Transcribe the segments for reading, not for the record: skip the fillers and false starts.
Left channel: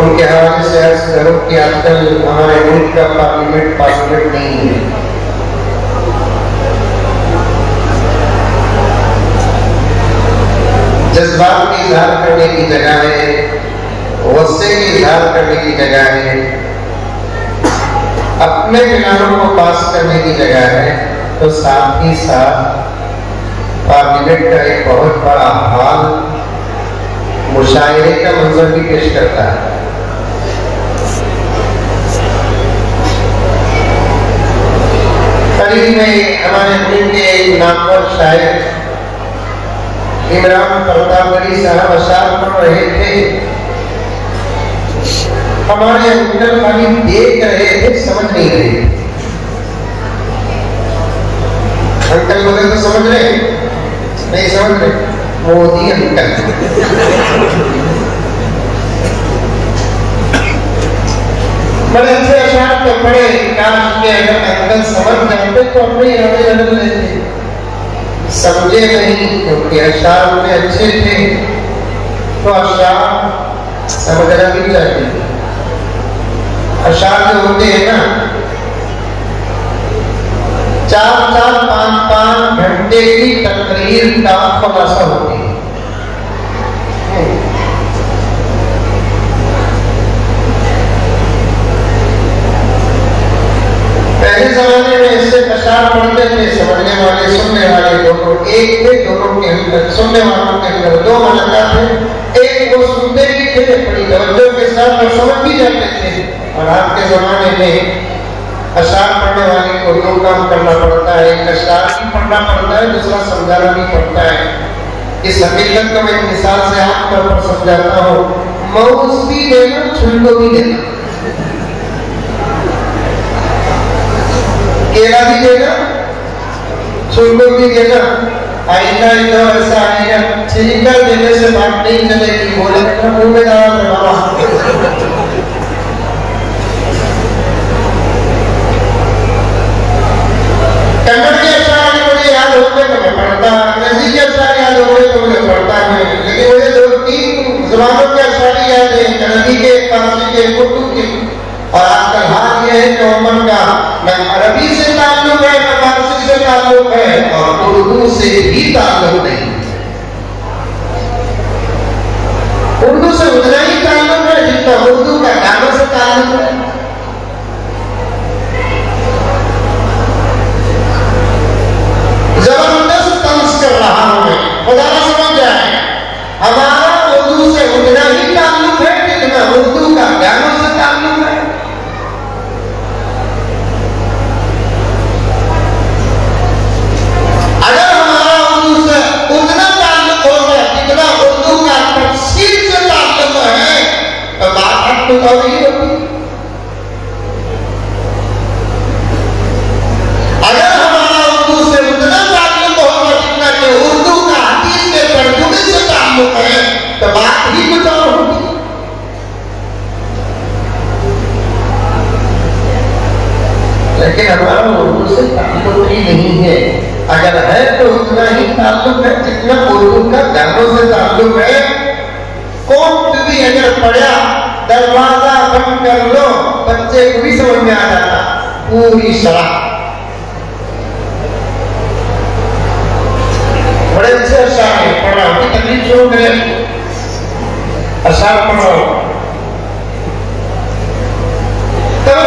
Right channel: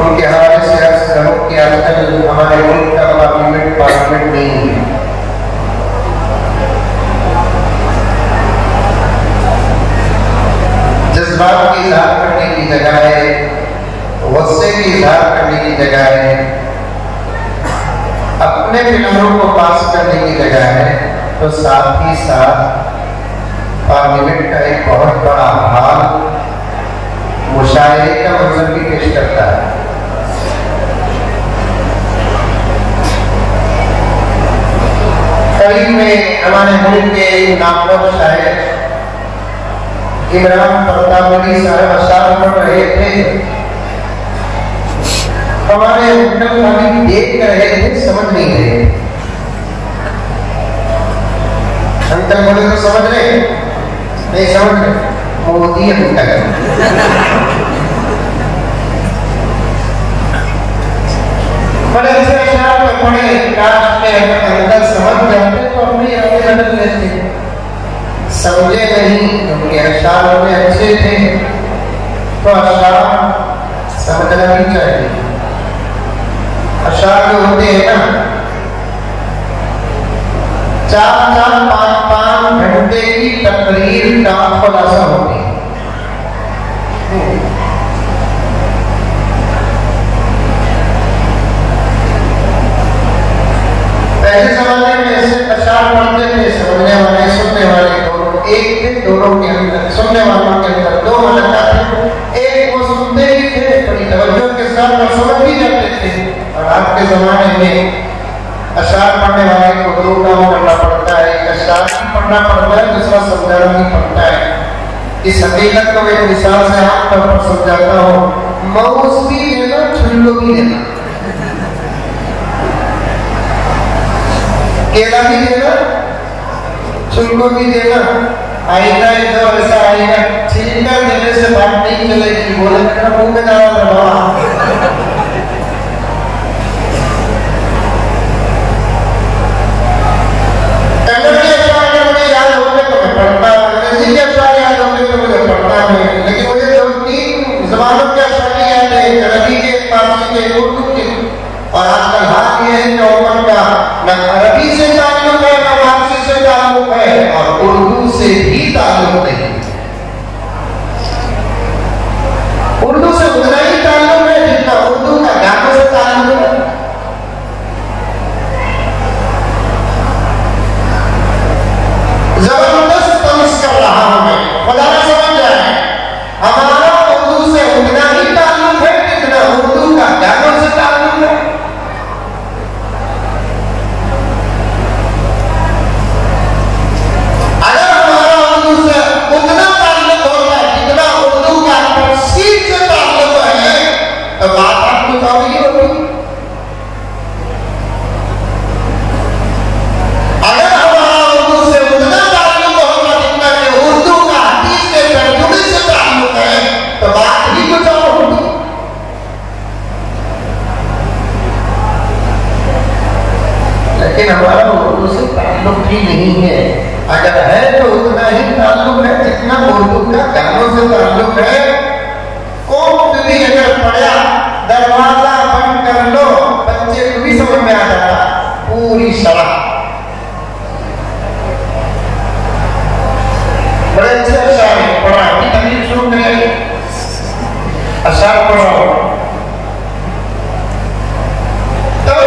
उनके हवाले से अर्ज करो कि आजकल हमारे मुल्क का पार्लियामेंट नहीं है। जज्बात की इजहार करने की जगह है, गुस्से की इजहार करने की जगह है, अपने प्लानों को पास करने की जगह है, तो साथ ही साथ पार्लियामेंट का एक बहुत बड़ा हाल मुशायरे का मंजर भी पेश करता है। करीब में हमारे मुल्क के नामवर शायर इमरान परतावरी साहब अशार पढ़ रहे थे। हमारे अंकल खाली देख रहे थे, समझ नहीं रहे। अंकल बोले तो समझ रहे, नहीं समझ रहे, मोदी अंकल। बड़े अच्छे अशार में पढ़े, काश के अंकल समझ जाते तो अपने इरादे बदल लेते। समझे नहीं क्योंकि अशार में अच्छे थे, तो अशार समझना भी चाहिए। अशार जो होते हैं ना, 4-4, 5-5 घंटे की तकरीर का खुलासा होती है। पहले जमाने में ऐसे अशार पढ़ते थे, समझने वाले सुनने वाले दोनों एक थे। दोनों के अंदर, सुनने वालों के अंदर दो मलका थे। एक वो सुनते भी थे बड़ी तवज्जो के साथ और समझ भी जाते थे। और आज के जमाने में अशार पढ़ने वाले को दो काम करना पड़ता है, एक अशार भी पढ़ना पड़ता है, दूसरा समझाना भी पड़ता है। इस हकीकत को मैं एक मिसाल से आम तौर पर समझाता हूँ। माउस भी लेना, छुल्लो भी लेना, केला भी देना, छुल्लो भी देना। आईना एकदम ऐसा आएगा, छिलका देने से बात नहीं चलेगी, बोले मुंह में डाल दो। कमर के अशार मुझे याद होते तो मैं पढ़ता, नजी के अशार याद होते तो मुझे पढ़ता है, लेकिन मुझे 2-3 जबानों के अशार याद है, अरबी के, फारसी के, उर्दू के। और आजकल हाल ये है कि उम्र का न अरबी से ताल्लुक है, न फारसी से ताल्लुक है, और उर्दू से भी ताल्लुक नहीं। उर्दू से उतना ही ताल्लुक है जितना उर्दू का गानों से ताल्लुक है। जबरदस्त तमस कर रहा हूं मैं, खुदा ना समझ जाए। हमारा उर्दू से उतना ही ताल्लुक है जितना उर्दू का गानों से ताल्लुक है। अगर हमारा उर्दू से उतना ताल्लुक होगा जितना उर्दू का तफसीर से ताल्लुक है, तो बात आपको जाएगी होगी। अगर हमारा उर्दू से उतना ताल्लुक होगा जितना कि उर्दू का हदीस के तर्जुमे से ताल्लुक है, तो बात ही कुछ और होगी। लेकिन हमारा उर्दू से ताल्लुक ही नहीं है। अगर है तो उतना ही ताल्लुक है जितना उर्दू का गानों से ताल्लुक है। कोर्ट भी अगर पड़ा, दरवाजा बंद कर लो, बच्चे को भी समझ में आ जाता पूरी शराब। बड़े अच्छे अशार पढ़ा, तकलीफ क्यों करें, अशार पढ़ो। तब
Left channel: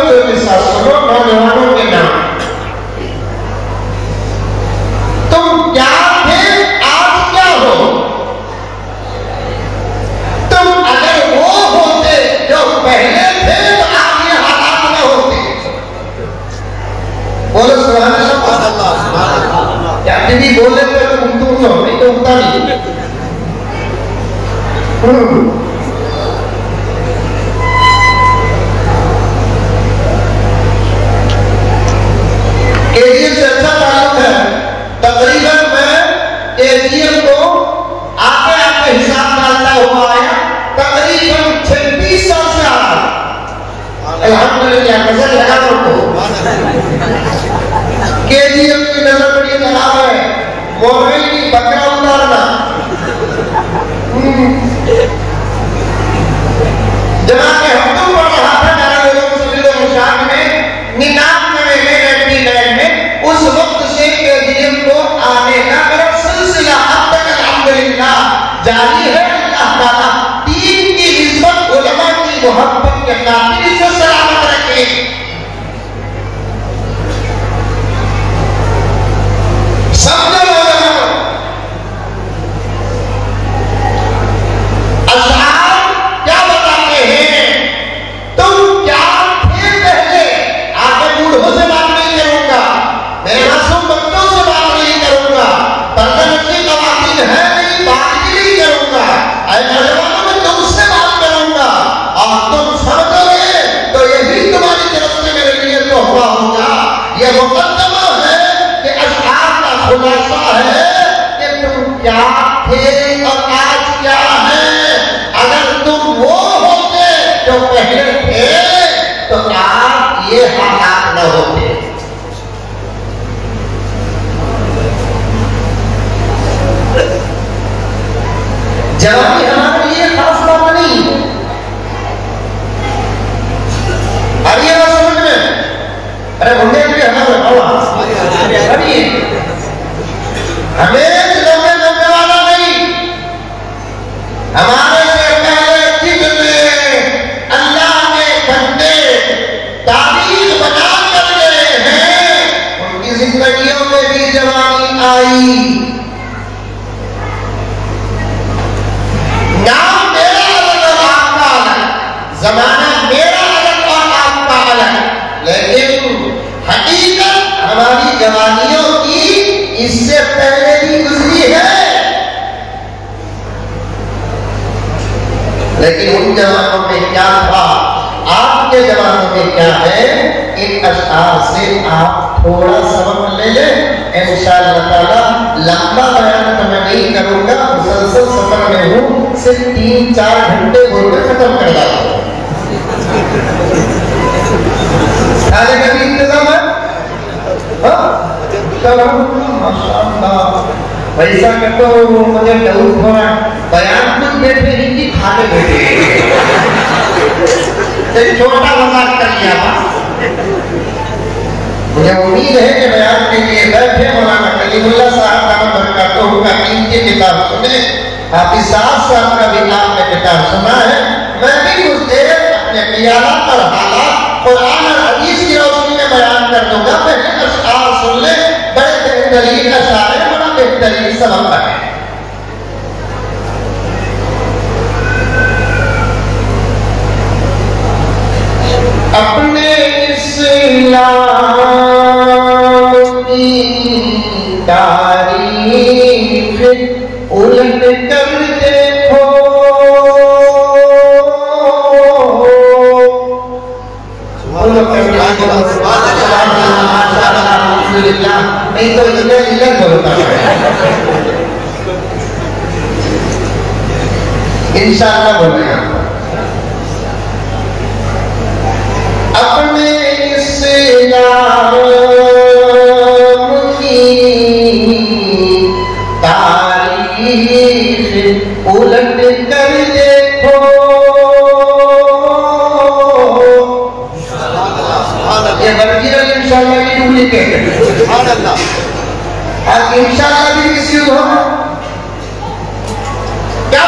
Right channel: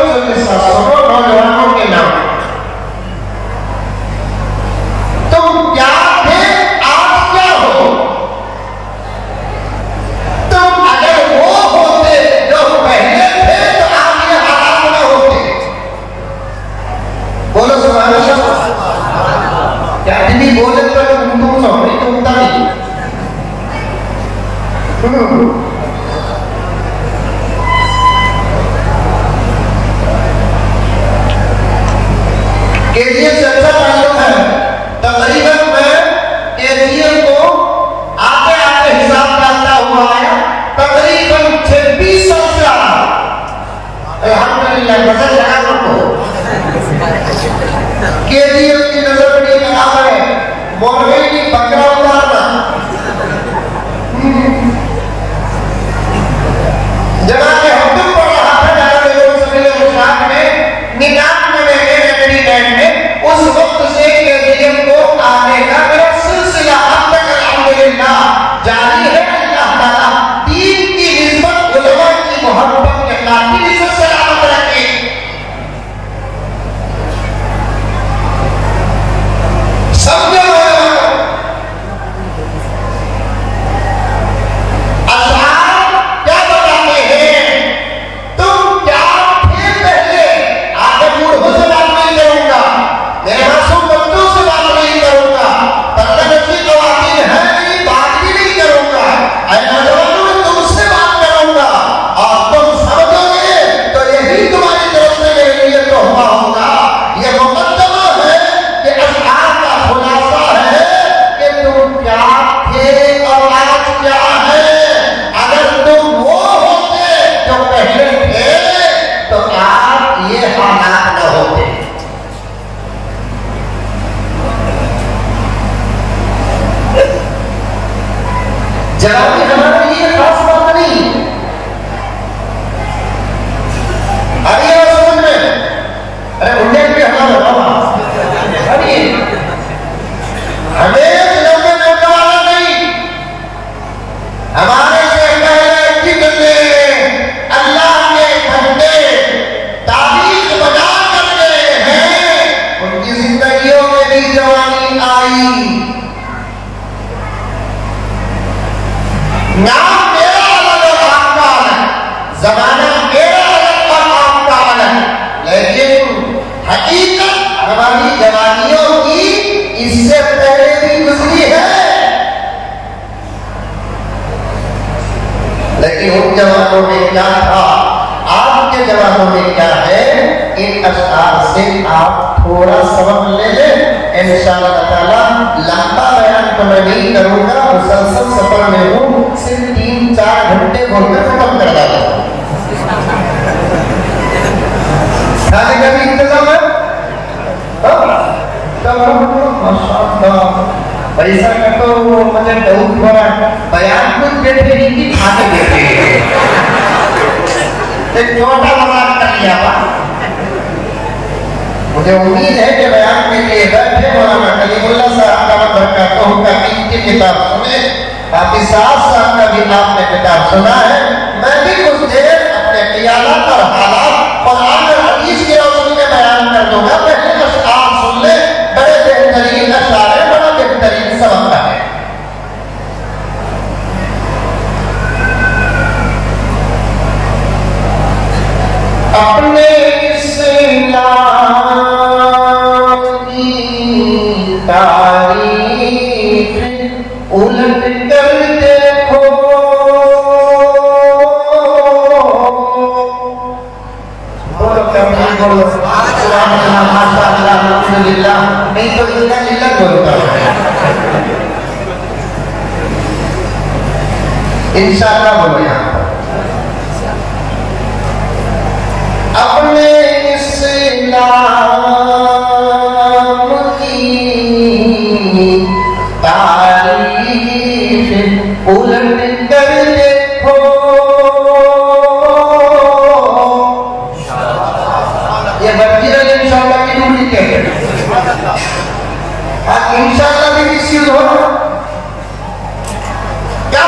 नौजवानों के नाम, तुम क्या थे, आज क्या हो। तुम अगर वो होते जो पहले थे तो आप ये हालात में होते। बोलो सुभान अल्लाह। क्या भी बोले तो तुम नहीं तो उतना नहीं। केजीएम से अच्छा ताल्लुक है। तकरीबन मैं केजीएम को आते आते हिसाब डालता हुआ आया, तकरीबन 26 साल से आ रहा। अल्हम्दुलिल्लाह, नजर लगा उनको। केजीएम की नजर बड़ी खराब है, मोरई की बकरा उतारना। जनाब हम तुम पढ़ रहा था हालात न होते। जवानी हमारे लिए खास बात नहीं। आइए ना समझ में। अरे मुझे भी हमारा अभी हमें जिलाने में वाला नहीं। हमारे से पहले जितने अल्लाह ने बंदे ताबीज बना कर गए हैं, उनकी जिंदगियों में भी जवानी आई। नाम मेरा अलग और आपका अलग, जमाना मेरा अलग और आपका अलग, लेकिन हकीकत हमारी जवानियों की इससे पहले भी गुजरी है। लेकिन उन जवानों में क्या था, आपके जवानों में क्या है, इन अशआर से आप थोड़ा सबक ले लें। इंशाअल्लाह ताला लंबा बयान तो मैं नहीं करूंगा, मुसलसल सफर में हूँ, सिर्फ 3-4 घंटे बोलकर खत्म कर दूंगा। सारे का भी इंतजाम है? माशाअल्लाह ऐसा करता हूँ, मुझे डाउट हुआ बयान कुछ बैठे हिंदी खाने देते एक छोटा मजाक कर लिया। मुझे उम्मीद है कि बयान के लिए बैठे मौलाना कलीमुल्लाह साहब का बरकत का इनकी किताब सुने, हाफिज साहब का भी आपने किताब सुना है। मैं भी कुछ देर अपने क़ियामत और हालात और आखिर हदीस की रोशनी में बयान कर दूंगा। पहले अशआर सुन ले, बड़े बेहतरीन अशआर है, बड़ा बेहतरीन सबक है। अपने इस्लाम की तारीफ उलट कर देखो, नहीं तो इल्लत बोलता है। इंशाअल्लाह बोलो यहाँ अपने इस्लाम की तारीफ उलट कर देखो, ये बल्कि इंशाअल्लाह की डुप्लीकेट है। इंशाअल्लाह भी किसी हो क्या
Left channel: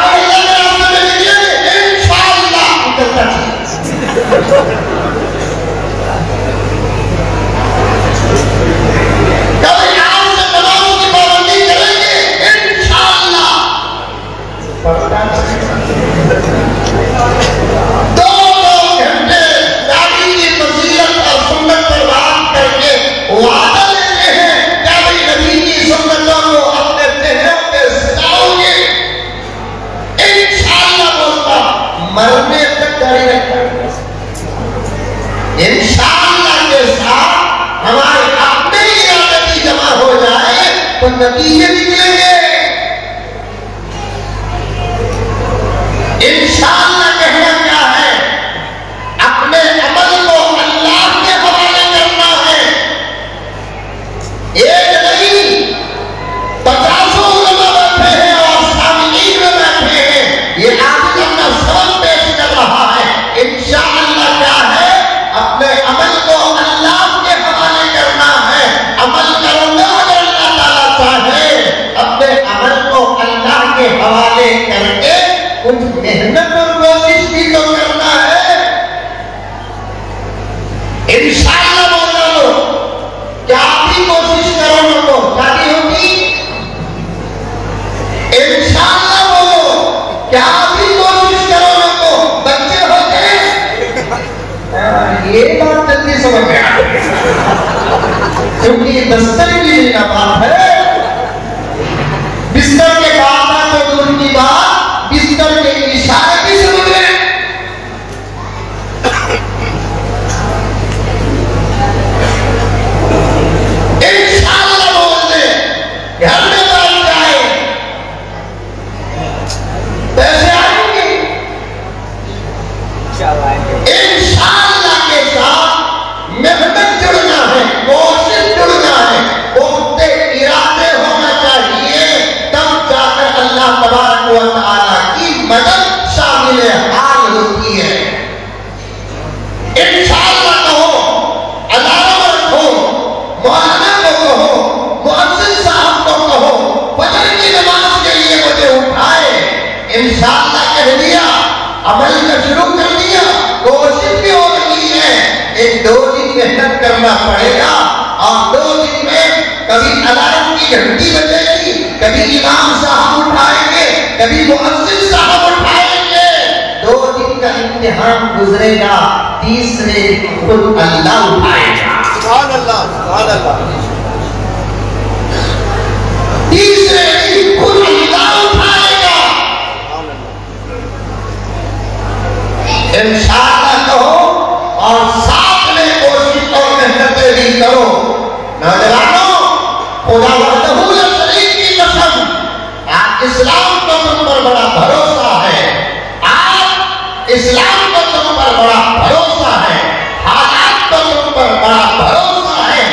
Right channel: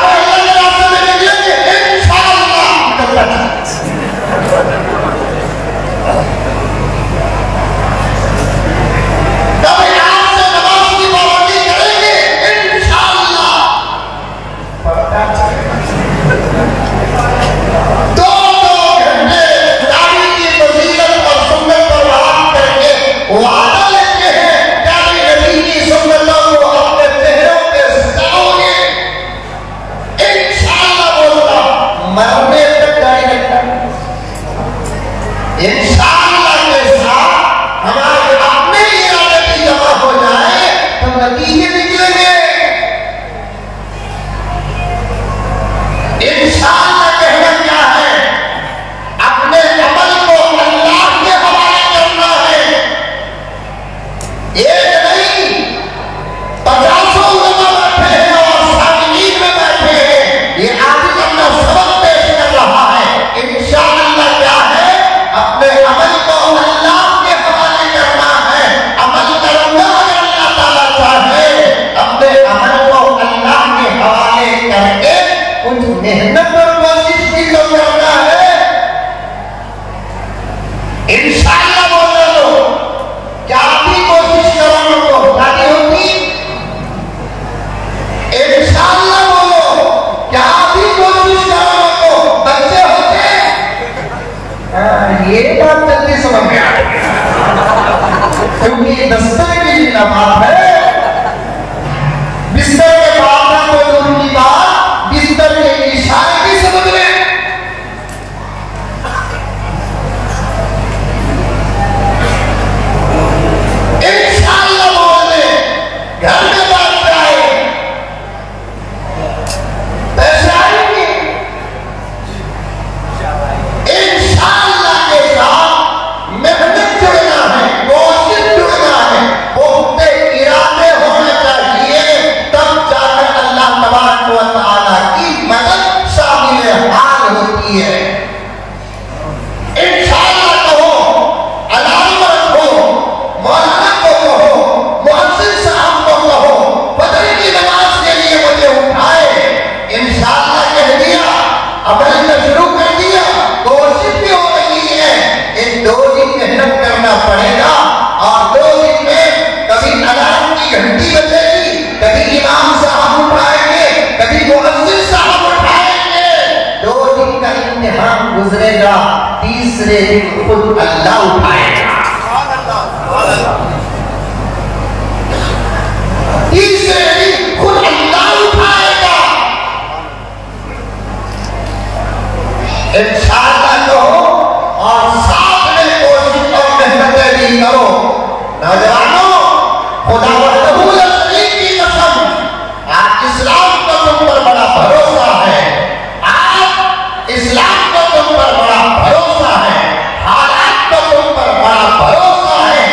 इंशाअल्लाह के साथ हमारे अपने इरादे जमा हो जाए तो नतीजे निकलेंगे। इंशाअल्लाह कहना क्या है, अपने अमल को अल्लाह के हवाले करना है। एक नहीं 50 लोग बैठे हैं और सामने में बैठे हैं, ये आज अपना सबक पेश कर रहा है। इंशाअल्लाह क्या है, अपने अमल को अल्लाह के हवाले करना है। अमल करूंगा अगर अल्लाह ताला चाहे, अपने अमल को अल्लाह के हवाले करके कुछ मेहनत और कोशिश भी तो करना है। इंशाअल्लाह बोलो लो, क्या भी कोशिश करो तो शादी होगी। इंशाअल्लाह बोलो, क्या भी कोशिश करो तो बच्चे होते। ये बात जल्दी समझ में आ गई, क्योंकि ये दस्तर के लिए ना बात है। बिस्तर के बाद तो दूर की बात, बिस्तर के इशारे भी समझ में। इंशाअल्लाह बोलते घर में बात जाए, पैसे आएंगे। इंशाअल्लाह के साथ मैं इन 2 दिन मेहनत करना पड़ेगा और 2 दिन में कभी अलार्म की घंटी बजेगी, कभी इमाम साहब उठाएंगे, कभी मुअज्जिन साहब उठाएंगे। 2 दिन का इम्तिहान गुजरेगा, तीसरे दिन खुद अल्लाह उठाएगा। सुभान अल्लाह, सुभान अल्लाह। तीसरे दिन खुद अल्लाह उठाएगा। इंशाअल्लाह कहो और साथ में कोशिश और मेहनत भी करो। नौजवानों, खुदा वहदहू ला शरीक की कसम, आज इस्लाम का तुम पर बड़ा भरोसा है, आज इस्लाम का तुम पर बड़ा भरोसा है, हालात का तुम पर बड़ा भरोसा है।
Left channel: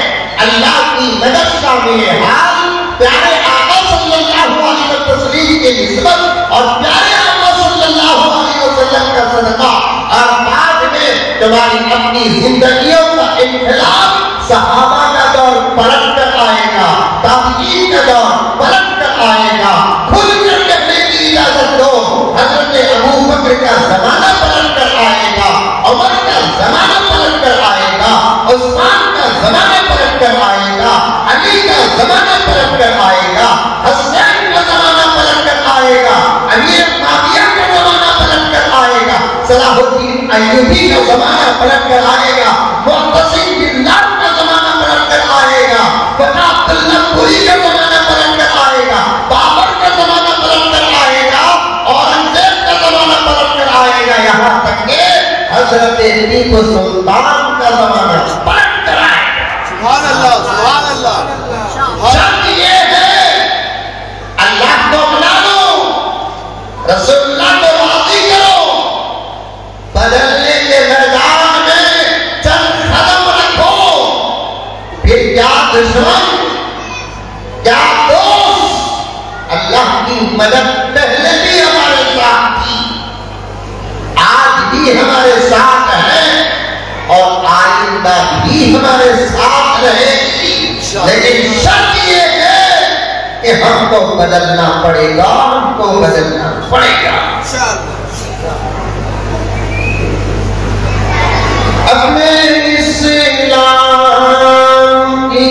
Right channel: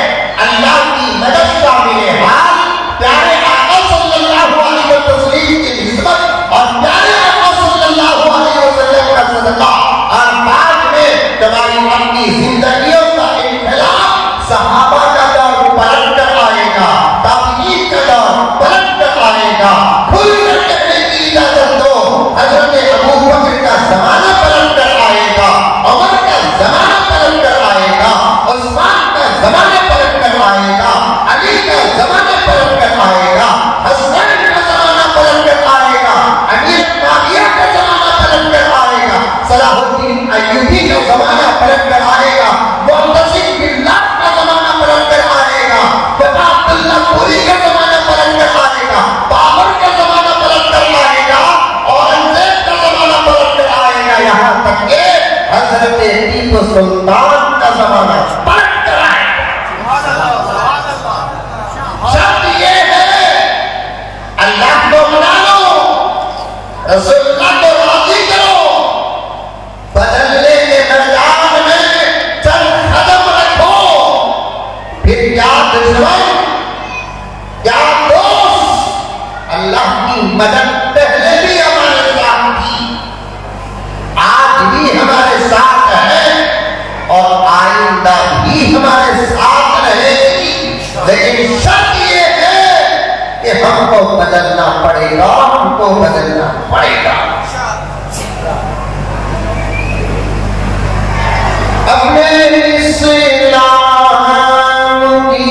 अल्लाह की मदद का मिले हाल, प्यारे आका सल्लल्लाहु अलैहि वसल्लम की निस्बत और प्यारे आका सल्लल्लाहु अलैहि वसल्लम का सदका और बाद में तुम्हारी अपनी जिंदगियों का इन्कलाब, सहाबा का दौर पलट कर आएगा, ताबीईन का दौर पलट कर आएगा। खुल कर कहने की इजाजत दो, हज़रत अबू बकर का जमाना पलट कर आएगा, उमर का जमाना पलट कर आएगा, उस्मान का जमाना पलट कर आएगा, अली का जमाना पलट कर आएगा, हसन का जमाना पलट कर आएगा, अमीर मुआविया का जमाना पलट कर आएगा, सलाहुद्दीन अय्यूबी का जमाना पलट कर आएगा, मुअत्तसिम बिल्लाह का जमाना पलट कर आएगा, फता अब्दुल्लाह पुरी का जमाना पलट कर आएगा, बाबर का जमाना पलट कर आएगा, औरंगजेब का जमाना पलट कर आएगा, यहाँ तक कि हजरत टीपू सुल्तान का जमाना पलट कर आएगा। सुभान अल्लाह, सुभान अल्लाह। शर्त ये है, अल्लाह को मना लो, रसूलुल्लाह को राजी करो, बदलने के मैदान में चल कदम रखो, फिर क्या दुश्मन क्या दोस्त, अल्लाह की मदद पहले भी हमारे साथ थी, आज भी हमारे साथ है और आइंदा भी हमारे साथ रहेगी। लेकिन शर्त ये है कि हमको बदलना पड़ेगा, हमको बदलना पड़ेगा। अपने इस्लाम की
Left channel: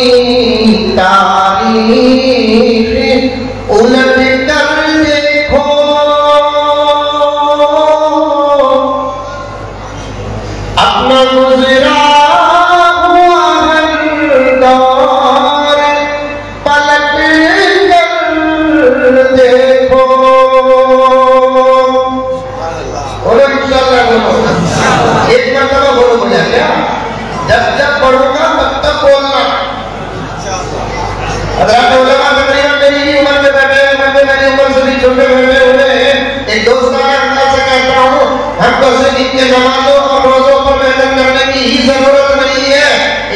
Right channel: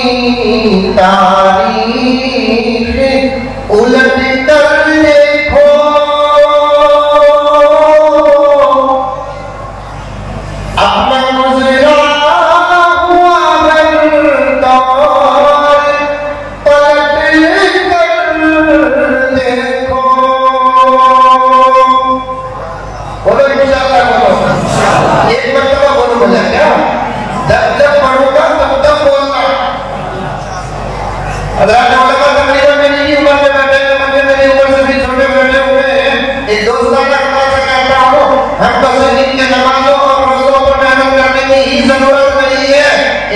तारीख उलट कर देखो, अपना गुज़रा हुआ हर दौर पलट कर देखो। बोलो इंशाअल्लाह, बोलो एक मरतबा बोलो बोला क्या, जब पढ़ोगा तब तक बोलना। हज़रत उलमा तकरीबन मेरी उम्र में बैठे हैं, मेरी उम्र से भी छोटे बैठे हुए हैं। एक दोस्ताना अंदाज से कहता हूँ, हमको शरीफ के नमाजों और रोजों पर मेहनत करने की ही जरूरत नहीं है,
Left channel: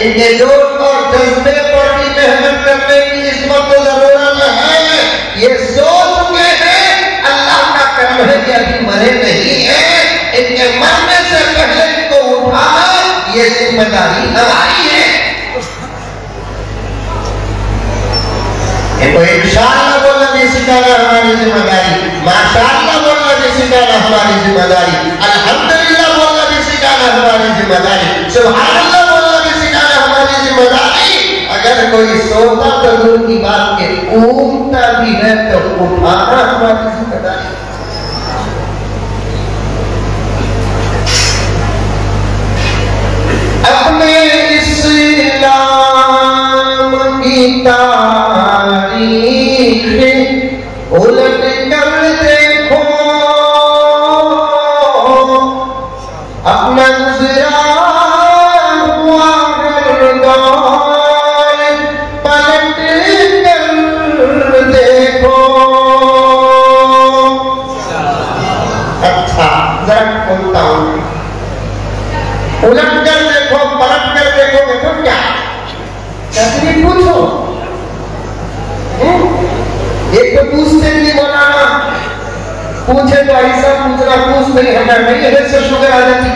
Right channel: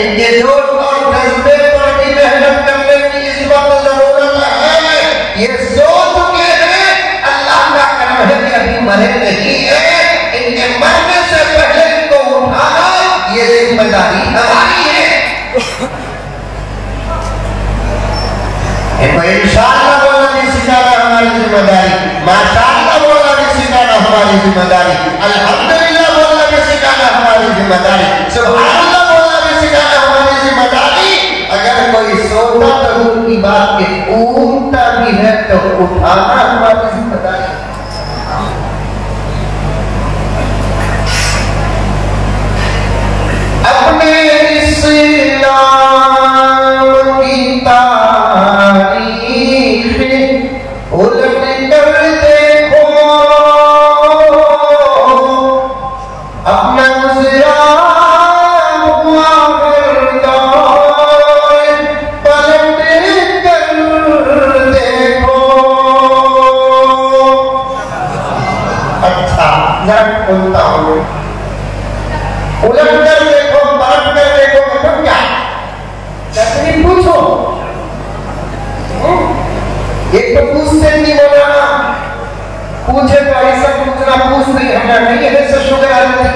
इनके जोश और जज्बे पर भी मेहनत करने की इस वक्त जरूरत है। ये सो चुके हैं, अल्लाह का करम है कि अभी मरे नहीं है, इनके मरने से पहले इनको उठाना ये जिम्मेदारी हमारी है। इनको इंशाअल्लाह बोलना भी सिखाना हमारी जिम्मेदारी, माशाअल्लाह बोलना भी सिखाना हमारी जिम्मेदारी, अल्हम्दुलिल्लाह बोलना भी सिखाना हमारी जिम्मेदारी, सुभानअल्लाह बोलना भी सिखाना हमारी जिम्मेदारी। अगर कोई सोता तो दूर की बात के उठता भी है तो उठाना हमारी जिम्मेदारी। अपने इस्लाम की तारीख उलट कर देखो, अपना गुज़रा हुआ हर दौर पलट कर देखो। अच्छा, जरा बोलता हूँ, उलट कर देखो, पलट कर देखो, मतलब क्या? कैसे पूछो, एक तो पूछते नहीं बनाना, पूछे तो ऐसा पूछना, पूछ नहीं हटा नहीं है, सब शुगर आ जाती।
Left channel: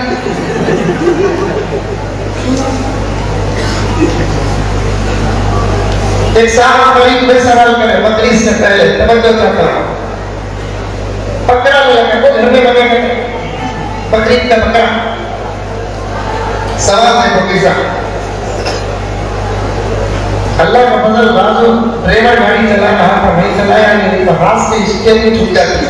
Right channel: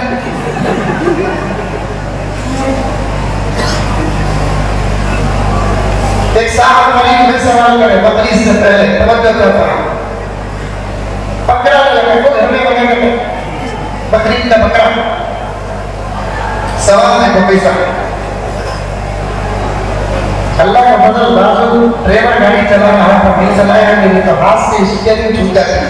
एक साहब गरीब में सवाल करे, बकरी से पहले तवज्जो करता हूं, बकरा लगे तो घर में बकरा, बकरी का बकरा सवा देखो कैसा अल्लाह का फजल। बाजू ड्राइवर गाड़ी चला रहा था, नहीं चलाया नहीं तो हाथ से स्टीयरिंग छूट जाती।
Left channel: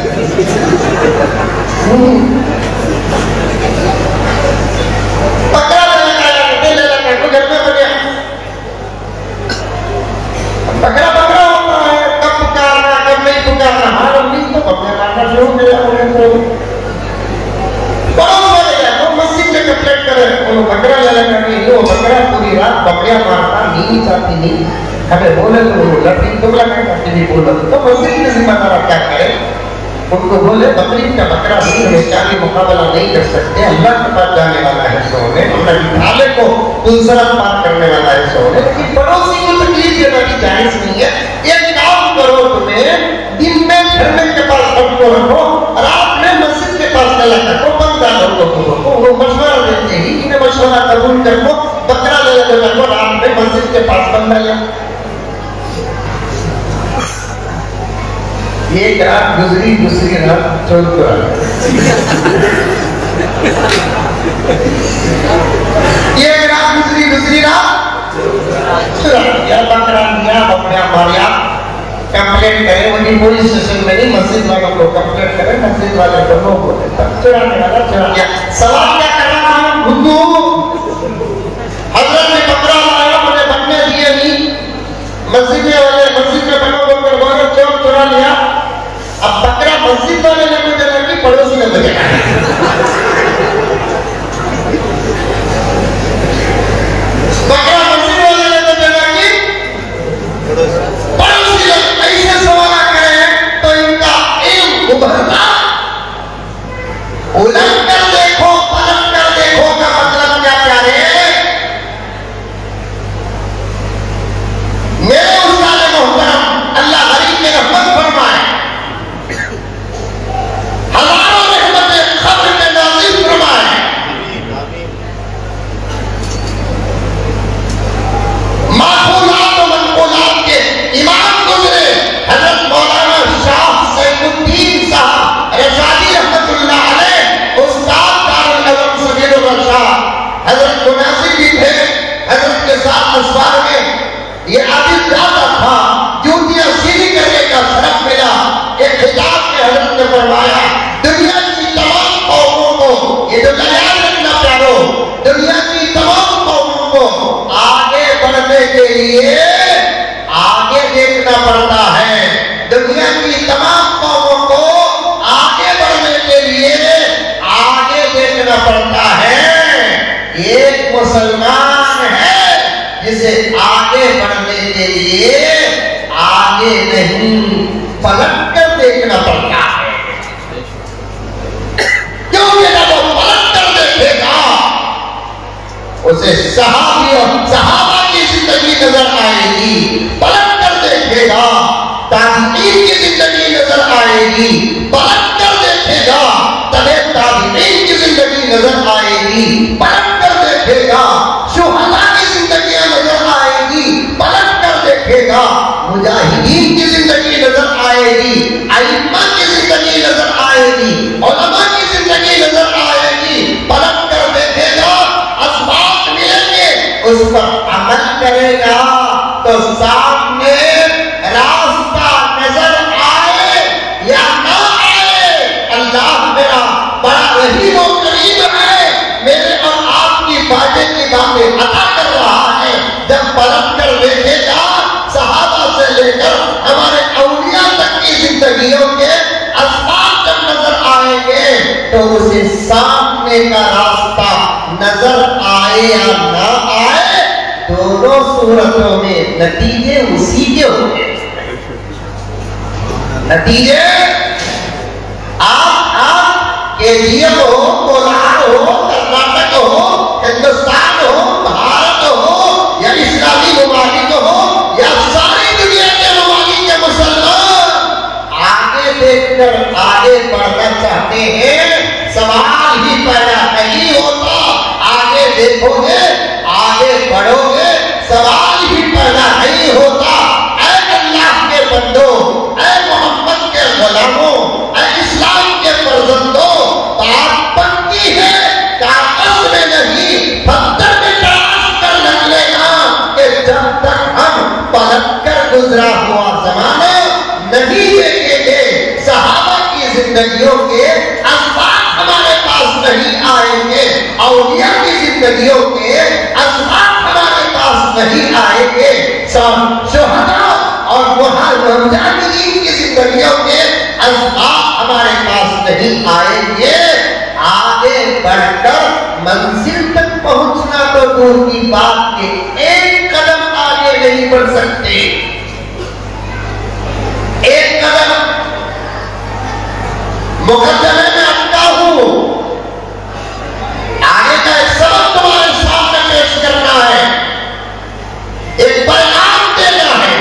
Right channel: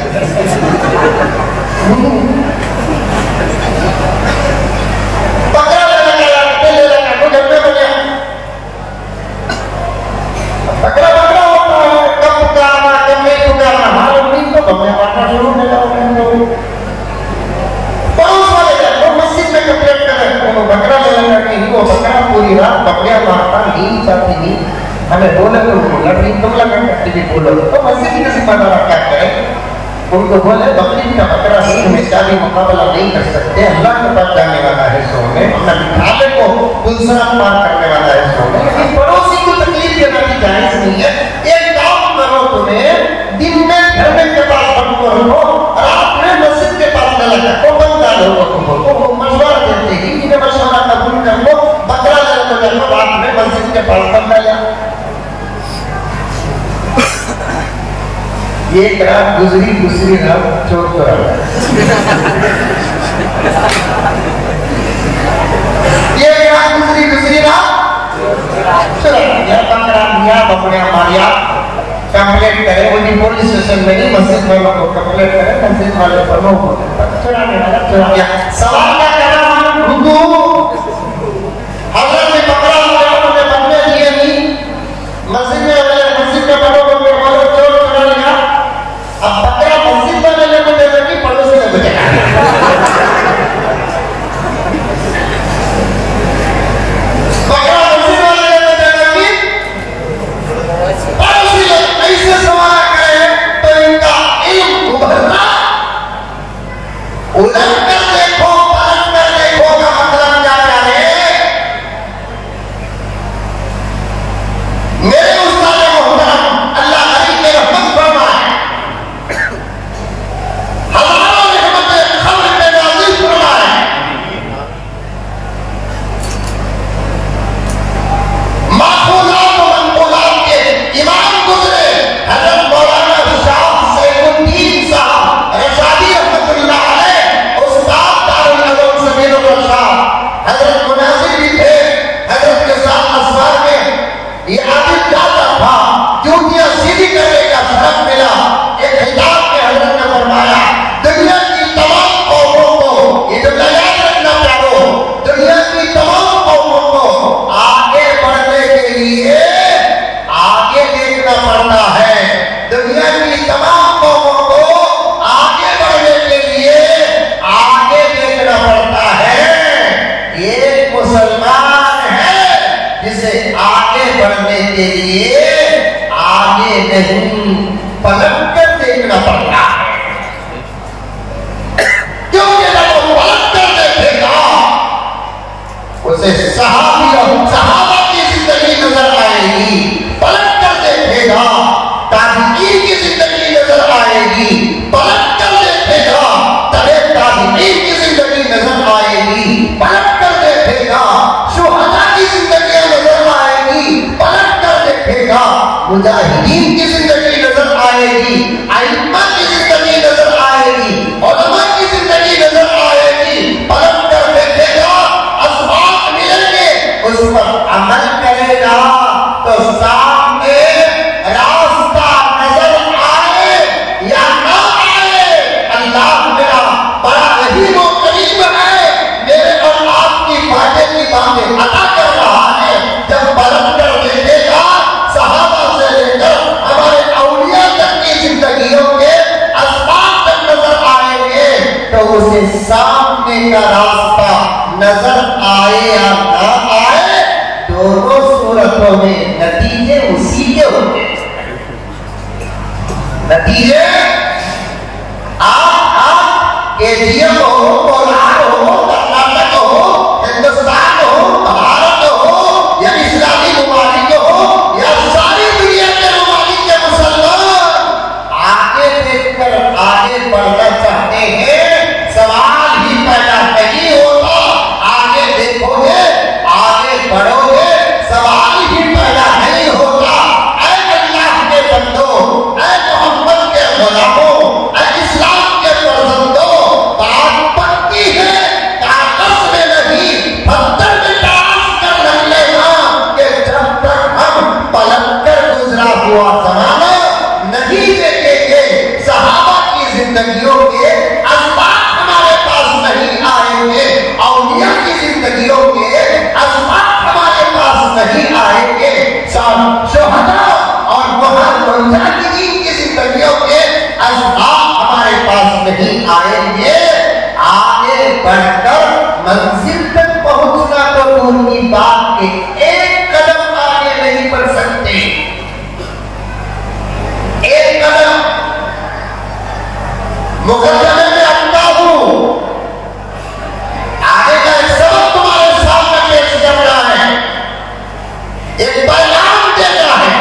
हमें बोले तो लड़की तो मस्जिद में जिम्मेदार क्या करे? उनको बोले बकरी का बकरा नहीं हमेशा भी मुकाबला नहीं कर सकते, अल्लाह के पास जाने वाला है सोने, खाले को दूसरा पार करने वाला है सोने। पड़ोसी को तकलीफ देना भी जायज नहीं है। एक काम करो, तुम्हें दिन में घर के पास रखो, रात में मस्जिद के पास रखो, कम डालो लोगों को। वो मशवरा देते ही इन्हें मशवरा कबूल कर लो, बकरा ले लो, रात में मस्जिद के पास कम डालो। एक रात गुजरी, दूसरी रात चौथ कर दूसरी रात मारिया कंप्लेंट करे, उनकी पुलिस स्टेशन में नहीं, मस्जिद वालों को कंप्लेंट करे, मस्जिद वाले दोनों को सवाल क्या करना हजरत ने पकड़ा लाया, मुझे बनने दिए नहीं, मस्जिद में वाले मस्जिद में बड़ों को चोरा लिया। अब बकरा मस्जिद वाले ने मुझे लगी, पड़ोसी ने मुझे बकरा मस्जिद वाले ने मुझे लगी, पड़ोसी ने ऐसे सवाल करे तो इनका इल्म उभरता। उलट कर देखो, पलट कर देखो का मतलब क्या क्या है? मेरे उस्ताद मोहतरम अल्लाह हरी के रहमत फरमाए, हजारों रहमतें खब्र में नाज़िल फरमाए। माखूलात और मनकूलात के इमाम गुजरे हज़रत मौलाना शाह सैफुद्दीन साहब रशादी रहमतुल्लाह अलैह, उस्ताद दारुल उलूम समीरुल रशाद। हज़रत मुनाज़िर भी थे हज़रत के साथ मस्बार में। ये आदिल जाता था, जूतियां सीधी करने का शरफ मिला। एक खिताब में हज़रत ने फरमाया, दुनिया की तमाम कौमों को, ये तो याद रखना प्यारो, दुनिया की तमाम कौमों को आगे बढ़ने के लिए आगे देखना पड़ता है। दुनिया की तमाम कौमों को आगे बढ़ने के लिए आगे देखना पड़ता है। एक मुसलमान है जिसे आगे बढ़ने के लिए आगे नहीं पलट कर देखना पड़ता है, क्योंकि जब वो पलट कर देखेगा उसे सहाबी और सहाबा की जिंदगी नजर आएगी। पलट कर देखेगा ताबीईन की जिंदगी नजर आएगी। पलट कर देखेगा तबे ताबीईन की जिंदगी नजर आएगी। पलट कर देखेगा शुहदा की जिंदगी नजर आएगी। पलट कर देखेगा मुजाहिदीन की जिंदगी नजर आएगी। अइम्मा की जिंदगी नजर आएगी। उलमा की जिंदगी नजर आएगी। पलट कर देखेगा, असबाब मिलेंगे, उस पर अमल करेगा तो सामने रास्ता नजर आए या ना आए, अल्लाह मेरा बड़ा रहीम और करीम है, मेरे और आपकी बातें की दामें अता कर रहा है। जब पलट कर देखेगा, सहाबा से लेकर हमारे औलिया तक की जिंदगियों के असबाब जब नजर आएंगे तो उसे सामने का रास्ता नजर आए या ना आए, दोनों सूरतों में नतीजे उसी के होंगे। नतीजे आप केजीएम हो, कोलार हो, कर्नाटक हो, हिंदुस्तान हो, भारत हो या इस्लामी ममालिक हो या सारी दुनिया के ममालिक के मुसलमान आगे देखकर आगे बढ़ना चाहते हैं। सवाल ही पैदा नहीं होता, आगे देखोगे आगे बढ़ोगे, सवाल ही पैदा नहीं होता। ऐ अल्लाह के बंदो, ऐ मोहम्मद के गुलामों, ऐ इस्लाम के फर्जंदों, बात पक्की है, कागज में नहीं पत्थर में जिंदगियों के असबाब हमारे पास नहीं आएंगे, शोहदा और मुजाहिदीन की जिंदगियों के असबाब हमारे पास नहीं आएंगे, आगे बढ़कर मंजिल तक पहुंचना तो दूर की बात के एक कदम आगे नहीं बढ़ सकते। एक कदम मुकदमे में अटका हूं, आगे का एक सबक तुम्हारे सामने पेश करना है, एक पैगाम देना है,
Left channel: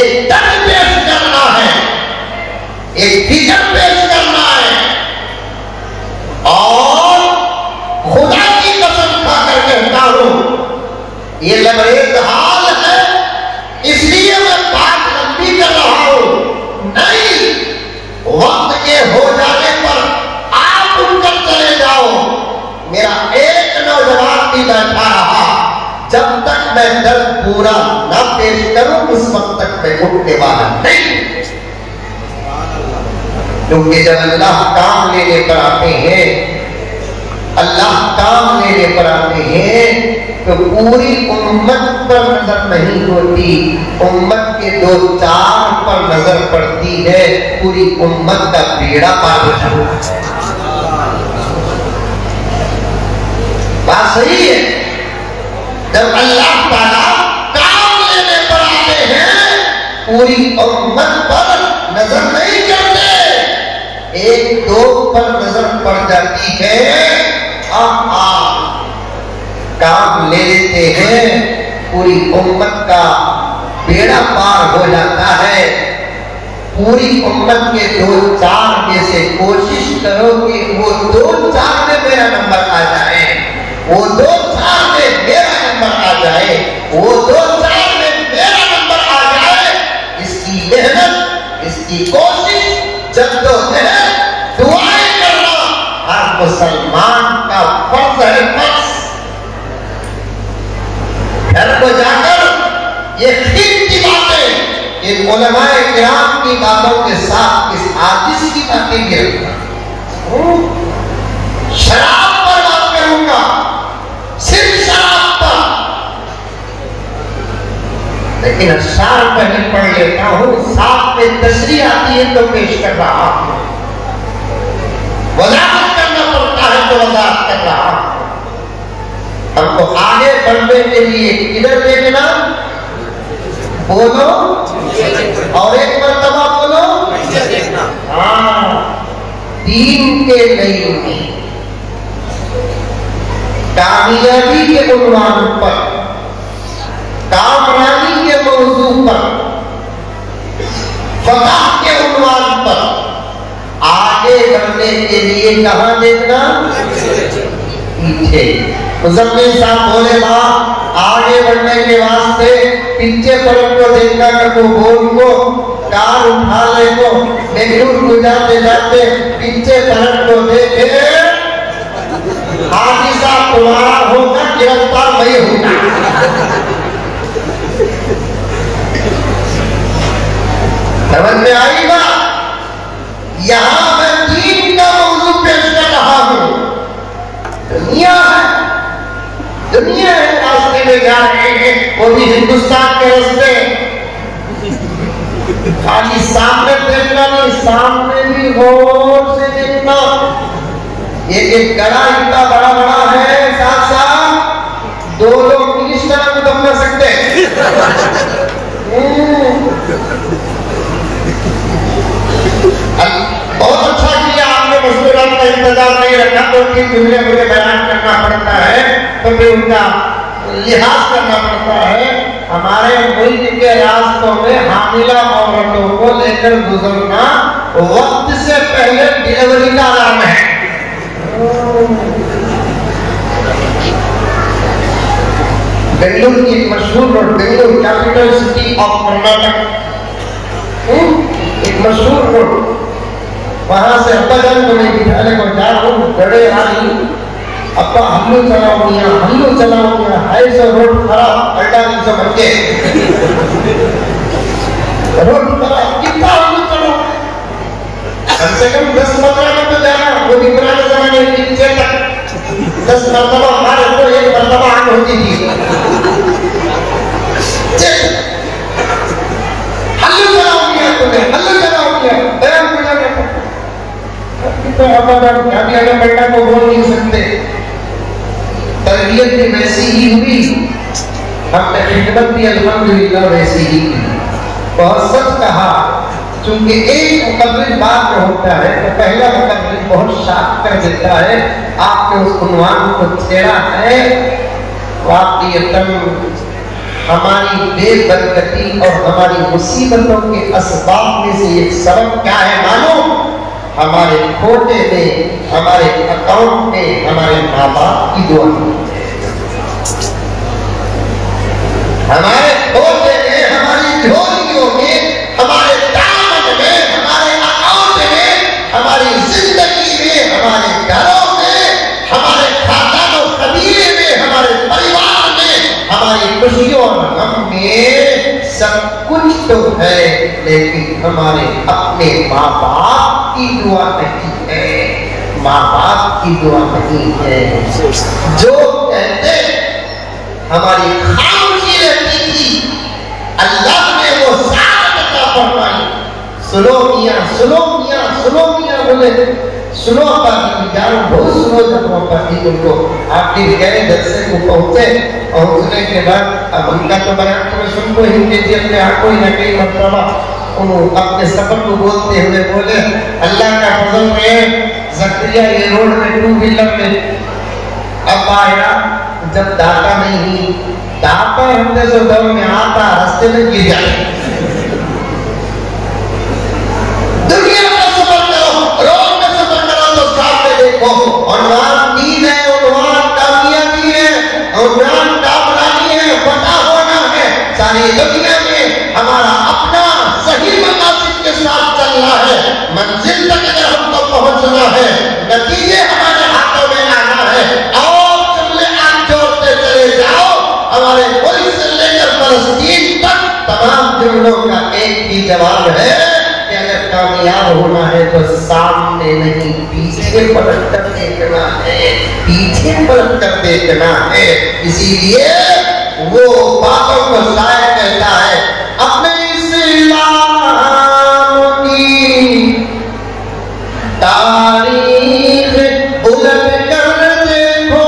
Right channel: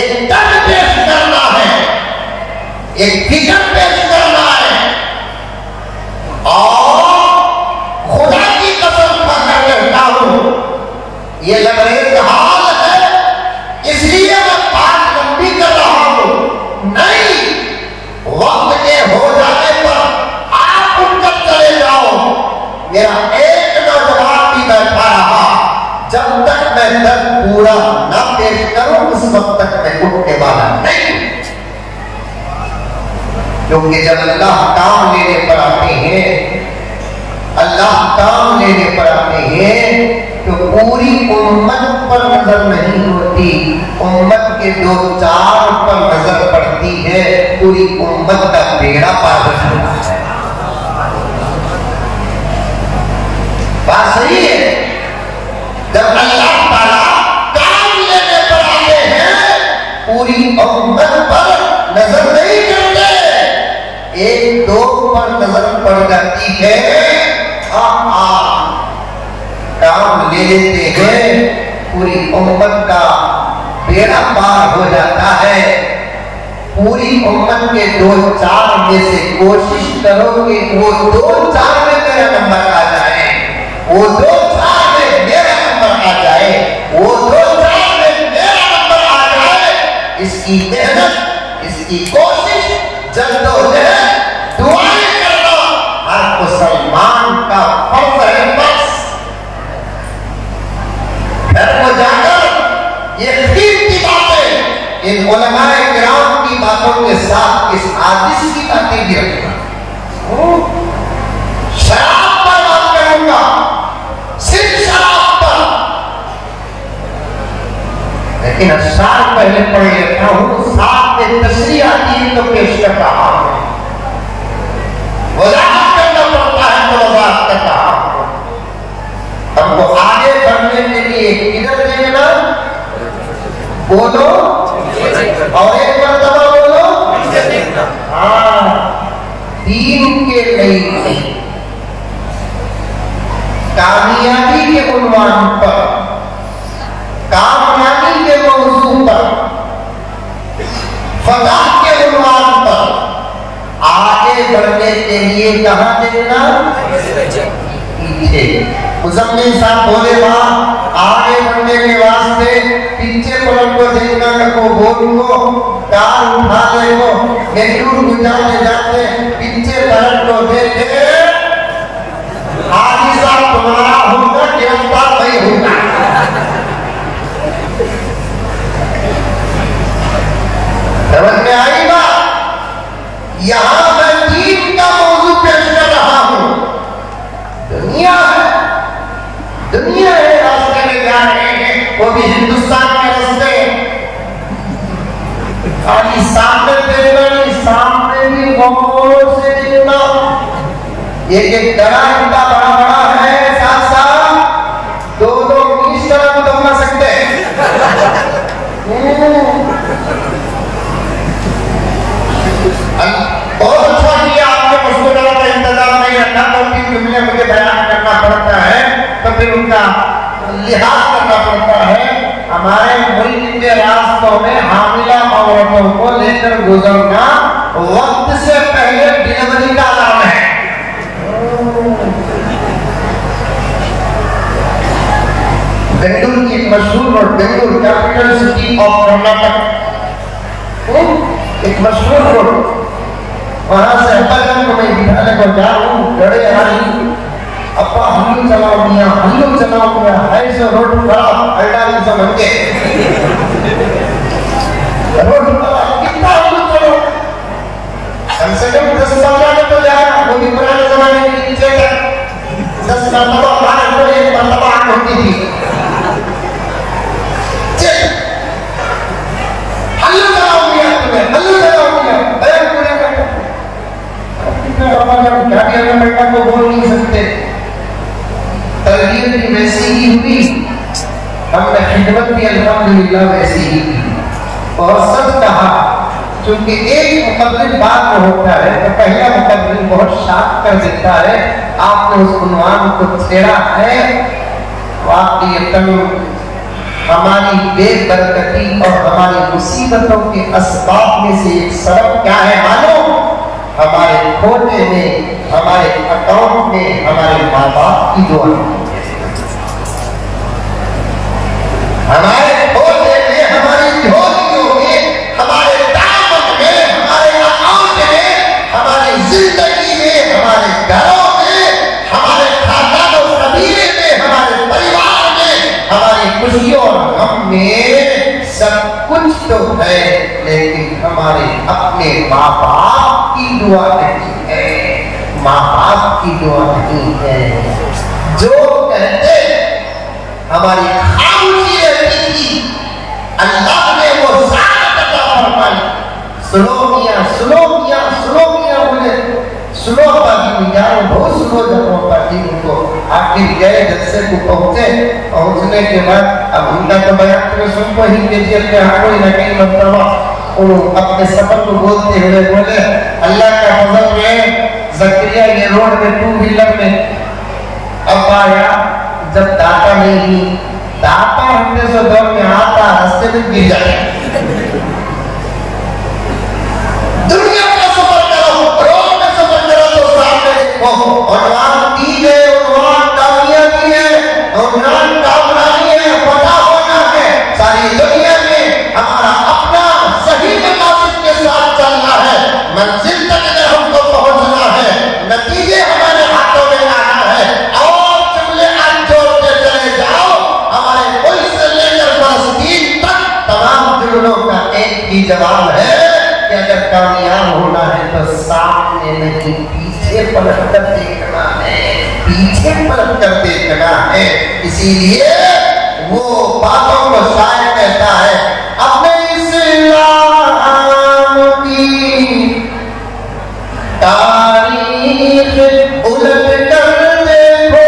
एक दर्द पेश करना है, एक फिक्र पेश करना है। और खुदा की कसम खाकर कहता हूं, ये लबरेज हाल है, इसलिए मैं बात लंबी कर रहा हूं। नहीं, वक्त के हो जाने पर आप उठकर चले जाओ। मेरा एक नौजवान भी बैठा रहा, जब तक मैं दर्द पूरा न पेश करूं उस वक्त तक मैं उठने वाला नहीं। क्योंकि जब अल्लाह काम लेने पर आते हैं, अल्लाह काम लेने पर आते हैं तो पूरी उम्मत पर नजर नहीं होती, उम्मत के 2-4 पर नजर पड़ती है, पूरी उम्मत का बेड़ा पार होता है। बात सही है। जब अल्लाह ताला काम लेने पर आते हैं, पूरी उम्मत पर नजर नहीं करते, 1-2 पर नजर पड़ जाती है। काम ले लेते हैं, पूरी उम्मत का बेड़ा पार हो जाता है। पूरी उम्मत के 2-4 में से कोशिश करो कि वो 2-4 में मेरा नंबर आ जाए, वो 2-4 में मेरा नंबर आ जाए, वो 2-4 में मेरा नंबर आ जाए। इसकी मेहनत, इसकी कोशिश, जद्दोजहद, दुआएं करना हर मुसलमान का फर्ज है। घर को जाकर ये कीमती बातें इन उलमाए किराम की बातों के साथ इस आदिश की बातें भी रखूंगा। शराब पर बात करूंगा, सिर्फ शराब पर, लेकिन अशार पहले पढ़ लेता हूं, साथ में तशरीह आती है तो पेश कर रहा हूं। वजाहत करना पड़ता है तो वजाहत कर रहा हूं। हमको आगे बढ़ने के लिए किधर देखना, बोलो और एक मर्तबा बोलो, हाँ, दीन के लिए कामयाबी के उन्वान पर, कामयाबी के मौजू पर, फतह के उन्वान पर आगे बढ़ने के लिए कहां देखना, पीछे। मुसम्मिल साहब बोले था, आगे बढ़ने के वास्ते पीछे पलट को देखना कर वो बोल को कार उठा ले को बेंगलुरु गुजारते जाते पीछे पलट को देखे, हाजी साहब तुम्हारा होगा, गिरफ्तार नहीं होगा। समझ में आई बात? यहां मैं दीन का मौजू पेश कर रहा हूं। दुनिया है, दुनिया है, रास्ते में जा रहे हैं, वो भी हिंदुस्तान के रास्ते। खाली सामने देखना नहीं, सामने भी गौर से देखना। एक गड़ा इतना बड़ा बड़ा है, साथ साथ 2 लोग इस तरह को दम कर सकते हैं। बहुत अच्छा किया आपने मुस्कुराने का इंतजाम नहीं रखा, तो फिर दुनिया मुझे बयान करना पड़ता है, तो फिर उनका लिहाज करना पड़ता है। हमारे मुल्क के रास्तों में हामिला औरतों को लेकर गुजरना वक्त से पहले डिलीवरी का अलार्म है। बेंगलुरु की मशहूर road, Bengaluru capital city of Karnataka, एक मशहूर रोड, वहां से अब्बा जान को मैं बिठाने को जा रहा हूँ, गड़े आई, अब्बा हल्लू चलाओ मियाँ, हल्लू चलाओ मियाँ, है सो रोड खराब, अड्डा से बन के रोड खराब, कितना हल्लू चलो, कम से कम 10-15 में तो जाए, वो भी पुराने जमाने में 10 मरतबा करोड़ एक मरतबा आम होती थी। हल्लू जमा हो गया तुमने, हल्लू जमा हो गया, बयान पूरा बैठा। क्या भी अगर बैठा तो बोल नहीं सकते। तरबियत भी वैसी ही हुई, हमने खिदमत भी अल्हम्दुलिल्लाह वैसी ही की। बहुत सच कहा, क्योंकि एक मुकर्रिर बात होता है तो पहला मुकर्रिर बहुत शार्प कर देता है। आपने उस उन्वान को छेड़ा है, वाक़ईतन हमारी बेबरकती और हमारी मुसीबतों के असबाब में से एक सबब क्या है मानो? हमारे खोटे में, हमारे अकाउंट में हमारे माँ बाप की दुआ, हमारे खोटे में, हमारी झोलियों में, हमारे दामन में, हमारे अकाउंट में, हमारी जिंदगी में, हमारे घरों में, हमारे खानदान और कबीले में, हमारे परिवार में, हमारी खुशियों और गम में सब कुछ तो है, लेकिन हमारे अपने माँ बाप की दुआ नहीं है, माँ बाप की दुआ नहीं है। जो कहते हमारी खामोशी रहती थी, अल्लाह ने वो साथ अता फरमाई। सुनो मियां, सुनो मियां, सुनो मियां बोले, सुनो बाकी जान बहुत सुनो जब पाती उनको। आखिर गए जलसे को पहुंचे, पहुंचने के बाद अब उनका तो बयान तो सुनको ही के जेब में हाँ कोई न कहीं मरतबा उन्होंने अपने सफर को बोलते हुए बोले, अल्लाह का फजल है ज़करिया ये रोड में टू व्हीलर में अब आया, जब दाता नहीं, दाता हमने जो दौर में आता रास्ते में गिर जाए। दुनिया का सफर करो, रोड में सफर करो तो सामने देखो, उन्वान दीन है, उन्वान कामयाबी है, उन्वान कामरानी है, पता होना है। सारी दुनिया में हमारा अपना सही मकासद के साथ चलना है, मंजिल तक अगर हमको पहुंचना है, नतीजे हमारे हाथों में आना है। और जुमले आप जोड़ते चले जाओ, हमारे मुल्क से लेकर फलस्तीन तक तमाम जुमलों का एक ही जवाब है कि अगर कामयाब होना है तो सामने नहीं पीछे पलट कर देखना है, पीछे पलट कर देखना है। इसीलिए वो बातों को शायर कहता है, अपने इस्लाम की तारीख उलट कर देखो,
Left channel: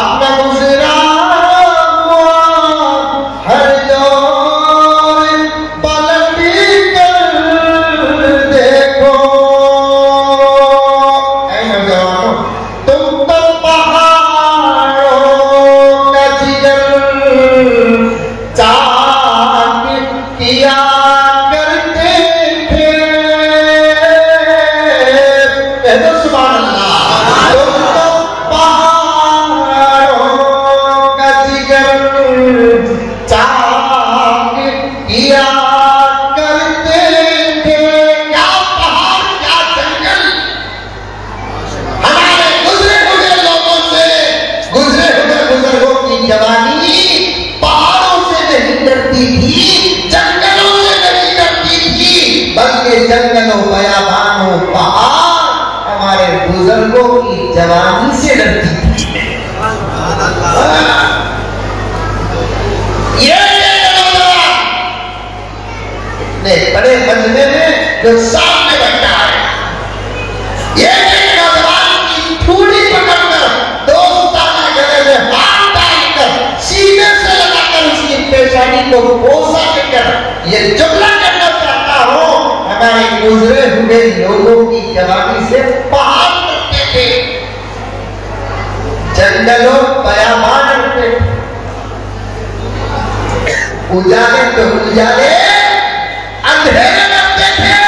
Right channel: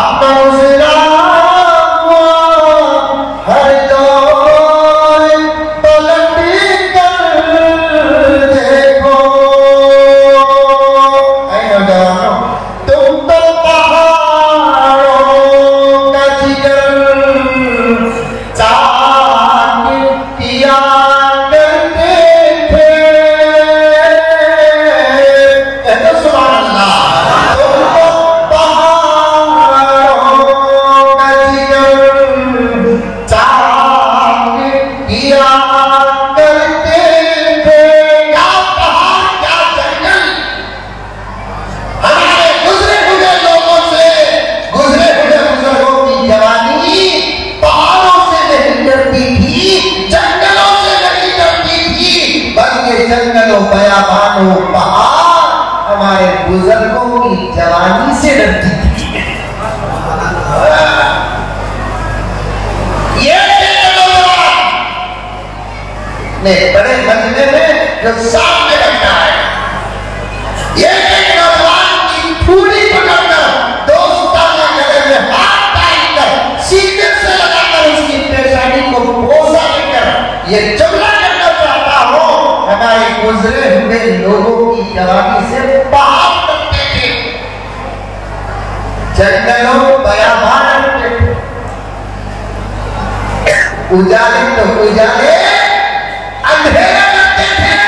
अपना इस्लाम हर दौर पलट कर देखो। ऐ नौजवानों, तुम तो पहाड़ों का जिगर चाक किया करते थे। कहते सुभान अल्लाह। तुम तो पहाड़ों का जिगर चाक किया करते थे। क्या पहाड़, क्या जंगल, हमारे गुजरे हुए लोगों से, गुजरे हुए बुजुर्गों की जवानी पहाड़ों से नहीं डरती थी, जंगलों से नहीं डरती थी, बल्कि जंगलों, बयाबानों, पहाड़ हमारे बुजुर्गों की जवानी से डरती थी। ये नौजवान ने बड़े मजमे में जो सामने बैठा है, ये नौजवान की पूरी पकड़कर, दोस्ताना गले में हाथ डालकर, सीने से लगाकर उसकी पेशानी को बोसा देकर ये जुमला करना चाहता हूँ, हमारे गुजरे हुए लोगों की जवानी से पहाड़ डरते थे, जंगलों, बयाबान डरते थे। उजाले तो उजाले, अंधेरे डरते थे।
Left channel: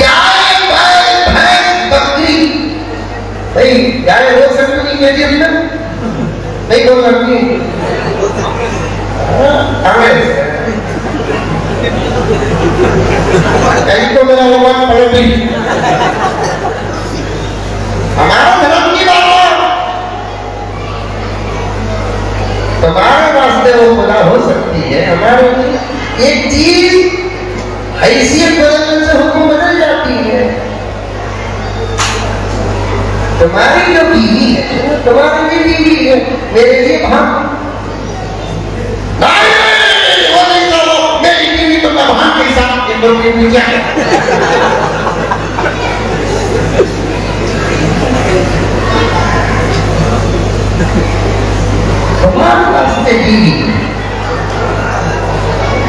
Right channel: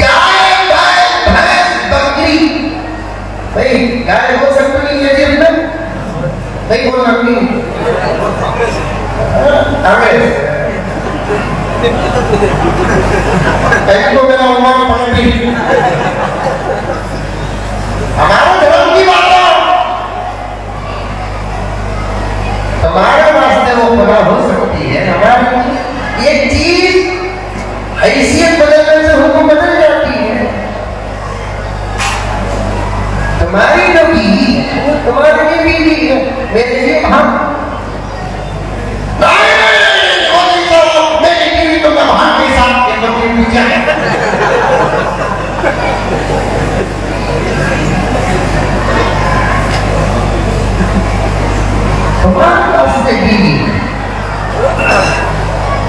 गाय, बैल, भैंस, बकरी, भाई गाय हो सकती नहीं है जी हमने नहीं हो सकती। कहीं तो मेरा होगा पलटी। हमारा धर्म की बात है, तुम्हारे वास्ते वो बना हो सकती है, हमारे एक चीज हैसियत बदलने से हमको बदल जाती है। तुम्हारी जो बीवी है, तुम्हारी भी बीवी है, मेरे लिए हम मेरी बीवी तो मैं वहां के साथ इन लोगों के पीछे तुम्हारे पास में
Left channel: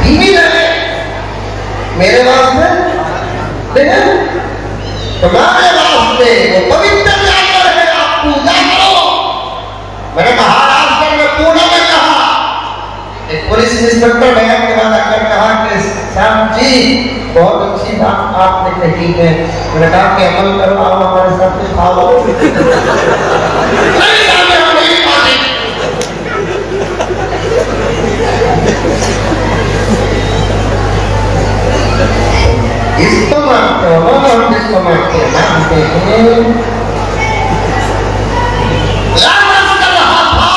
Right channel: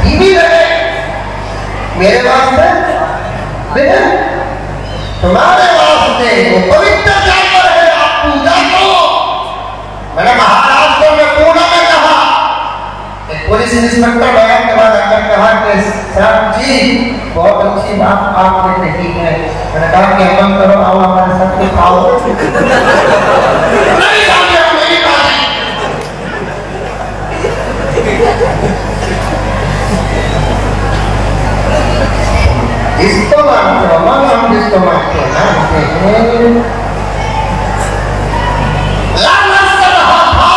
बीवी रहे, मेरे वास्ते तुम्हारे वास्ते वो पवित्र जानवर है, आप पूजा करो। मैंने महाराष्ट्र में पूना में कहा, एक पुलिस इंस्पेक्टर बयान के बाद आकर कहा कि श्याम जी बहुत अच्छी बात आपने कही है। मैंने कहा कि अमल करो, आओ हमारे साथ में खाओ। नहीं जाने वाली बात इसको मानते हो ना, हम जिसको मानते हैं मानते हैं। लालच कर रहा था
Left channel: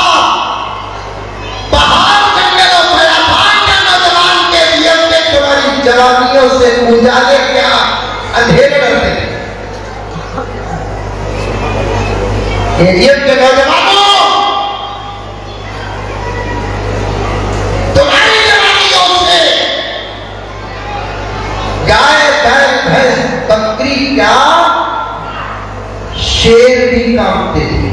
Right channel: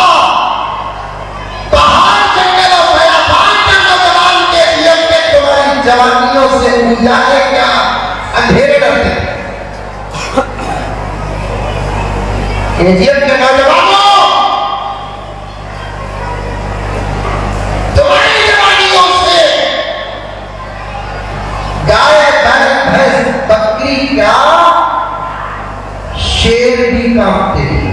पहाड़ जंगलों में अपार के नौजवान के लिए के तुम्हारी जवानियों से गुजारे क्या अंधेरे रहते के नौजवानों, तुम्हारी जवानियों से गाय बकरी का शेर भी कांपते थे।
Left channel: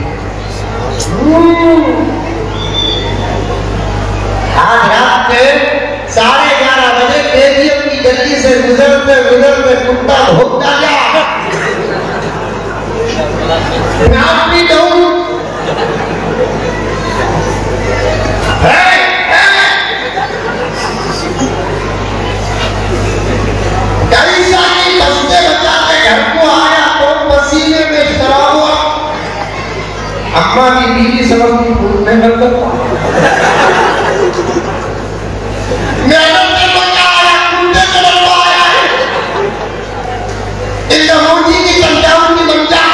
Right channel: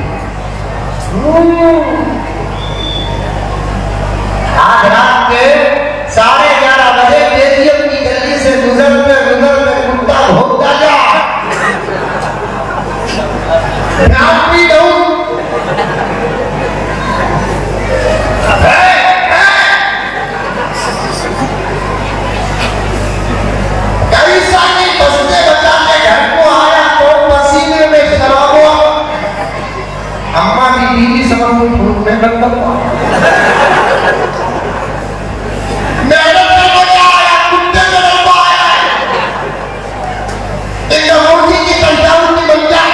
आज रात के 11:30 बजे केजीएम की गली से गुजरते कुत्ता भोगता गया। नाम भी कहूं कई सारी बस्ते बताने घर को आया तो पसीने में शराबो अम्मा की बीवी समझ फूटने लगता। मेहनत करने का आया, कुत्ते में लड़वा आया है। इन रमोजी की संख्याओं की संख्या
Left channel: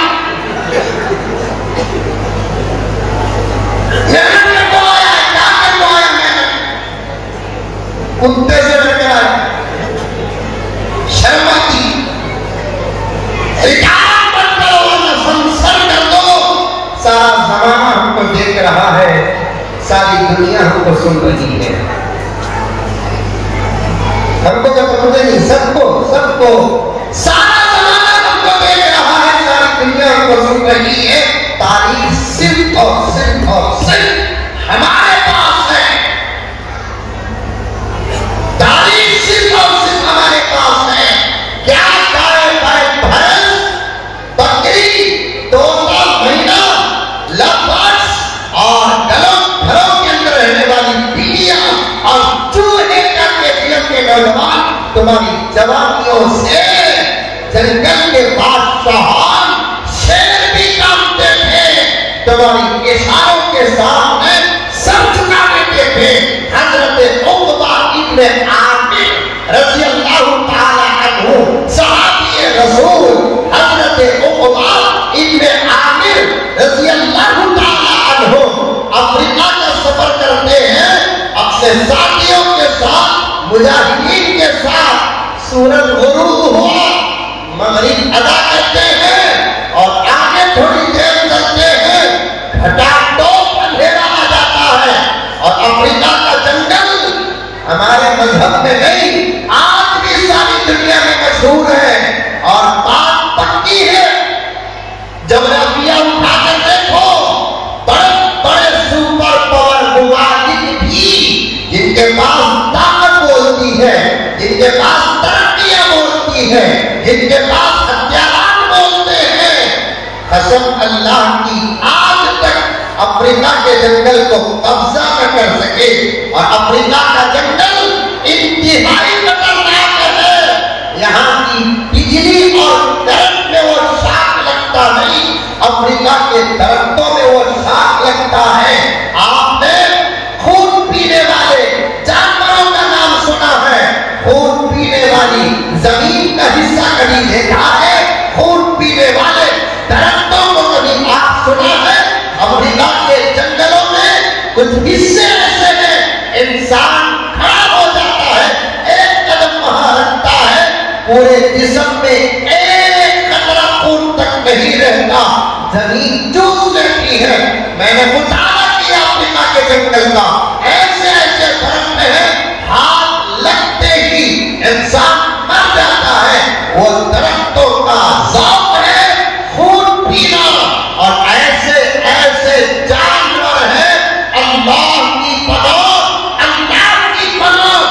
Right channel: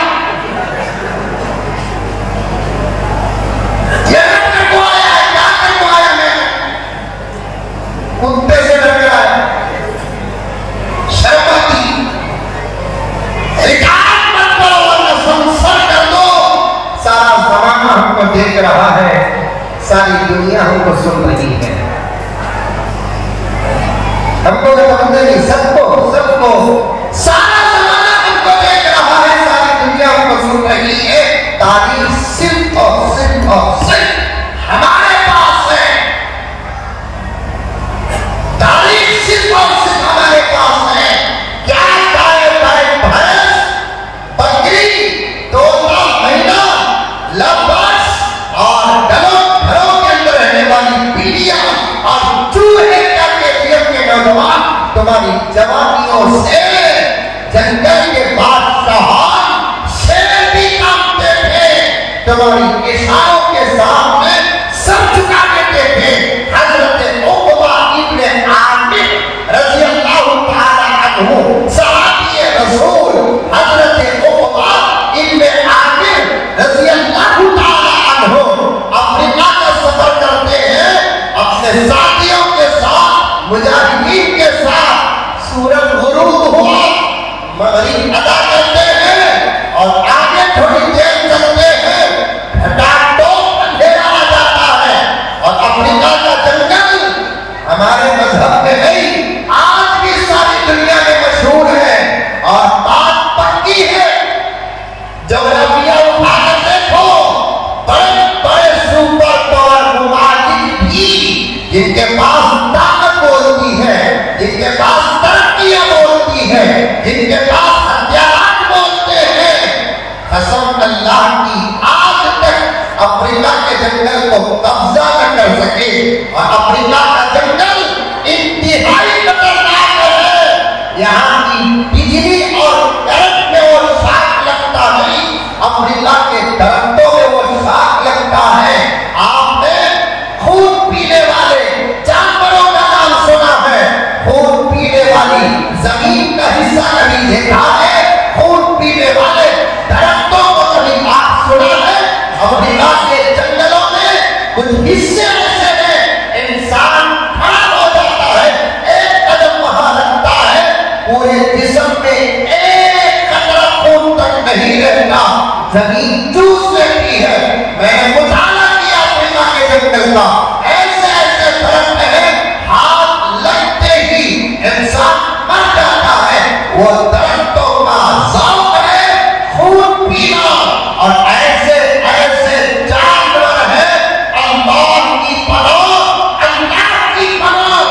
मेहनत करने को आया है, क्या करने आया है? कुत्ते से डर गया है। सारा जमाना हमको देख रहा है, सारी दुनिया हमको सुन रही है। हमको क्या पता नहीं, सबको सारा जमाना हमको देख रहा है, सारी दुनिया हमको सुन रही है। तारीफ सिर्फ हमारे पास है, तारीफ सिर्फ हमारे पास है। क्या जवानियों से जंगल के बादशाह शेर भी कांपते थे, तुम्हारी इशारों के सामने सर झुका देते थे। हजरत उक़बा इब्ने आमिर रज़ियल्लाहु ताला अन्हु सहाबी रसूल, हजरत उक़बा इब्ने आमिर रज़ियल्लाहु ताला अन्हु अफ्रीका का सफर करते हैं अपने साथियों के साथ, मुजाहिदीन के साथ। सूरज गुरूब हुआ, मगरिब अदा करते हैं और आगे थोड़ी देर चलते हैं, हटाटोप अंधेरा आ जाता है और अफ्रीका का जंगल हमारे मजहब में नहीं, आज भी सारी दुनिया में मशहूर है। और बात पक्की है, जोग्राफिया उठाकर देखो, बड़े सुपर पावर मुवाजिद भी जिनके पास ताकत बोलती है, जिनके पास बोलती है, जिनके पास हथियार बोलते हैं, कसम अल्लाह की आज तक अफ्रीका के जंगल को कब्जा न कर सके। और अफ्रीका का जंगल इंतहाई खतरनाक है, यहाँ की बिजली और करंट में वो शाख लगता नहीं, अफ्रीका के दरख्तों में वो शाख लगता है। आपने खून पीने वाले जानवरों का नाम सुना है, खून पीने वाली जमीन का हिस्सा कभी देखा है? खून पीने वाले दरख्तों को कभी आप सुना है? अफ्रीका के जंगलों में कुछ हिस्से ऐसे हैं, इंसान खड़ा हो जाता है, एक कदम वहां रखता है, पूरे जिस्म में एक कतरा खून तक नहीं रहता। जमीन चूस लेती है। मैंने मुताला किया अफ्रीका के जंगल का, ऐसे ऐसे दरख्त हैं हाथ लगते ही इंसान मर जाता है। वो दरख्तों का ज़ौक़ है खून पीना, और ऐसे ऐसे जानवर हैं अल्लाह की पनाह, अल्लाह की पनाह।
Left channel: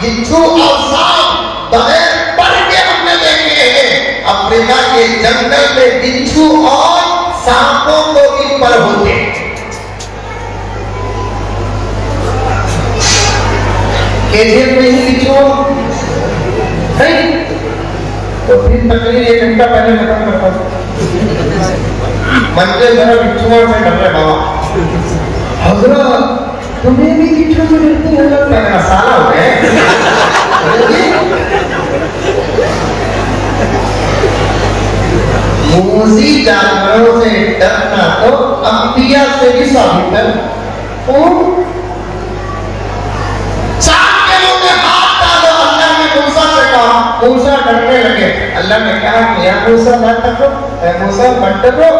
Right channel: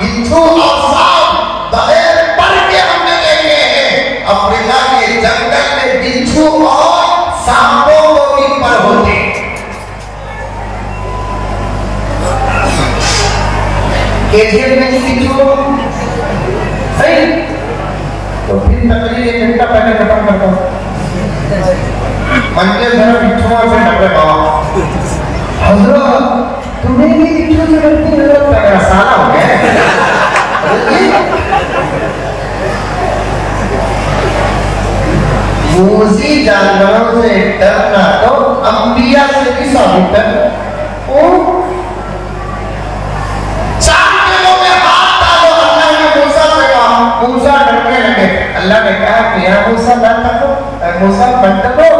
बिच्छू और सांप बगैर पर के हमने देखे हैं। अफ्रीका के जंगल में बिच्छू और सांपों को भी पर होते। केजेब में ही बिच्छू सही, तो फिर तकरीर 1 घंटा पहले खत्म करता हूँ। मंदिर भर बिच्छुओं से डरे बाबा। हज़रत तुम्हें भी बिच्छू से डरती है? मेरा साला हो गया। मूज़ी जानवरों से डरना तो अंबिया से भी साबित है। चांद के मुंह में हाथ डालो, अल्लाह ने मूसा से कहा, मूसा डरने लगे। अल्लाह ने कहा कि या मूसा मत डरो, मूसा मत डरो,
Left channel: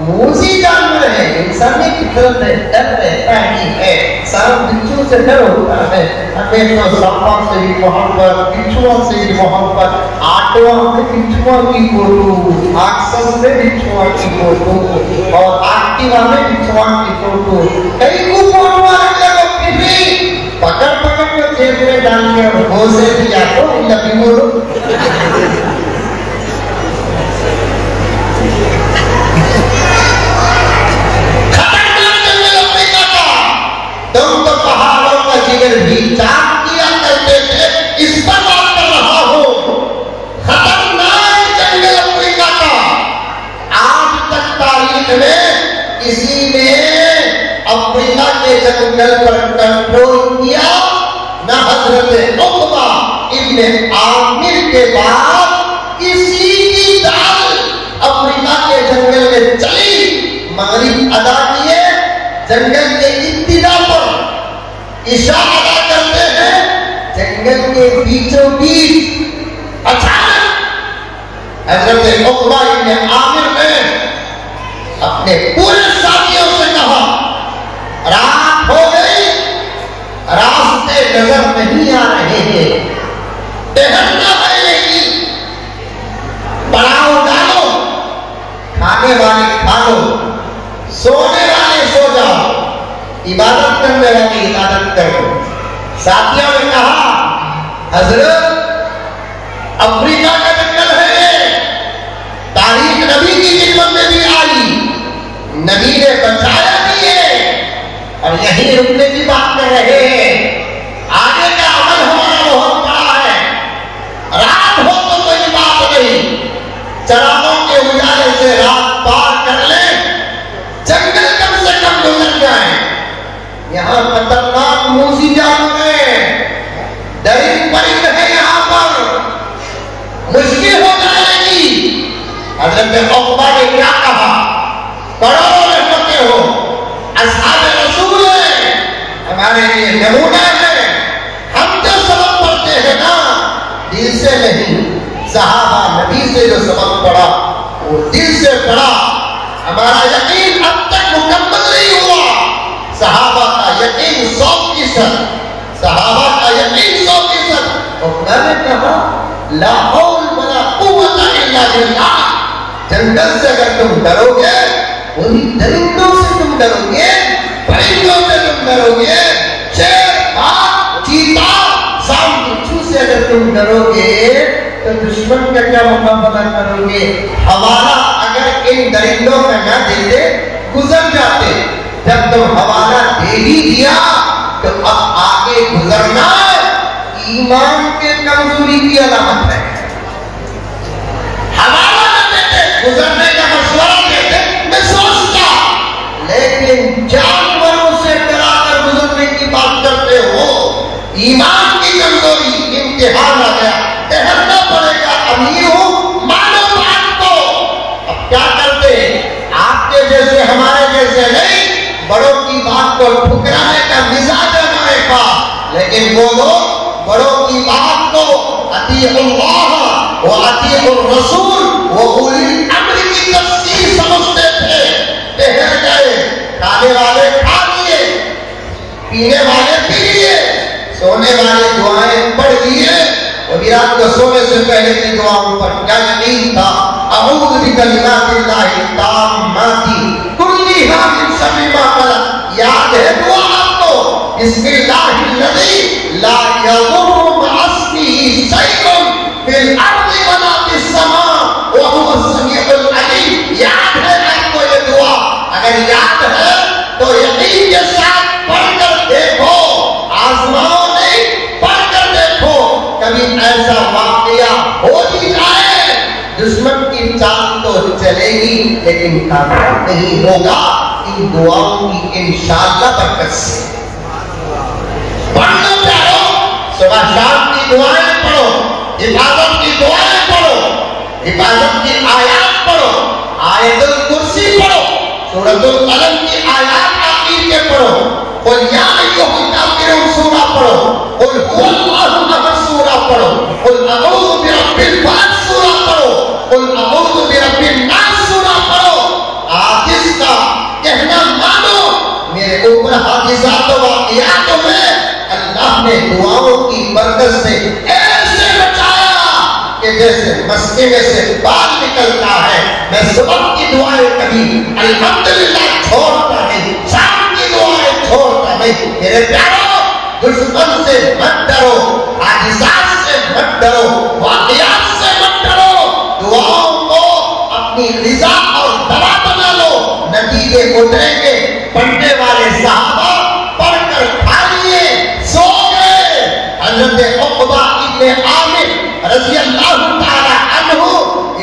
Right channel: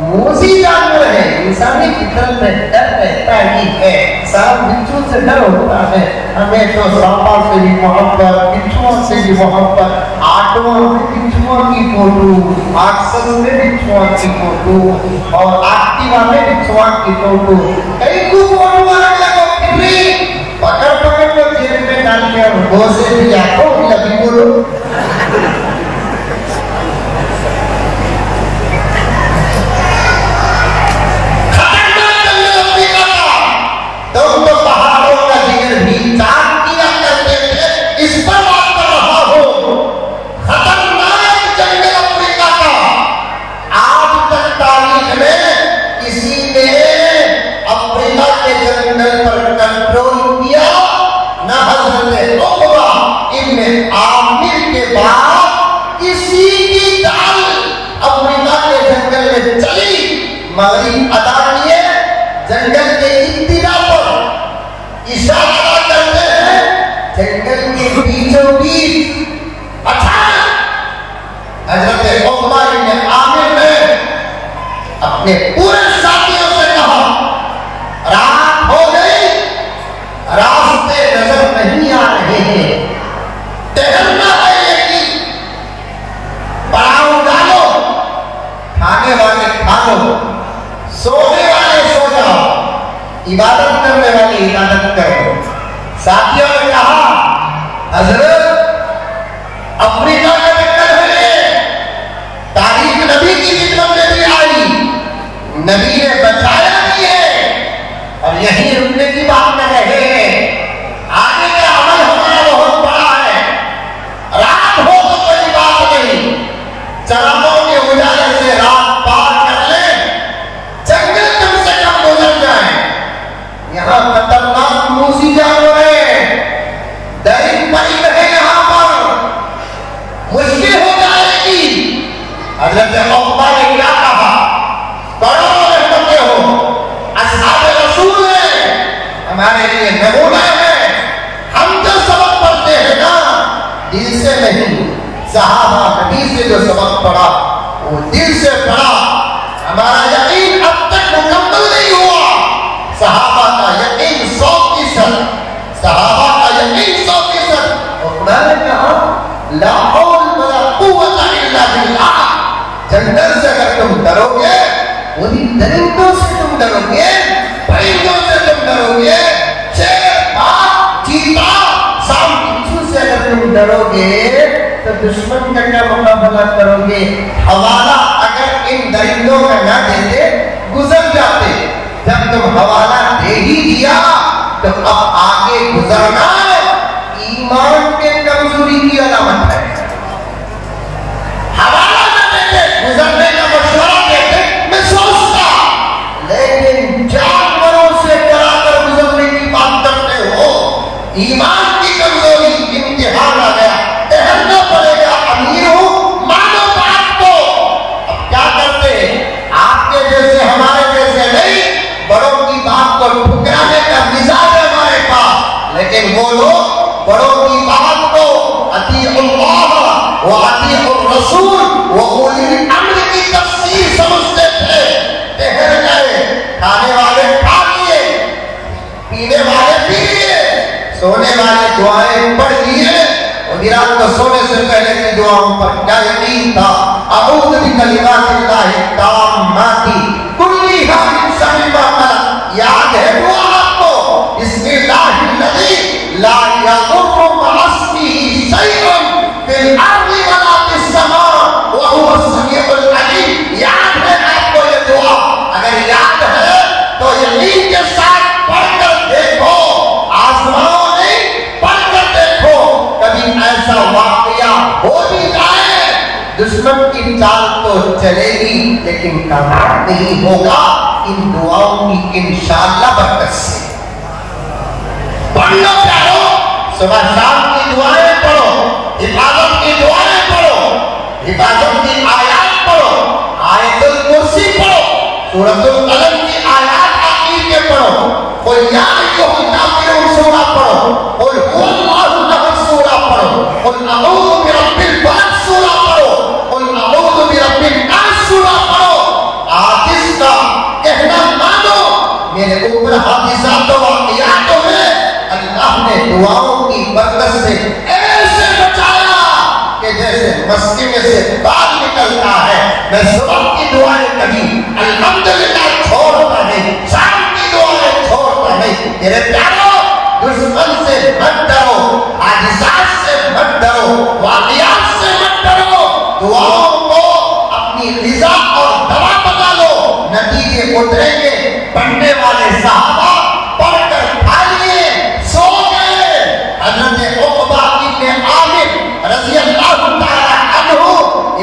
मूज़ी जानवर है, इंसानी फितरत में डर रहता ही है। सारा बिच्छू से डर होता है। हमें तो सांपों से भी मोहब्बत, बिच्छुओं से भी मोहब्बत। आटवा में बिच्छुओं की फोटो, आक्सर में बिच्छुओं की फोटो, और एक्टिवा में बिच्छुओं की फोटो, कई को फोटो पकड़ पकड़ के जेब में डाल के और वो से भी आपको लगी बोलो। तुम तो पहाड़ों का जिगर भी चाक किया करते थे, इस पर बात कर रहा हो। खतरनाक जंगल अफ्रीका का, आज तक तारीख में किसी ने अफ्रीका के जंगल पर कंट्रोल किया न। हजरत उक़बा इब्न आमिर के बाद किसी की दाल अफ्रीका के जंगल में चली। मगरिब अदा किए, जंगल के इब्तिदा पर इशारा अदा करते हैं, जंगल के बीचों बीच अचानक हजरत उक़बा इब्न आमिर ने अपने पूरे साथियों से कहा, रात हो गई, रास्ते नजर नहीं आ रहे हैं, टहलना है लेकिन पड़ाव डालो, खाने वाले खा लो, सोने वाले सो जाओ, इबादत करने वाले इबादत करो। साथियों ने कहा, हजरत अफ्रीका का जंगल है ये, तारीख नबी की किताब में भी आई, नबी ने बताया भी है, और यही रुकने की बात में रहे हैं। आगे का अमल हमारा बहुत बड़ा है। रात हो तो कोई बात नहीं, चरागों के उजाले से रात पार कर ले, जंगल कम से कम गुजर जाए। यहाँ खतरनाक मूज़ी जानवर है, दरिंद परिंद है, यहाँ पर मुश्किल हो जाएगी। हज़रत उक़बा ने क्या कहा, बड़ों रहमतें हो, अस्हाबे रसूल है, हमारे लिए नमूना है। हम जो सबक पढ़ते हैं ना, दिल से नहीं, सहाबा नबी से जो सबक पढ़ा वो दिल से पढ़ा। हमारा यकीन अब तक मुकम्मल नहीं हुआ। सहाबा का यकीन 100%, सहाबा का यकीन 100%। उक़बा ने कहा, ला हौल वला कुव्वता इल्ला बिल्लाह। जंगल से अगर तुम डरोगे, उन्हीं दरिंदों से तुम डरोगे, परिंदों से तुम डरोगे, शेर, बाघ, चीता, सांप, बिच्छू से अगर तुम डरोगे, तो दुश्मन का क्या मुकाबला करोगे? हवाला अगर इन दरिंदों का न देते, गुजर जाते। जब तुम हवाला दे ही दिया, तो अब आगे गुजरना ईमान के कमजोरी की अलामत है। हवाला न देते, गुजरने का मशवरा देते, मैं सोचता, लेकिन जानवरों से डराकर गुजरने की बात करते हो, ईमान की कमजोरी, इम्तिहान आ गया, ठहरना पड़ेगा। अमीर हूं, मानो बात को। अब क्या करते, आपके जैसे हमारे जैसे नहीं, बड़ों की बात को ठुकराने का मिजाज है हमारे पास। लेकिन वो लोग बड़ों की बात को अतीउल्लाह व अतीउर रसूल व उलिल अम्र की तफसीर समझते थे। सोने वाले दुआएं पढ़ लिए और रात को सोने से पहले की दुआओं पर क्या यकीन था। अऊज़ु बिकलिमातिल्लाहि ताम्माति कुल्लिहा मिन शर्रि मा खलक़। याद है दुआ आपको? बिस्मिल्लाहिल्लज़ी ला यज़ुर्रु मअस्मिही शैउन फिल अर्ज़ि वला फिस समा व हुवस समीउल अलीम। याद है आपको ये दुआ? अगर याद है तो यकीन के साथ पढ़कर देखो, आजमाओ नहीं, पढ़कर देखो। कभी ऐसा वाकया हो भी जाए, दुश्मन की चाल तो चलेगी लेकिन कामयाब नहीं होगा इन दुआओं की इंशाअल्लाह बरकत से। पढ़ लो प्यारो, सुबह शाम की दुआएं पढ़ो, हिफाजत की दुआएं पढ़ो, हिफाजत की आयात पढ़ो, आयतुल कुर्सी पढ़ो, सूरतुल कलम की आयात आखिर के पढ़ो, और या अय्युहल काफिरून सूरा पढ़ो, और हुवल्लाहु अहद सूरा पढ़ो, कुल अऊज़ु बिरब्बिल फलक सूरा पढ़ो, कुल अऊज़ु बिरब्बिन नास सूरा पढ़ो। हादिस का कहना मानो, मेरे ऊपर हादिसात व वाक़ियात में अल्लाह ने दुआओं की बरकत से ऐसे बचाया कि जैसे मस्के में से बाल निकलता है। मैं सुबह की दुआएं कभी अल्हम्दुलिल्लाह छोड़ता नहीं, शाम की दुआएं छोड़ता नहीं। मेरे प्यारो, दुश्मन से मत डरो, हादिसात से मत डरो, वाक़ियात से मत डरो। दुआओं को अपनी रिज़ा और दवा बना लो, नतीजे उतरेंगे। पढ़ने वाले सहाबा पढ़कर खा लिए, सो गए। हज़रत उक़बा इब्न आमिर रज़ियल्लाहु ताला अन्हु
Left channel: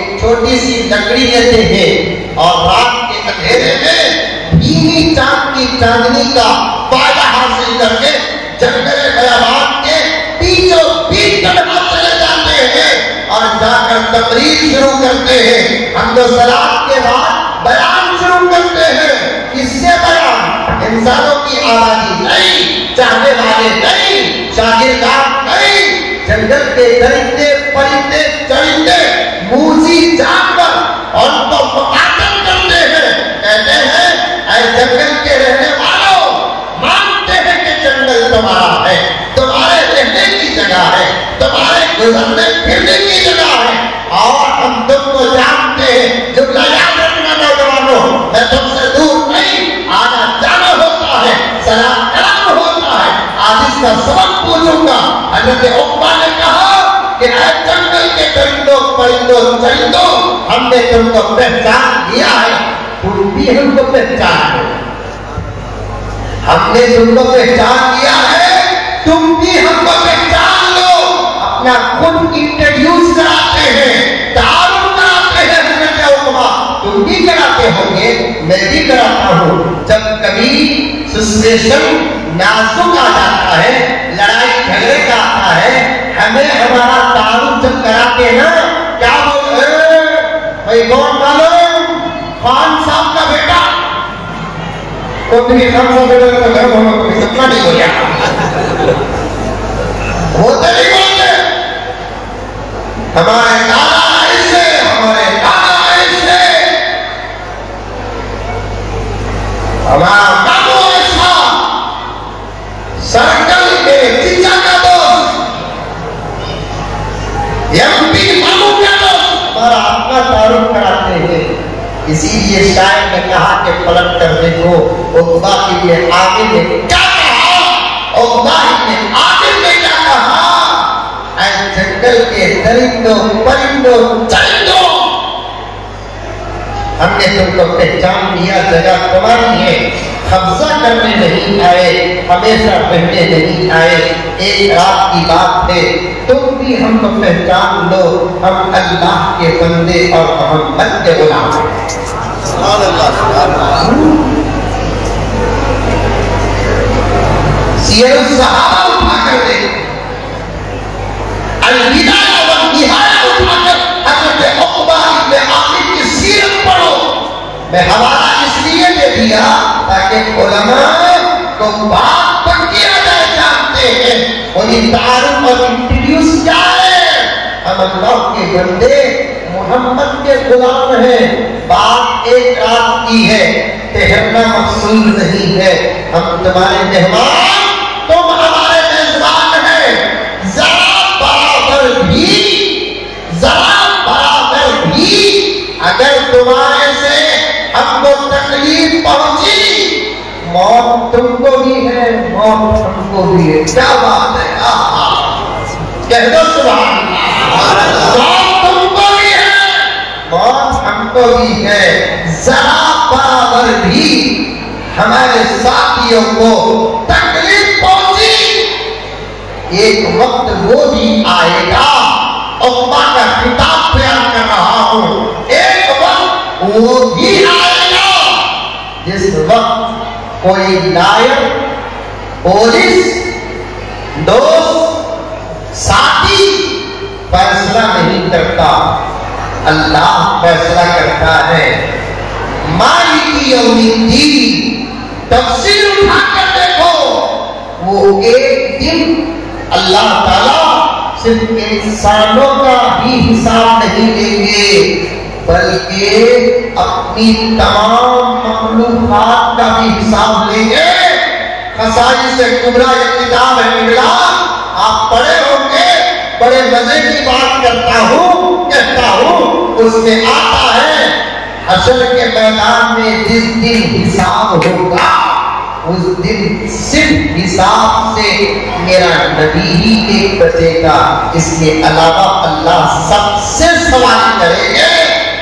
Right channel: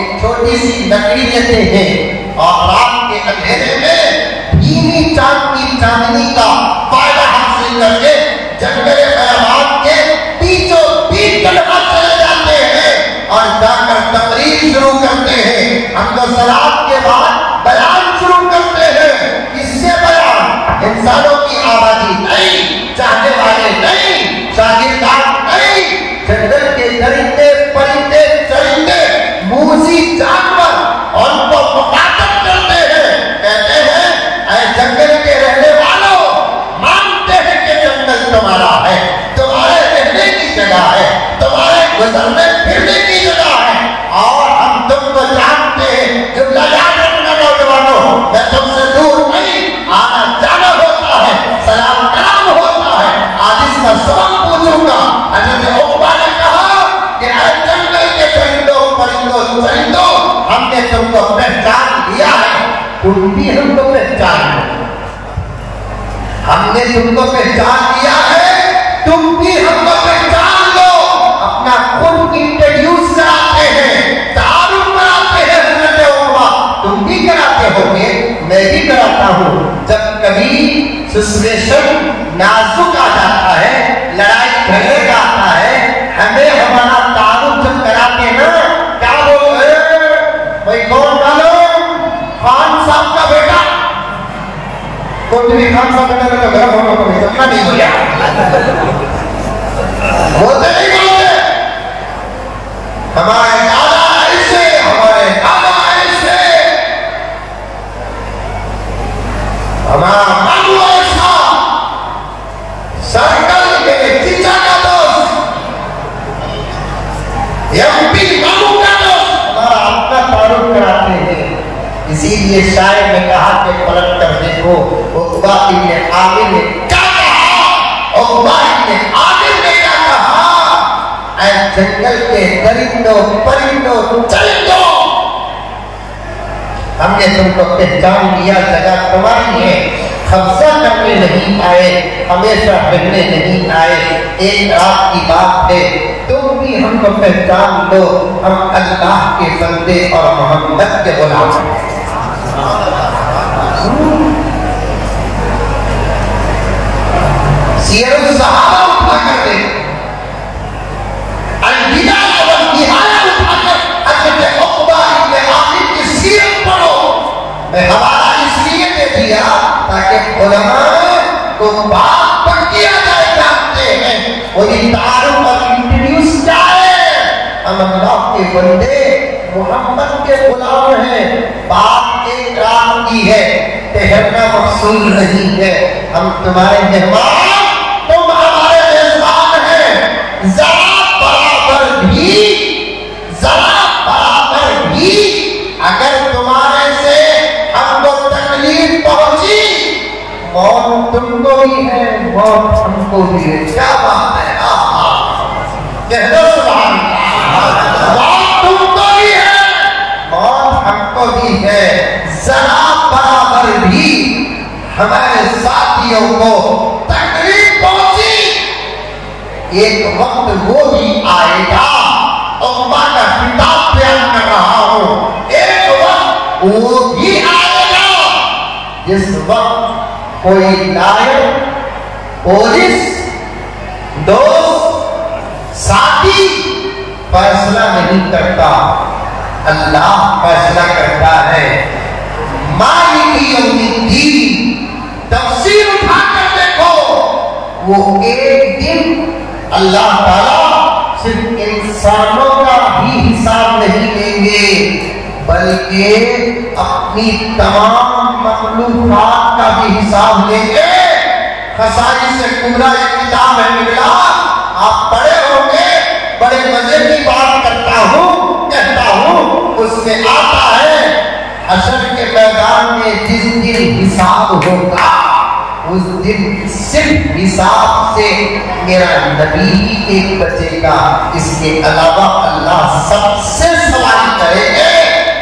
एक छोटी सी लकड़ी लेते हैं और रात के अंधेरे में भीनी चांद की चांदनी का फायदा हासिल करके जंगले बयाबान के बीचों बीच चढ़कर चले जाते हैं और जाकर तकरीर शुरू करते हैं। हम तो सलात के बाद बयान शुरू करते हैं। किससे बयान? इंसानों की आवाज़ी नहीं, चाहने वाले नहीं, शागिर्दान नहीं, जंगल के दरिंदे परिंदे चरिंदे मूसी जानवर उनको मुखातब करते हैं। कहते हैं, ऐ जंगल के रहने वालों, मानते हैं कि जंगल तुम्हारा है, तुम्हारे रहने की जगह है, तुम्हारे गुजरने फिरने की जगह है, और हम तुमको जानते हैं। जुमला याद रखना नौजवानों, मैं तुमसे दूर नहीं, आना जाना होता है, सलाम कलाम होता है। आज इसका सबक पूछूंगा। हज़रत उक़बा ने कहा कि ऐ जंगल के परिंदों परिंदों चरिंदों, हमने तुमको पहचान लिया है, तुम भी हमको पहचान लो। हमने तुमको पहचान लिया है, तुम भी हमको पहचान लो। अपना खुद इंट्रोड्यूस कराते हैं, तारुफ कराते हैं। हज़रत उक़बा, तुम भी कराते होंगे, मैं भी कराता हूँ। जब कभी सिचुएशन नाजुक आ जाता है, लड़ाई झगड़े का आता है, हमें हमारा तारुफ जब कराते ना, क्या बोलते हैं? भाई कौन मालूम? खान साहब का बेटा। तो तुम्हें खान साहब का बेटा तो घर हम लोग को सपना नहीं हो गया। होते नहीं बोलते, हमारे दादा ऐसे, हमारे दादा ऐसे, हमारा बाबू ऐसा, सर्कल के जीजा का दोस्त, एमपी बाबू का दोस्त, हमारा अपना तारुफ कराते हैं। इसीलिए शायर ने कहा कि पलट कर देखो, उक़बा इब्न आमिर ने क्या कहा? उक़बा इब्न आमिर ने क्या कहा? ऐ जंगल के दरिंदों परिंदों चरिंदों, हमने तुमको पहचान लिया, जगह तुम्हारी है। कब्जा करने नहीं आए, हमेशा रहने नहीं आए। एक रात की बात है, तुम भी हमको पहचान लो, हम अल्लाह के बंदे और मोहम्मद के गुलाम हैं। सीरत सहाबा उठा कर दे, अल-बिदाया व निहाया उठा कर हज़रत उक़बा इब्न आमिर की सीरत पढ़ो। मैं हवाला इसलिए दे दिया ताकि उलमा को बात तक किया जाए, जानते हैं कोई तारुफ और इंट्रोड्यूस क्या है। हम अल्लाह के बंदे मोहम्मद के गुलाम हैं। बात एक रात की है, ठहरना मकसूद नहीं है। हम तुम्हारे मेहमान, तुम हमारे मेजबान मौत हमको भी है। क्या बात है, कह दो सुभान अल्लाह। मौत तुमको भी है, मौत हमको भी है। जरा बराबर भी हमारे साथियों को तकलीफ पहुंची, एक वक्त वो भी आएगा। अल्लाह का किताब बयान कर रहा हूं, एक वक्त वो भी आएगा जिस वक्त कोई लायक, पुलिस, दोस्त, साथी फैसला नहीं करता, अल्लाह फैसला करता है। मालिकी यौमिद्दीन तफसीर उठा कर देखो, वो एक दिन अल्लाह ताला सिर्फ इंसानों का ही हिसाब नहीं लेंगे, बल्कि अपनी तमाम मखलूकात का भी हिसाब लेंगे। खसाई से कुबरा एक किताब है निकला, आप पढ़े होंगे, बड़े मजे की बात कहता हूँ, उसमें आता है हशर के मैदान में जिस दिन हिसाब होगा, उस दिन सिर्फ हिसाब से मेरा नबी ही एक बचेगा, इसके अलावा अल्लाह सबसे सवाल करेंगे।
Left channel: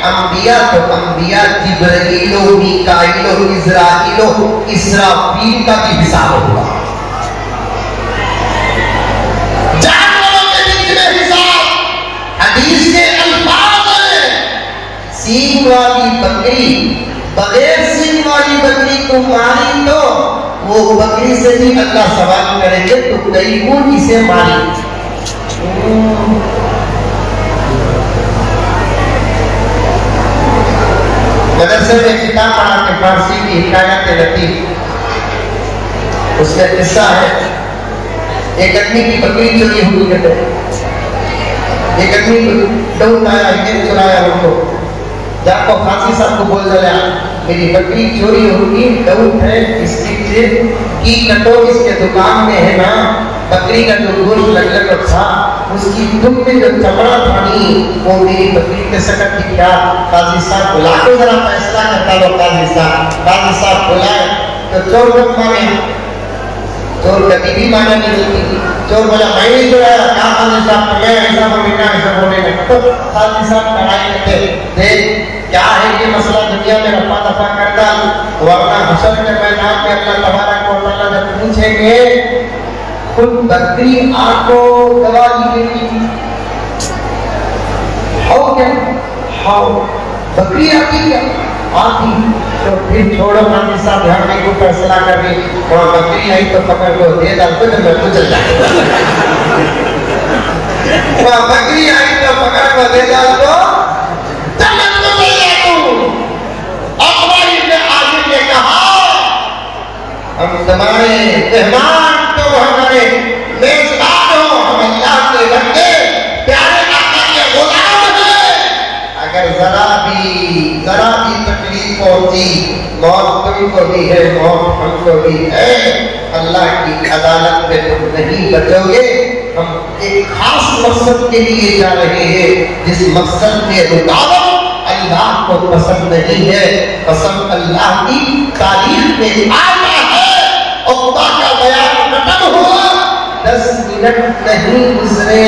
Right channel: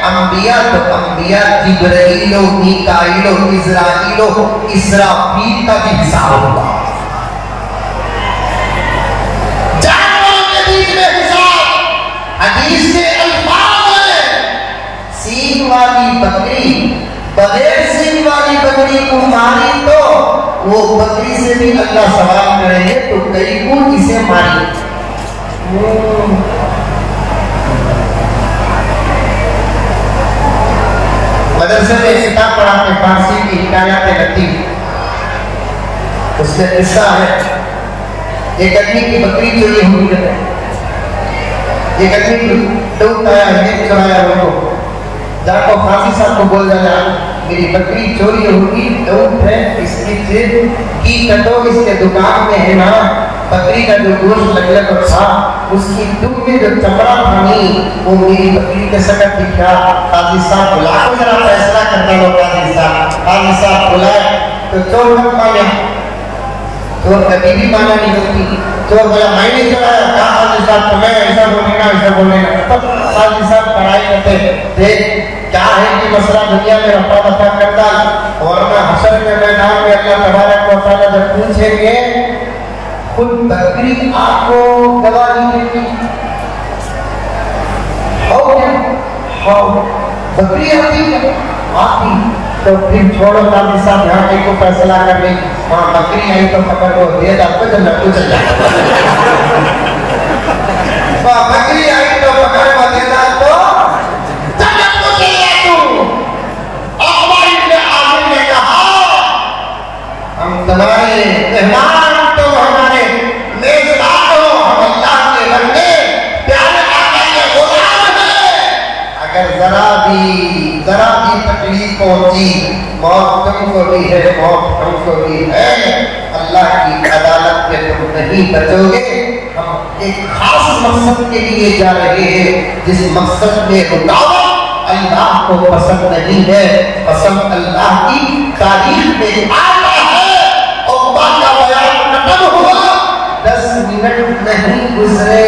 अंबिया तो अंबिया, जिब्राइलो, मीकाइलो, इज़राइलो, इसराफील का भी हिसाब होगा। जानवरों के बीच में हिसाब, हदीस के अल्फाज है, सींग वाली बकरी बगैर सींग वाली बकरी को मारी तो वो बकरी से भी अल्लाह सवाल करेंगे, तो कई को इसे मारी। मदरसे में किताब पढ़ा के फारसी की हिकायत लतीफ, उसका किस्सा है, एक आदमी की बकरी चोरी हुई है। एक आदमी दौड़ आया, ये चुराया उनको, जाको काजी साहब को बोल देना मेरी बकरी चोरी होगी, दौड़ है इसकी जेब की कटो, इसके दुकान में है ना बकरी का जो गोश्त लग था, उसकी दुम में जो चमड़ा था नहीं, वो मेरी बकरी के सकत दिखा। काजी साहब बुला को जरा फैसला करता हो। काजी साहब बुलाए तो चोर कब माने, चोर कभी भी माना नहीं होती। चोर बोला मैं नहीं चुराया, क्या काजी साहब तुम्हें ऐसा बोलेगा, तो काजी साहब लड़ाई करते, देख क्या है ये मसला, दुनिया में रफा दफा करता, वरना हशर के मैदान में अल्लाह तबारक व तआला जब पूछेंगे खुद बकरी आपको गवाही देगी, बकरी आती है आती, तो फिर छोड़ो काजी साहब, यहाँ कहीं को फैसला करने, वहाँ बकरी आई तो पकड़ लो, दे डालते तो मैं तो चल जाता। बकरी आई तो पकड़ को दे डाल तो हम तुम्हारे मेहमान, तो हमारे मेजबान हो, हम अल्लाह के बंदे, प्यारे आका के गुलाम हैं। अगर जरा भी तकलीफ पहुंची, मौत तुमको भी है, मौत हमको भी है, अल्लाह की अदालत में तुम नहीं बचोगे। हम एक खास मकसद के लिए जा रहे हैं, जिस मकसद में रुकावट अल्लाह को पसंद नहीं है। कसम अल्लाह की तारीफ में आता है, अल्लाह का बयान खत्म हुआ, 10 मिनट नहीं गुजरे,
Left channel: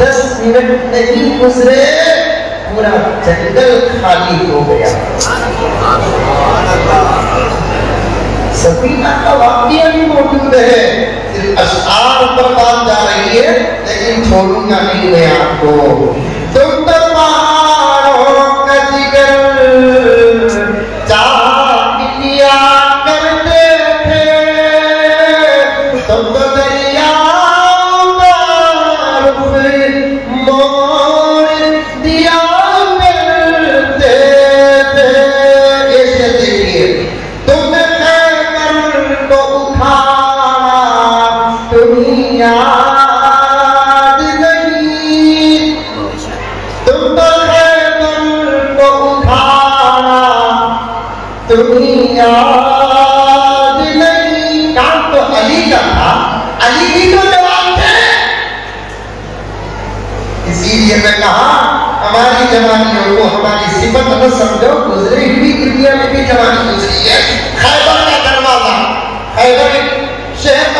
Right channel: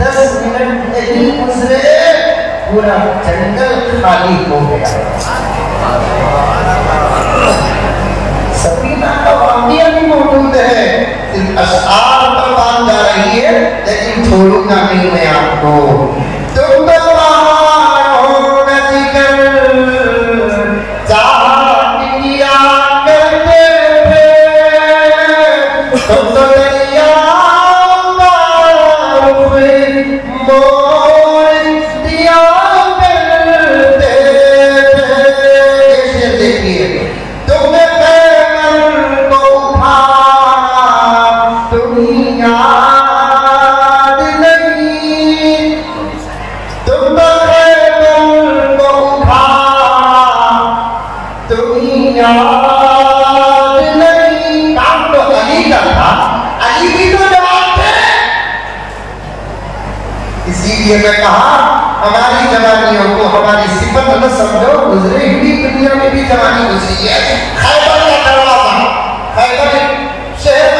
10 मिनट नहीं गुजरे, पूरा जंगल खाली हो गया। सफीना का वाक़या भी मौजूद है, सिर्फ अशआर पर बात जा रही है, लेकिन छोड़ूंगा नहीं मैं आपको। तुम तो पहाड़ों का जिगर चाहत किया करते थे, तुम तो दरियाओं का रुख मोड़ दिया करते थे। ऐसे देखिए, तुमने पैर को उठा, तुम्हें याद नहीं, तुम तो को उठा, तुम्हें याद नहीं। काम तो अली का था, अली भी तो जवाब थे। इसीलिए मैं कहा हमारी जवानियों को हमारी सिफत न समझो, गुजरे हुई दुनिया में भी जवानी गुजरी है। खैबर का दरवाजा, खैबर शहर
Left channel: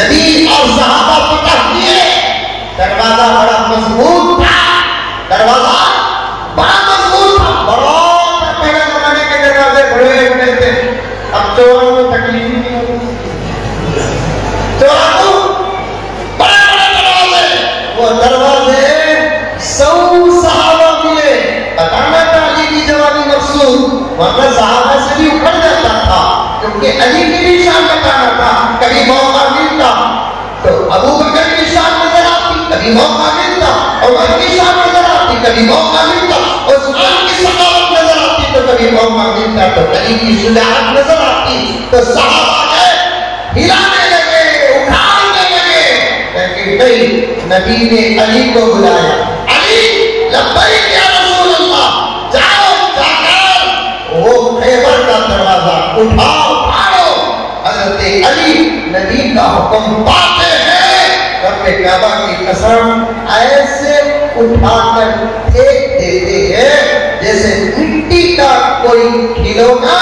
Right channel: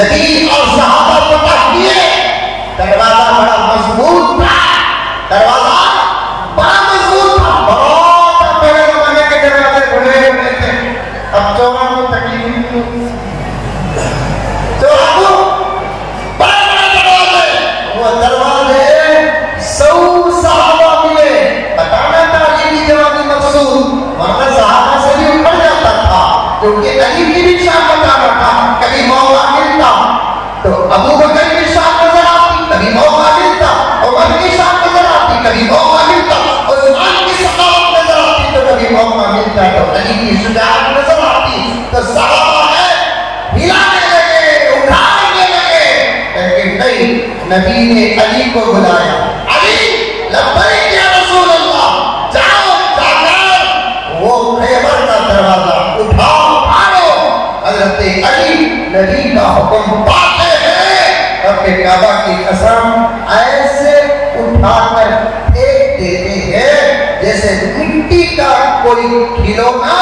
नबी और सहाबा फतह किए, दरवाजा बड़ा मजबूत था, दरवाजा बड़ा मजबूत था। बहुत पहले जमाने के दरवाजे खुले होते थे, अब चोरों को तकलीफ नहीं होती। चोरों को बड़े बड़े दरवाजे, वो दरवाजे सऊ सहाबा मिले। बताना था अली की जवानी मकसूद, वरना सहाबा से भी उतर जाता था, क्योंकि अली की भी शान बताना था। कभी मौका मिलता तो अबू बकर की शान नजर आती, कभी मौका मिलता उमर की शान नजर आती, कभी मौका मिलता उस्मान की सदाकत नजर आती, तो कभी मौका मिलता तो अली की शुजाअत नजर आती। तो सहाबा हिलाने लगे, उठाने लगे, लेकिन नहीं, नबी ने अली को बुलाया। अली लब्बैक या रसूल अल्लाह, जाओ जाकर वो खैबर का दरवाजा उठाओ, फाड़ो। हज़रत अली नबी का हुक्म पाते हैं, रब्बे काबा की कसम ऐसे उठाकर फेंक देते हैं जैसे मिट्टी का कोई खिलौना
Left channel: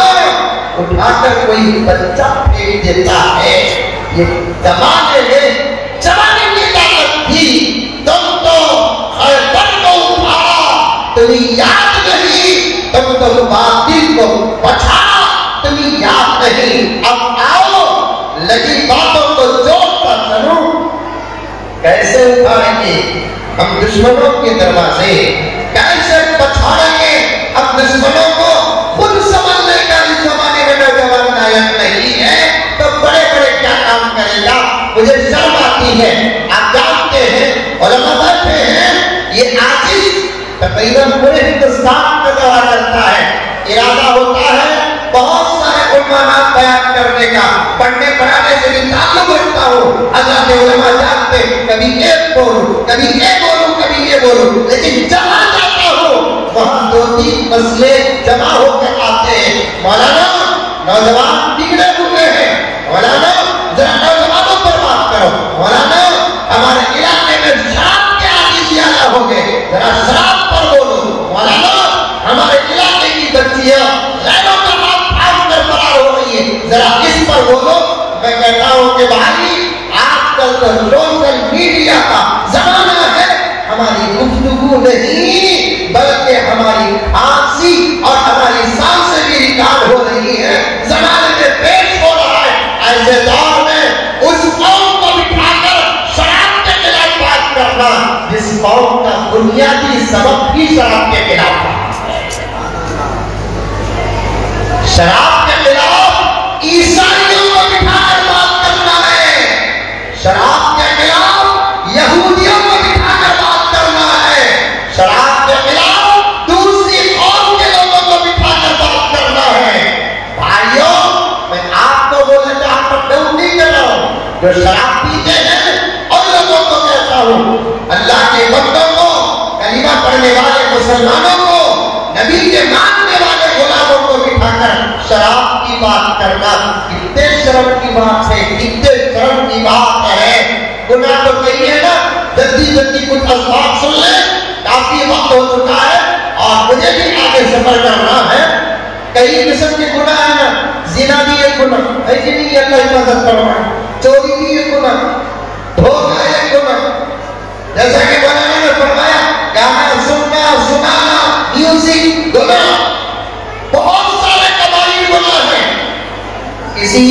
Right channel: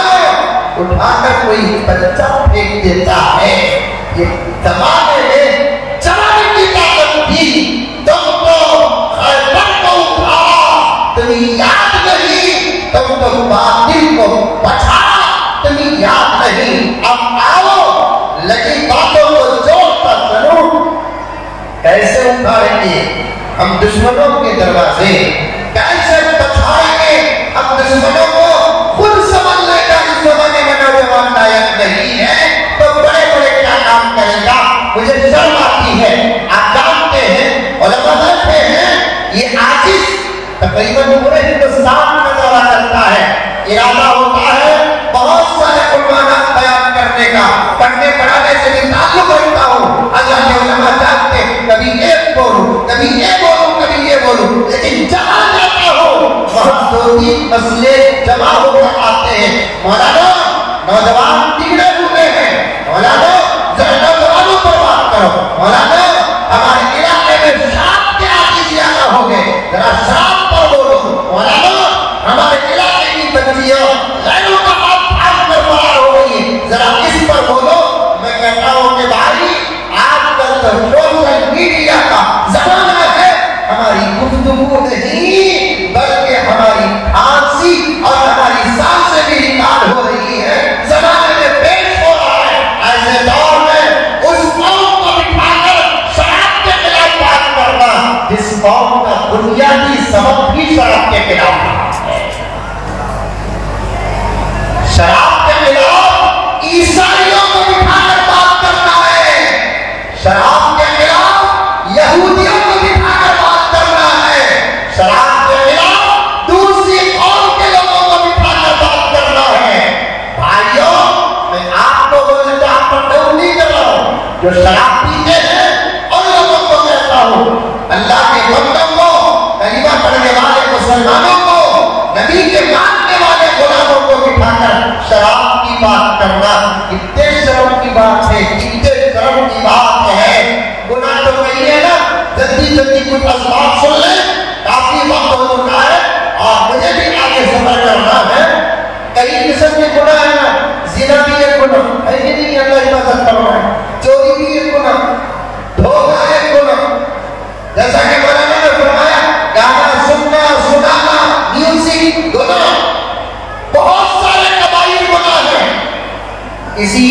उठाकर कोई बच्चा फेंक देता है। ये जमाने में जमाने की ताकत थी। तुम तो खैबर को उठाओ, तुम्हें याद नहीं, तुम तो बातिल को बचाओ, तुम्हें याद नहीं। अब आओ, लगी बातों को जोड़कर चलो। कैसे उठाएंगे हम दुश्मनों के दरवाजे, कैसे बचाएंगे हम दुश्मनों को? खुद समझ लेगा इस जमाने में नौजवान नायक नहीं है तो बड़े बड़े क्या काम करेगा। मुझे शर्म आती है। आप जानते हैं, उलमा कहते हैं, ये आजिज तकरीबन पूरे हिंदुस्तान में दौरा करता है। इरादा होता है बहुत सारे उलमानात बयान करने का, पढ़ने पढ़ाने से भी ताल्लुक रखता हूँ। अल्लाह के उलमा जानते हैं, कभी एक बोलूं, कभी ये बोलूं, कभी ये बोलूं, लेकिन जहाँ जाता हूँ वहाँ दो तीन मसले जमा होकर आते हैं। मौलाना, नौजवान बिगड़े हुए हैं, मौलाना जरा नौजवानों पे बात करो, मौलाना हमारे इलाके में शाम के आदि ज्यादा हो गए, जरा शाम पर बोलो, मौलाना हमारे इलाके की बच्चियां लैनों का हाथ फाड़ कर पार हो गई है, जरा इस पर बोलो। मैं कहता हूँ कि भाई आजकल तो सोशल मीडिया का जमाना है, हमारी गुफ्तगू नहीं बल्कि हमारी आंसी और हमारी सांसें भी रिकॉर्ड हो रही है, जमाने में पेश हो रहा है। ऐसे दौर में उस कौम को बिठाकर शराब के खिलाफ बात करना, जिस कौम का बुनियादी सबक भी शराब के खिलाफ है। शराब के खिलाफ ईसाइयों को बिठाकर बात करना है, शराब के खिलाफ यहूदियों को बिठाकर बात करना है, शराब के खिलाफ दूसरी कौम के लोगों को बिठाकर बात करना है। भाइयों, मैं आपको बोलना चाहता हूं, नहीं कर रहा हूं, जो शराब पीते हैं और लोगों को कहता हूं, अल्लाह के बंदों को, कलीमा पढ़ने वाले मुसलमानों को, नबी के मानने वाले गुलामों को बिठाकर शराब की बात करना कितने शर्म की बात है, कितने शर्म की बात है। गुनाह तो कही है ना, जल्दी जल्दी कुछ असबाब सुन ले, काफी वक्त हो चुका है और मुझे भी आगे सफर करना है। कई किस्म के गुनाह है ना, जिना भी एक गुनाह है कि नहीं, अल्लाह हिफाजत करना, चोरी भी एक गुनाह, धोखा एक गुनाह, जैसा कि मौलाना ने फरमाया, गाना सुनना, सुनाना, म्यूजिक गुनाह, बहुत सारे कबाइर गुनाह हैं। किसी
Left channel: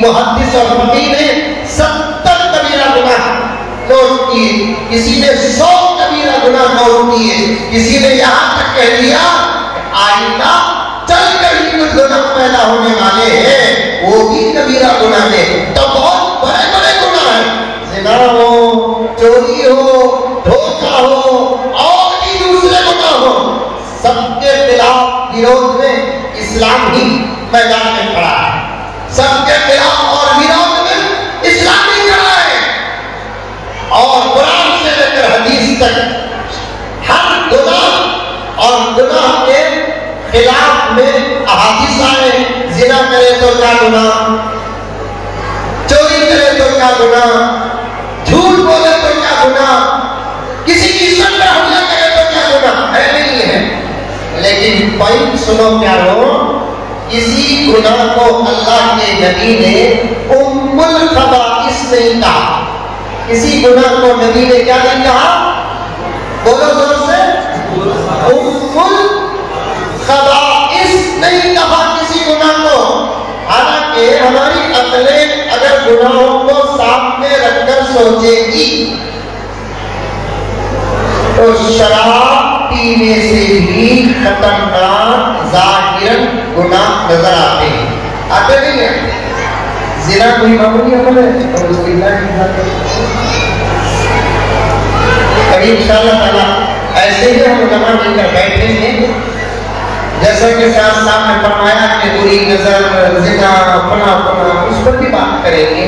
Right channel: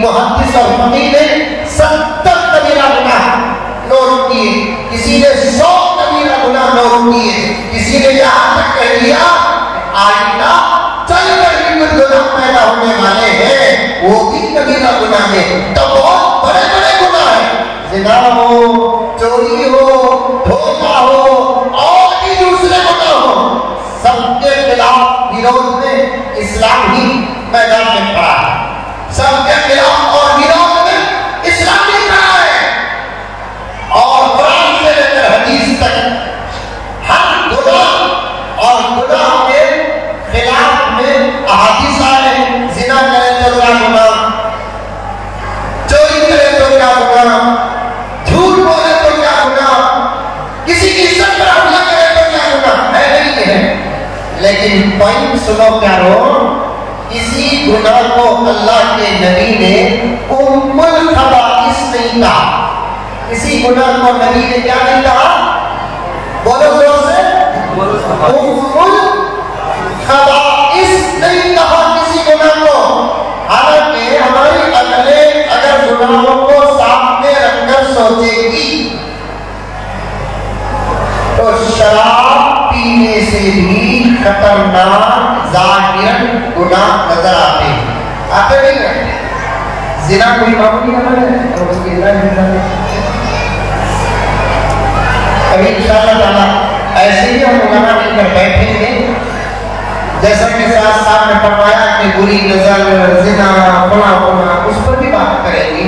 मुहद्दिस और फकीह ने 70 कबीरा गुनाह नोट किए, किसी ने 100 कबीरा गुनाह नोट किए, किसी ने यहाँ तक कह दिया आइंदा चलकर ही गुनाह पैदा होने वाले हैं, वो भी कबीरा गुनाह है। तो बहुत बड़े बड़े गुनाह हैं, ज़िना हो, चोरी हो, धोखा हो और भी दूसरे गुनाह हो, सबके खिलाफ विरोध में इस्लाम ही मैदान में खड़ा है। सबके खिलाफ और विरोध में इस्लाम ही खड़ा है और कुरान से लेकर हदीस तक हर गुनाह और गुनाह के खिलाफ में अहादीस आए। जिना करे तो क्या गुनाह, चोरी करे तो क्या गुनाह, झूठ बोले तो क्या गुनाह, किसी की इज्जत पर हमला करे तो क्या गुनाह है, नहीं है। लेकिन पॉइंट सुनो प्यारो, इसी गुनाह को अल्लाह के नबी ने उम्मुल खबाइस खबाइस नहीं कहा, किसी गुनाह को नबी ने क्या नहीं कहा? बोलो जोर से, उम्मुल खबाइस नहीं कहा किसी गुनाह को। हालांकि हमारी अकलें अगर गुनाहों को सामने रखकर सोचेगी तो शराब पीने से भी खतरनाक जाहिरन गुनाह नजर आते हैं। आते नहीं है? ज़िना कोई मामूली अमल है तो उसकी कभी इंशाअल्लाह ताला ऐसे ही हम उलमा मिलकर बैठेंगे, जैसे कि साहब ने फरमाया कि बुरी नजर, ज़िना, गुनाह, उस पर भी बात करेंगे।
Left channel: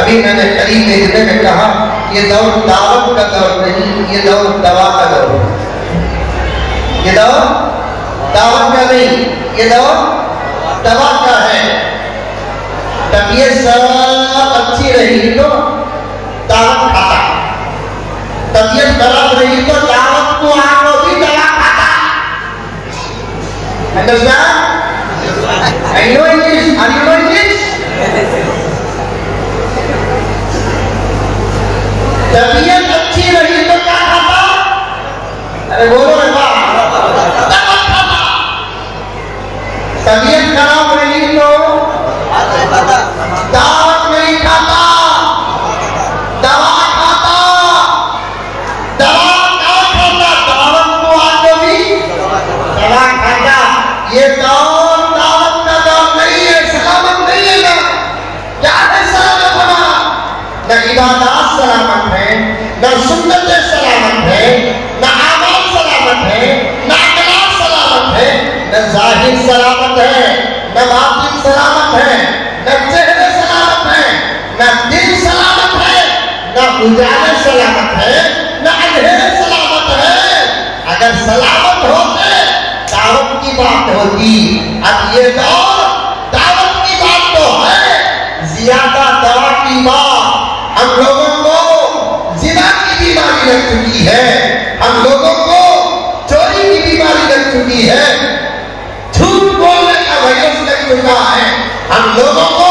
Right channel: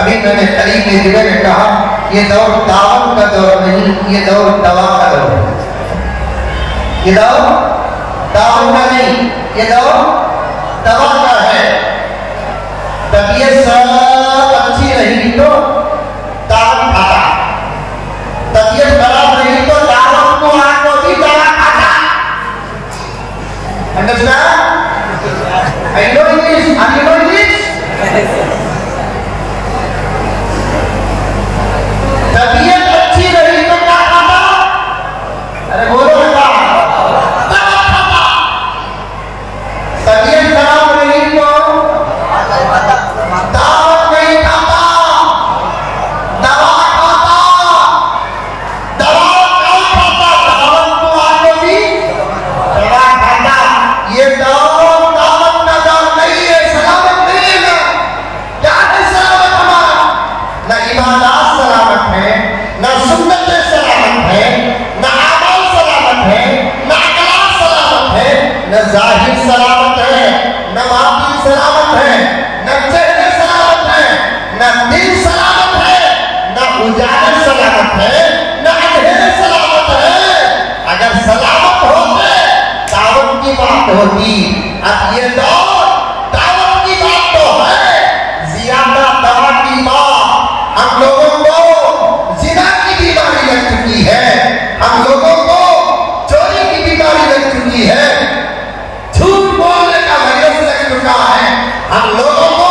अभी मैंने करीब देखने में कहा ये दौर दावत का दौर नहीं, ये दौर दवा का दौर है। ये दौर दावत का नहीं, ये दौर दवा का है। तबीयत सब अच्छी रही तो दावत खाता, तबीयत खराब रही तो दावत को आपको भी दवा खाता। Understand? I know English. Are you know English? तबीयत अच्छी रही तो क्या खाता? अरे बोलो ना, दवा खाता। तबीयत खराब रही तो दावत नहीं खाता, दवा खाता। दवा क्या खाता? दावत को आगे भी दवा खाता। ये दावत का दौर नहीं है, सलामत नहीं है ना। क्या है सलामत हमारा? न इबादत सलामत है, न सुन्नत सलामत है, न अमल सलामत है, न अखलाक सलामत है, न जाहिर सलामत है, न बातिन सलामत है, न चेहरे सलामत है, न दिल सलामत है, न उजाले सलामत है, न अंधेरे सलामत है। अगर सलामत होते दावत की बात होती। अब ये दौर दावत की बात तो है, ज्यादा दवा की बात। हम लोगों को ज़िना की बीमारी लग चुकी है, हम लोगों को चोरी की बीमारी लग चुकी है, झूठ बोलने का वायरस लग चुका है, हम लोगों को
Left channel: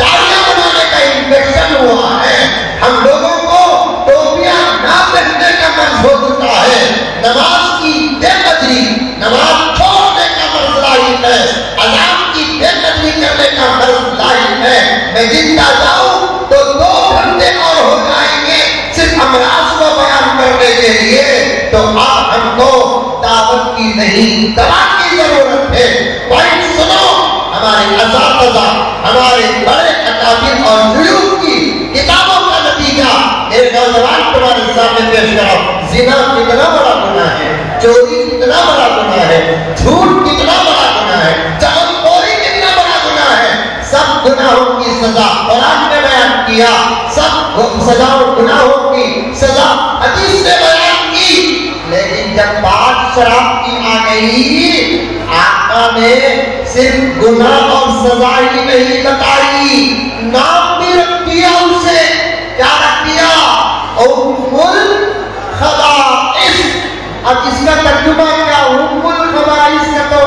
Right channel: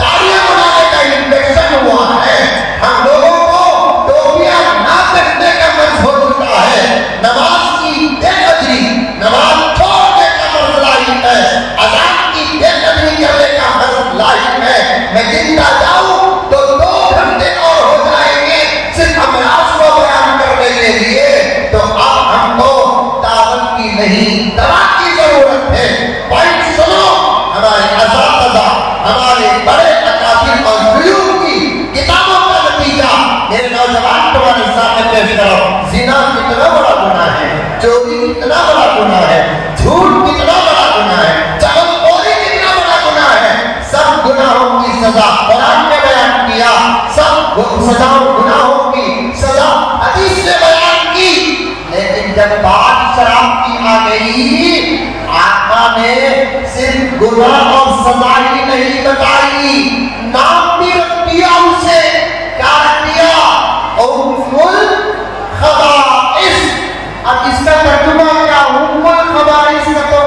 दाढ़ियां बनाने का इन्फेक्शन हुआ है, हम लोगों को टोपियां ना पहनने का मर्ज हो चुका है, नमाज की बेकदरी, नमाज छोड़ने का मर्ज लाहिक है, अज़ान की बेकदरी करने का मर्ज लाहिक है। मैं जिंदा जाऊं तो 2 घंटे और हो जाएंगे सिर्फ अमराज का बयान करने के लिए। तो आप हमको दावत की नहीं दवा की जरूरत है। भाई सुनो, हमारे अज़ादा, हमारे बड़े अकाबिर और बुजुर्ग की किताबों का नतीजा मेरे नौजवान तुम्हारे सामने पेश करो। ज़िना कितना बड़ा गुनाह है, चोरी कितना बड़ा गुनाह है, झूठ कितना बड़ा गुनाह है, चलखोरी कितना बड़ा गुनाह है। सब गुनाहों की सजा कुरान ने बयान किया, सब सजाओ गुनाहों की सजा हदीस ने बयान की। लेकिन जब बात शराब की आ गई, आका ने सिर्फ गुनाह और सजा ही नहीं बताई, नाम भी रख दिया उसे। क्या किया? उम्मुल खबाइस। अब इसका तर्जुमा क्या? उम्मुल खबाइस का तो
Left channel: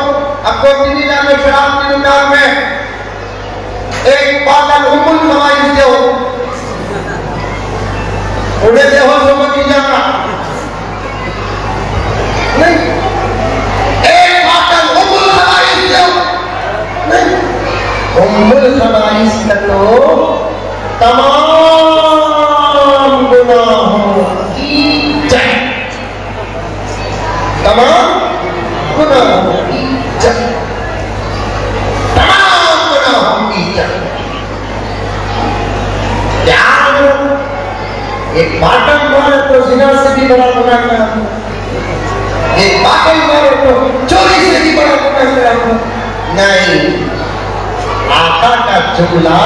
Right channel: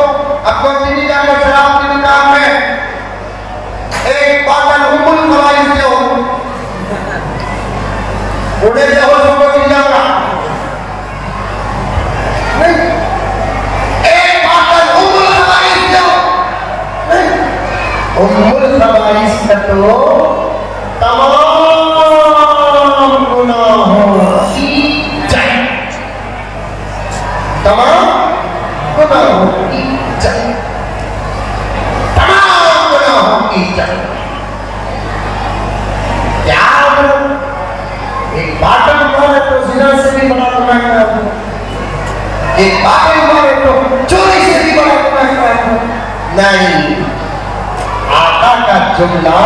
अब नहीं जाने शराब की दुकान में एक बात उम्मुल खबाइस के हो, उन्हें से हो सबको नहीं जाना नहीं। एक बात उम्मुल खबाइस के हो नहीं, उम्मुल खबाइस का तो तमाम गुनाहों की जड़, तमाम गुनाहों की जड़, तमाम गुनाहों की जड़। एक बाटम मारे तो ज़िना से भी बड़ा गुनाह करा, एक बाटम मारे तो चोरी से भी बड़ा गुनाह करा। नहीं, आका का जुमला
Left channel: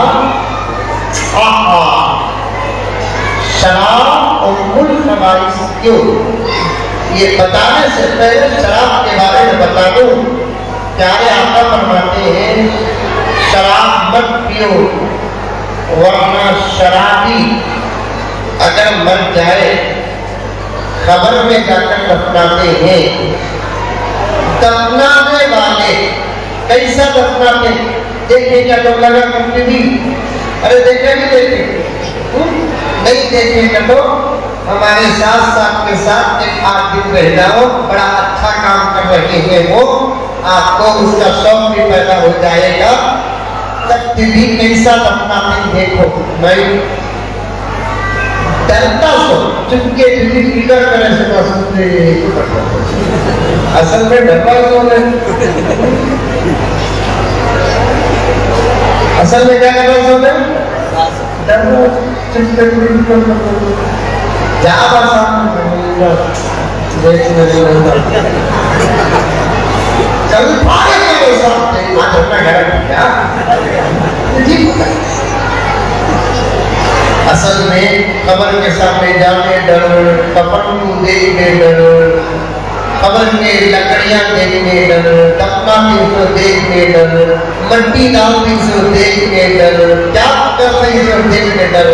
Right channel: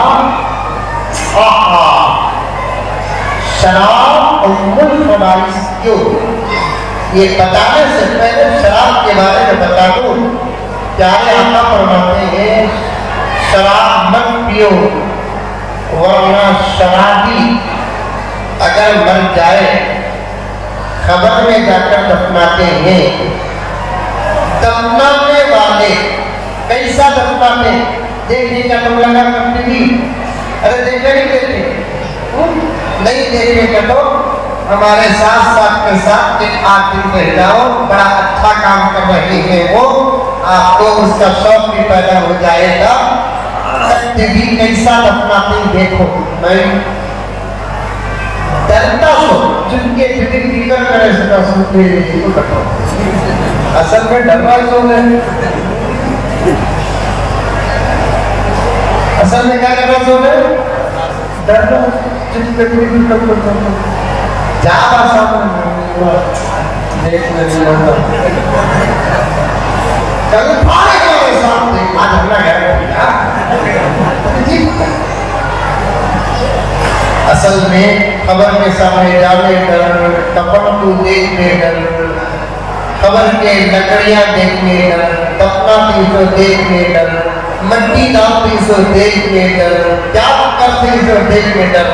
शराब उम्मुल खबाइस क्यों, ये बताने से पहले शराब के बारे में बता दूं। प्यारे आका फरमाते हैं शराब मत पियो, वरना शराबी अगर मर जाए खबर में जाकर दफनाते हैं। दफनाने वाले कैसा दफनाते? देखिए क्या लोग लगा टीवी अरे देखे नहीं देखे, नहीं देखेगा तो हमारे साथ साथ के साथ एक आदमी रह जाओ, बड़ा अच्छा काम कर रही है वो, आपको उसका शौक भी पैदा हो जाएगा। भी कैसा अपना दिन देखो, मैं डरता सो चुपके करे सका सुनते असल में डरना क्यों है? असल में क्या करना सो है? डरना चुपके ज्यादा देखने कल पारे के सामने आधरना है असल में कब्र के सामने जाने डर, कफन को देखने डर, कब्र के लकड़ियां देखने डर, टपका को देखने डर, मट्टी डालती को देखने डर, क्या करती को देखने डर।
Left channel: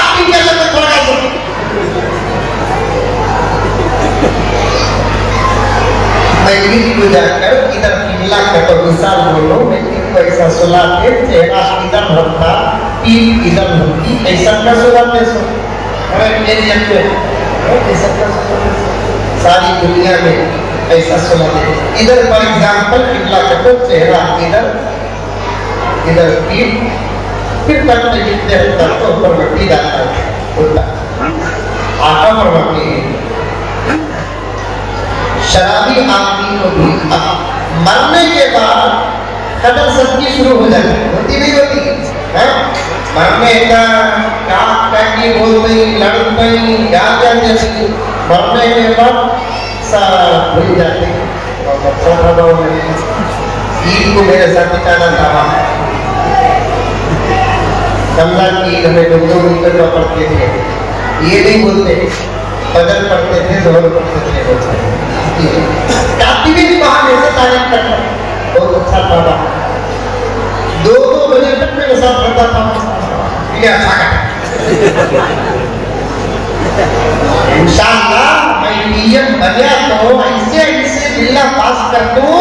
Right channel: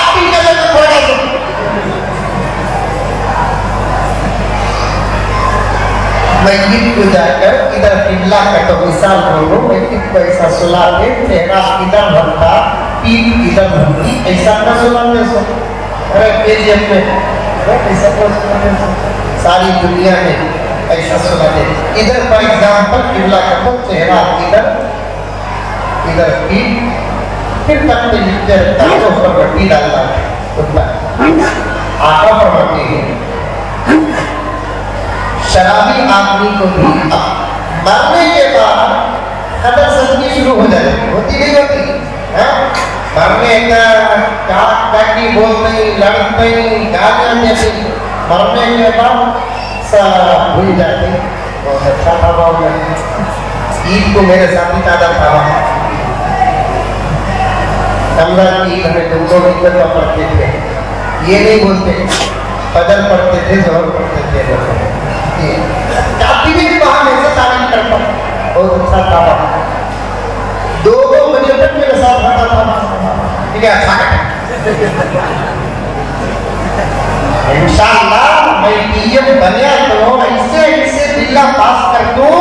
आपकी जगह तो पड़ा को जाकर इधर किबला का तो विशाल बोलो, लेकिन तो ऐसा सुला के चेहरा इधर होता, पीठ इधर होती, ऐसा न सुलाते सो। केजीएफ में ऐसा सारी दुनिया में ऐसा सुलाते। इधर फॉर एग्जांपल किबला का तो चेहरा इधर, इधर पीठ, फिर करते लिखते रहता है तो ऊपर मट्टी डालता है, आका पड़ती है। शराबी आदमी को भी मरने के बाद खबर सबकी शुरू हो जाती, होती नहीं होती है? मरने का क्या पैकी बोल नहीं, लड़ नहीं, क्या करने नहीं, मरने के बाद सब भूल जाते। अच्छा था ईद को मेरे साथ बिताना था, कमला की हमें दुर्गो मिलकर पढ़ते थे, ये नहीं बोलते, बदल पढ़ते थे, जोर पढ़ते थे। काफी भी बहाने से तारीफ करता, बहुत अच्छा था। 2 बजे तक मेरे साथ रहता था, ये अच्छा करता। इंशाअल्लाह मैं पीएम बना तो ऐसे बिल्ला पास कर दूं,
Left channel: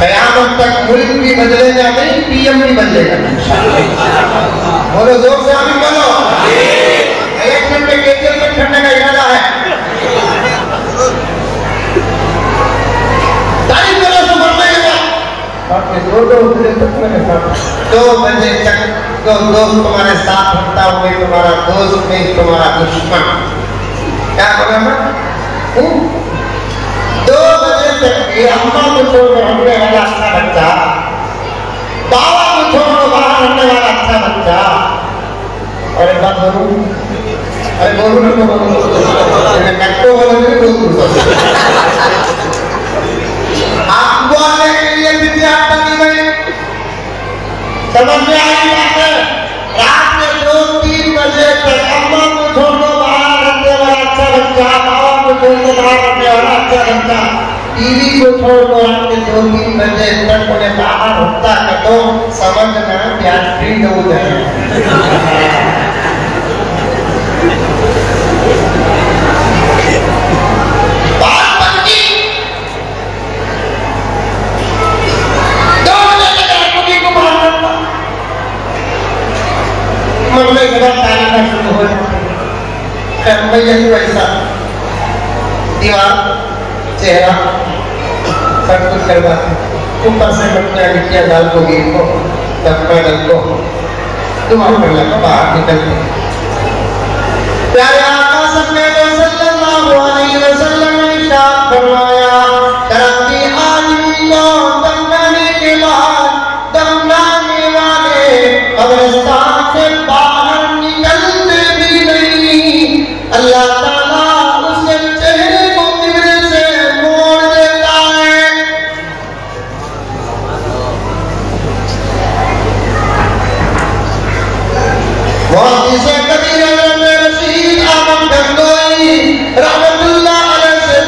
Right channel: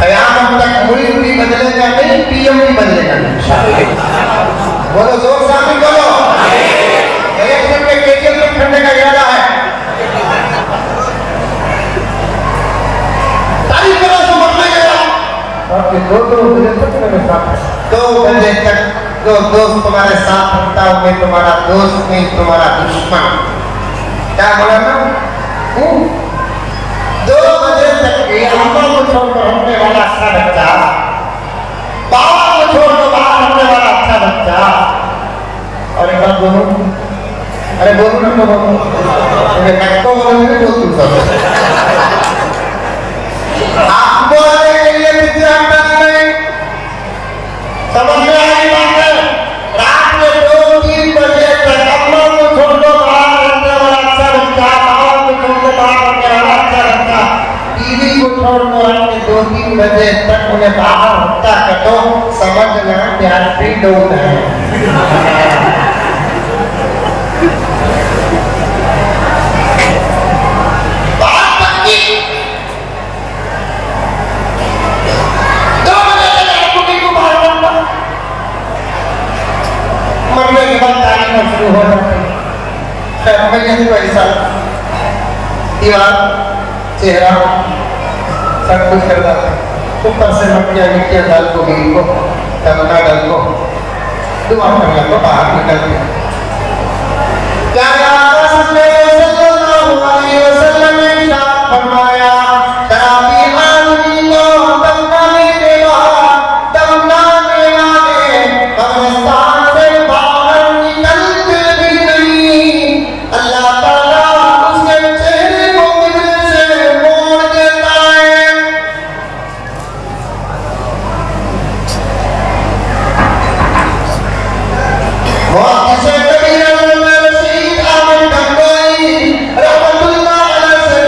क़यामत तक मुल्क भी बदलेगा नहीं, पीएम भी बदलेगा। बोलो जोर से आमीन बोलो। एक मिनट में केजीएफ में करने का इरादा है। दो बजे तक जो दोस्त तुम्हारे साथ होता है वही तुम्हारा दोस्त नहीं तुम्हारा दुश्मन। क्या बोला ना? 2 बजे तक ये अम्मा को छोड़कर हमने वाला अच्छा बच्चा, बाबा को छोड़कर बाहर हमने वाला अच्छा बच्चा। अरे बात बोलो, अरे बोलो ना बोलो, कट्टो बोलोगे तो आपको आने के लिए कितने आता नहीं समझ में आई बात है। रात में 2-3 बजे तक अम्मा को छोड़ दो बाहर रखने वाला अच्छा बच्चा, बाबा को छोड़ दो बाहर रखने वाला अच्छा बच्चा, टीवी को छोड़ दो रखने 2-3 बजे तक उन्हें बाहर हत्या कर दो, समझना प्यार फ्री लोग हैं। मरने के बाद तारीफ शुरू हो जाती है। हमें यही पैसा दीवार चेहरा सब कुछ करता था, ऊपर से मटिया डाल को गिर को दबका डाल को दुआ कर ला को बाहर निकलते। प्यारे आका सल्लल्लाहु अलैहि वसल्लम ने इरशाद फरमाया, शराबी आदमी को दफनाने के बाद दफनाने वाले कब्रिस्तान इसे कभी न रशीद आमद गंगाई रहमतुल्लाह अलैहि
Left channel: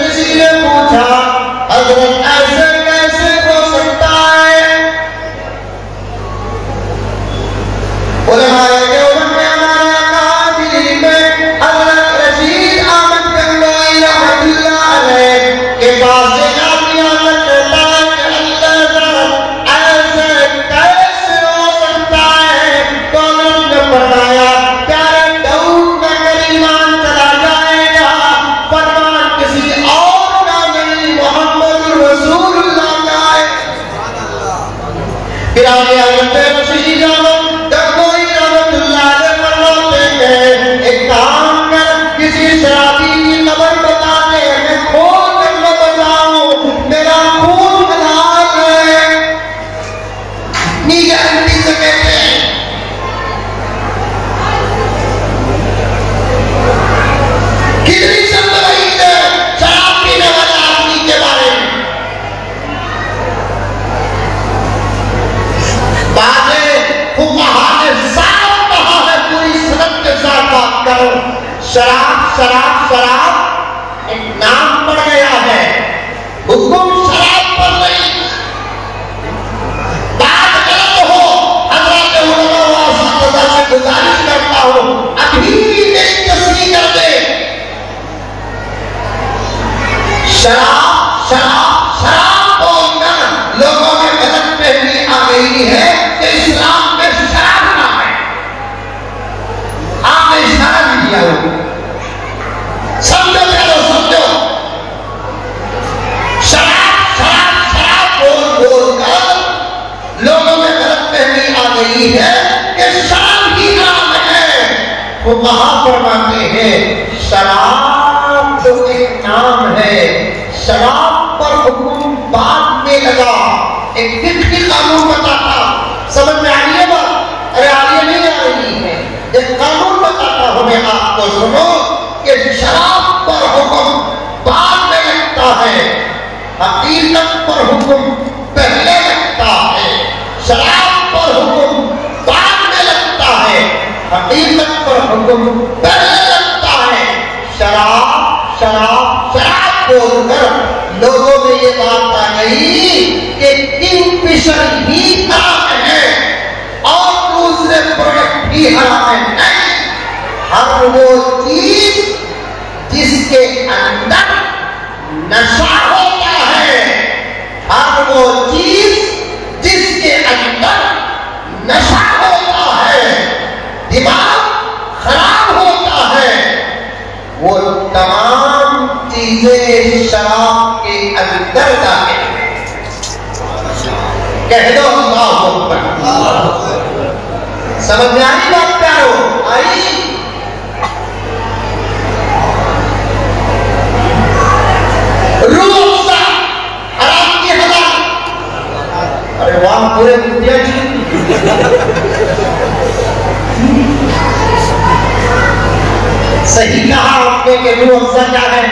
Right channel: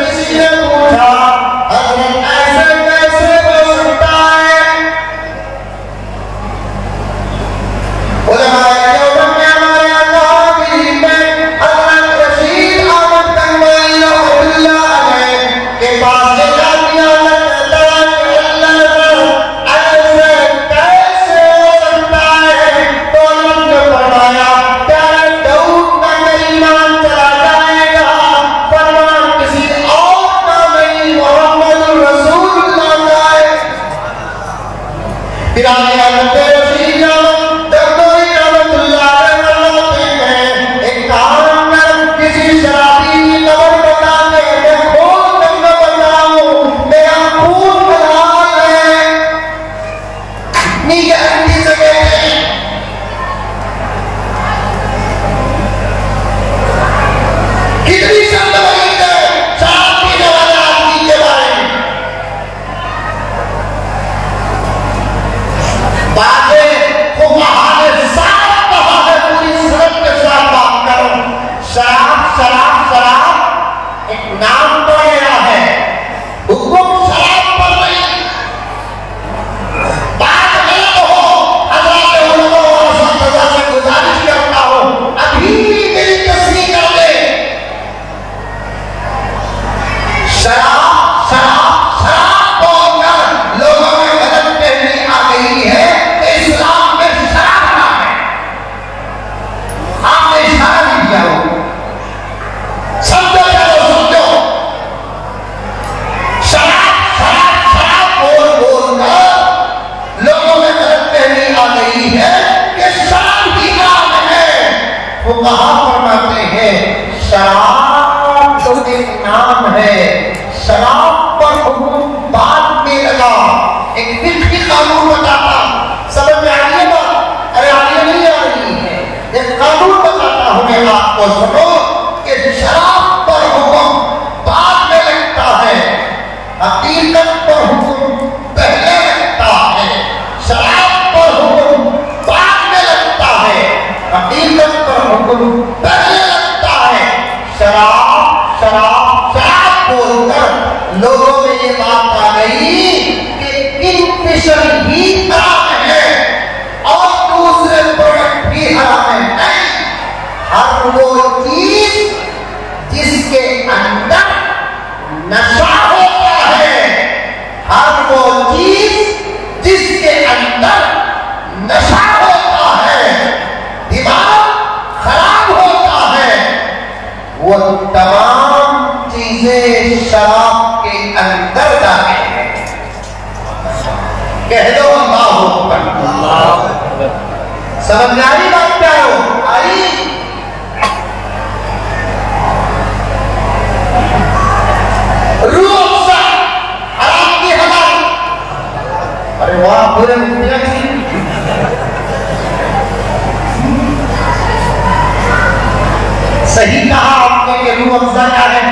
सही कहा आपने कि रूह अफ़ज़ा क्या है?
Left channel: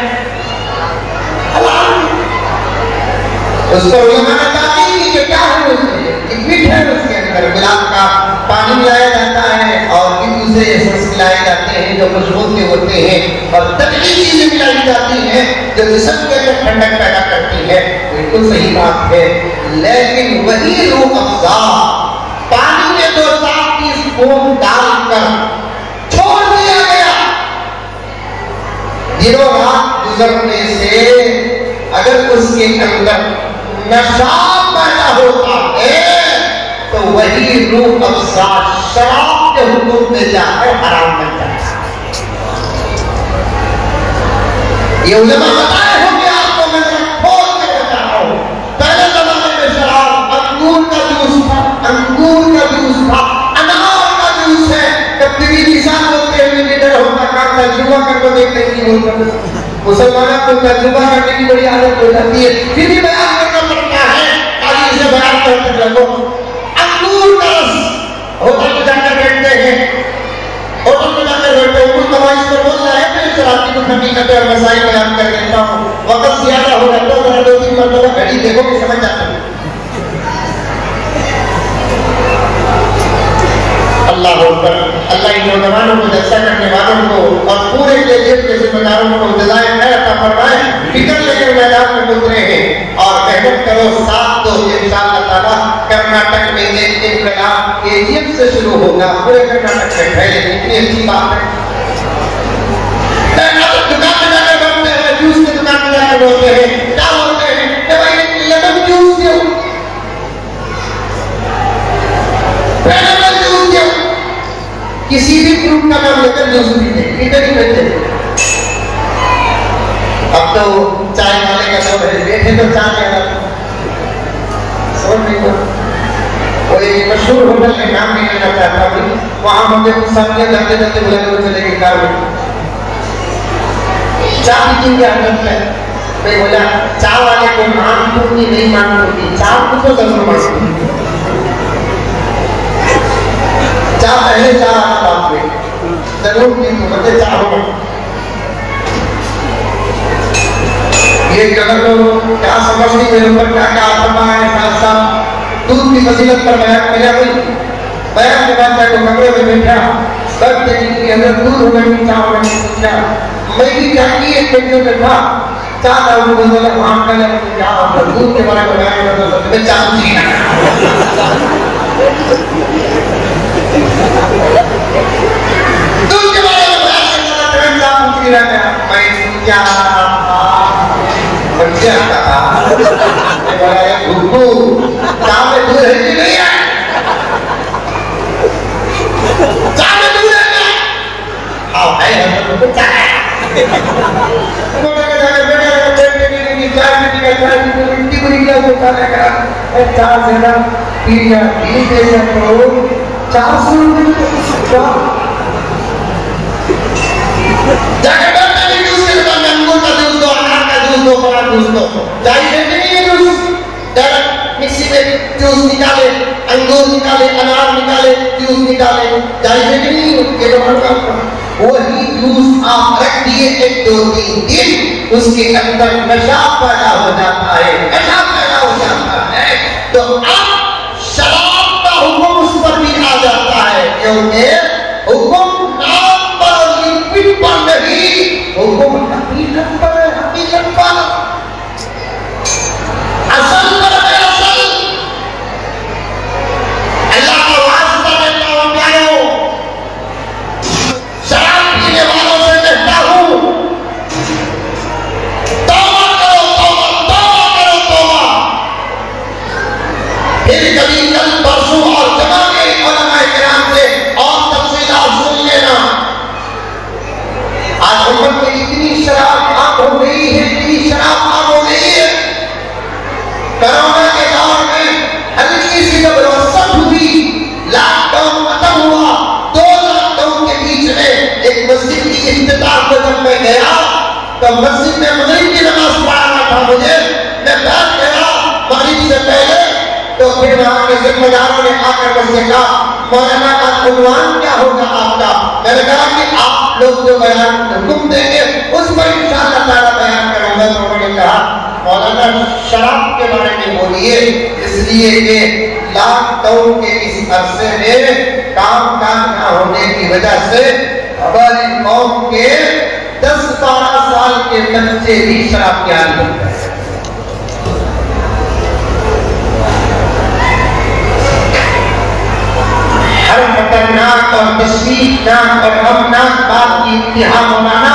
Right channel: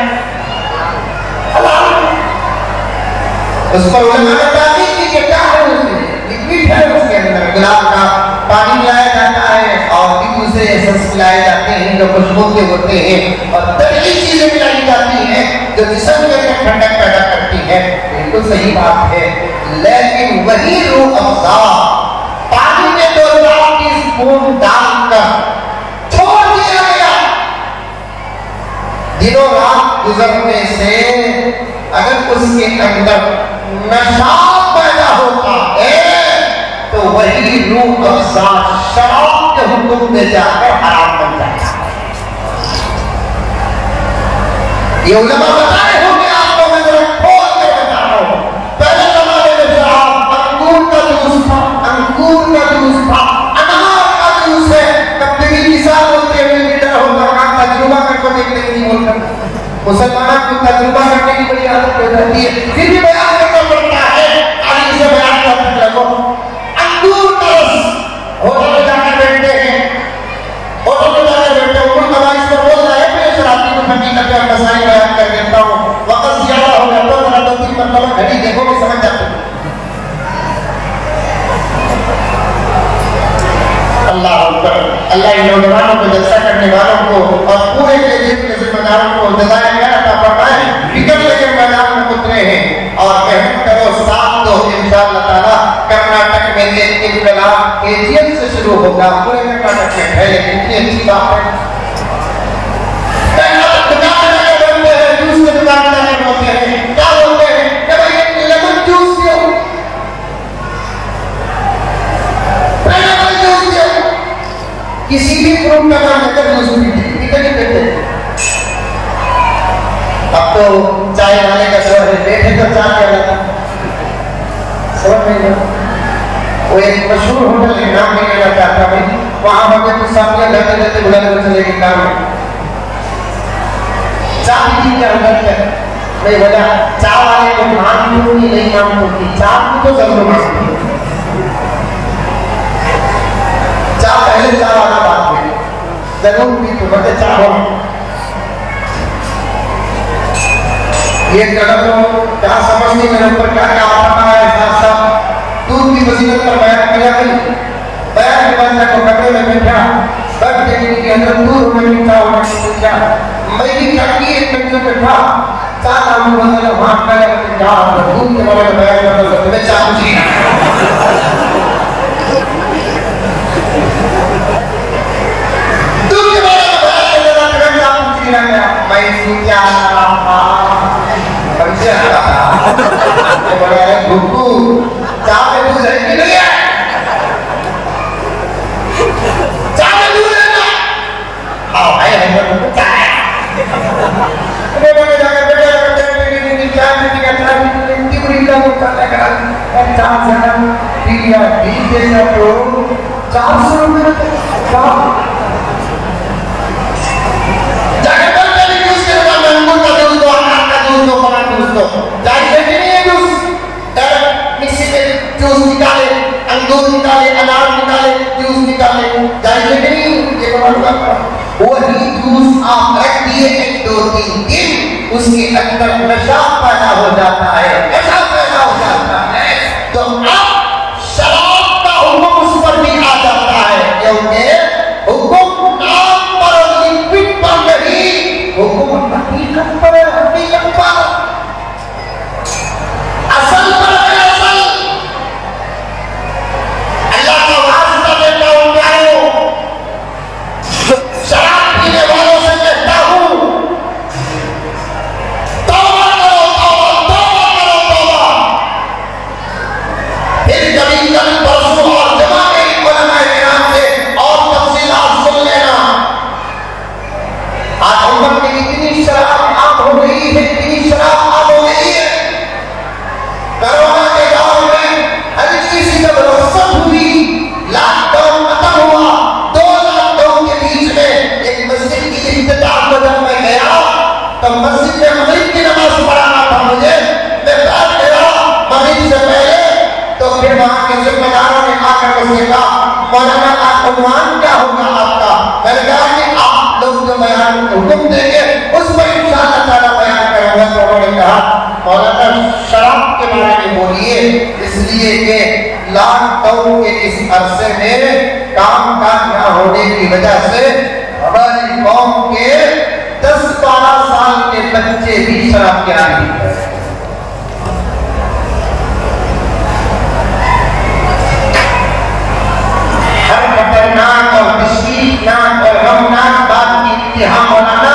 उसको उलमा बताती थी कि क्या है उसमें, लिक्विड है उसके अंदर, गुलाब का पानी मिलाया जाता है और एक दूसरे एसेंस मिलाए जाते हैं जो खुशबू के होते हैं और तभी चीजें मिलाई जाती हैं जो जिस्म के अंदर ठंडक पैदा करती है। बिल्कुल सही बात है, लेकिन वही रूह अफ़ज़ा पानी के 2-3 स्पून डालकर छोड़ दिया गया। दिनों रात गुजरने से अगर उसके अंदर नशा पैदा होता है तो वही रूह अफ़ज़ा शराब के हुक्म में जाकर हराम बन जाता है। ये उलमा बताए होंगे आपको, मैं जरा खोल कर बता रहा हूं। पहले जमाने में शराब अंगूर का जूस था, अनार का जूस है। कभी निशान होते हुए भी डर होता, काम तजुर्बा करके देखने की होता। मुसलमान को तजुर्बा करने की बड़ी आदत हो जाती है, फिर भी बयान करना पड़ता है। खाली इसे बयान करते चलो। अंगूर का रस होटल में जाकर बैठते हैं, होटल में जाकर बैठते हैं, उनको नमाज पर बोल रहा है, मैं शराबी को हकीकत और मसाइल बयान कर देता हूँ। वक्त ज्यादा हो जाता है, जरा 2-3 मरतबा घड़ी देखो कि समझ जाते हैं। अल्लाह अकबर। अल्लाह इन नौजवानों को, जलसा करने वालों को और पूरे लेजेंड के जिम्मेदारों को जज़ाए खैर अता फरमाए। फिक्र लेकर मैदान में उतरे हैं और मेहनत करो, साथ दो, इंशाअल्लाह ताला। कर्नाटक में एक इंकलाब केजीएफ से शुरू होगा, पूरे कर्नाटक में फैले। कितनी अच्छी बात है। दुकान में जाकर बोलते हैं, जूस की दुकान में जाकर बोलते हैं, क्या बोलते हैं कि भाई लेमन जूस दियो, किसी भी फ्रूट का नाम लेकर जूस पीते। अब तो चाय वाले का जो रेट है तो चाय समझ नहीं वो एक मशहूर होटल है, नाम नहीं लेना चाहता मैं, वहां मुझे कुछ सामने जाते जाते बुला के चले गए गाँव में। चाय की क्या आदत है? मैं बोला चाय वाले को नाम दूंगी नहीं नाम दूंगी, चाय को जरूर मांगूंगी। चाय पहले चाय वाला बात में जरूर भी तो बड़े चाय हो। ये जगह तो क्या समझती मेरे ऊपर क्या क्या आत्मा है सब दूध की फजीलत पर बयान किया गई। बयान के बाद मैं कमरे में बैठा, सब देखने के अंदर दूध में मीठा होने को पूछा। मैं भी क्या की एक घंटे में था चाह रहा हूँ बोलते हैं वहाँ पहले मुझे क्या दूध के बारे में बयान कर दो मैं चाहूँगी दूध के बारे में बयान कर दो मैं चाहूँगी मैं सोचा समझा था मैं बोला भूतू चाह में दूध है कि नहीं है चाह में दूध है क्या आओ है तो चाह मैं जाके बैठे की चाय में की अतरा की इतनी बड़ी गिलास को चाय का एक चार से ना पी या पी के सब लोग 400 रुपए क्या जाके करते नहीं यूज करता मैंगो का दूध दो अनार का दूध दो फला दूध दो जाके नहीं है जूस डायरेक्ट मिक्सी में जूस निकाले अंगूर निकाले अनार निकाले जूस निकाले जाके नहीं ये तो वही जूस आप रख दिए 1-2-3 दिन उसके अंदर नशा पैदा हो जाता है, नशा पैदा हो जाता है तो अब शराब का हुक्म उस पर भी आ जाता है क्योंकि हुक्म नाम पर और लिक्विड पर नहीं, हुक्म हकीकत पर असल पर है असल। अल्लाह का वास्ता देता हूं प्यारो, शराब पीने वालों से कहता हूं तौबा करो तौबा फिर कभी कल परसों और जमा गई उलमाए किराम से और तफसीलात सुन लेना। आज उम्मत में इतनी शराब आम हो गई है, इतनी शराब आम हो गई है। कोरोना के दौर में हल्की सी जब रसद हुई, लॉकडाउन खत्म हुआ, 2 लॉकडाउन के बीच में एक मस्जिद की इफ्तिताह को जब मैं गया तो मस्जिद में मगरिब की नमाज पढ़ाना था मुझे, मैं बैठ गया मगरिब से पहले तो फिर वहां के जिम्मेदारों ने आकर मुझसे कहा मौलाना आप उन्वान क्या होगा आपका? मैंने कहा कि आप लोग जो बयान हुक्म देंगे उस पर इंशाअल्लाह ताला बयान करूंगा। तो उन्होंने कहा मौलाना शराब के बारे में बोलिए, इसलिए कि लॉकडाउन के इस अरसे में काम काज न होने की वजह से हमारी कौम के 10-12 साल के बच्चे भी शराब के आदी हैं। खतरनाक और तशवीशनाक और गमनाक बात की इंतहा बनाना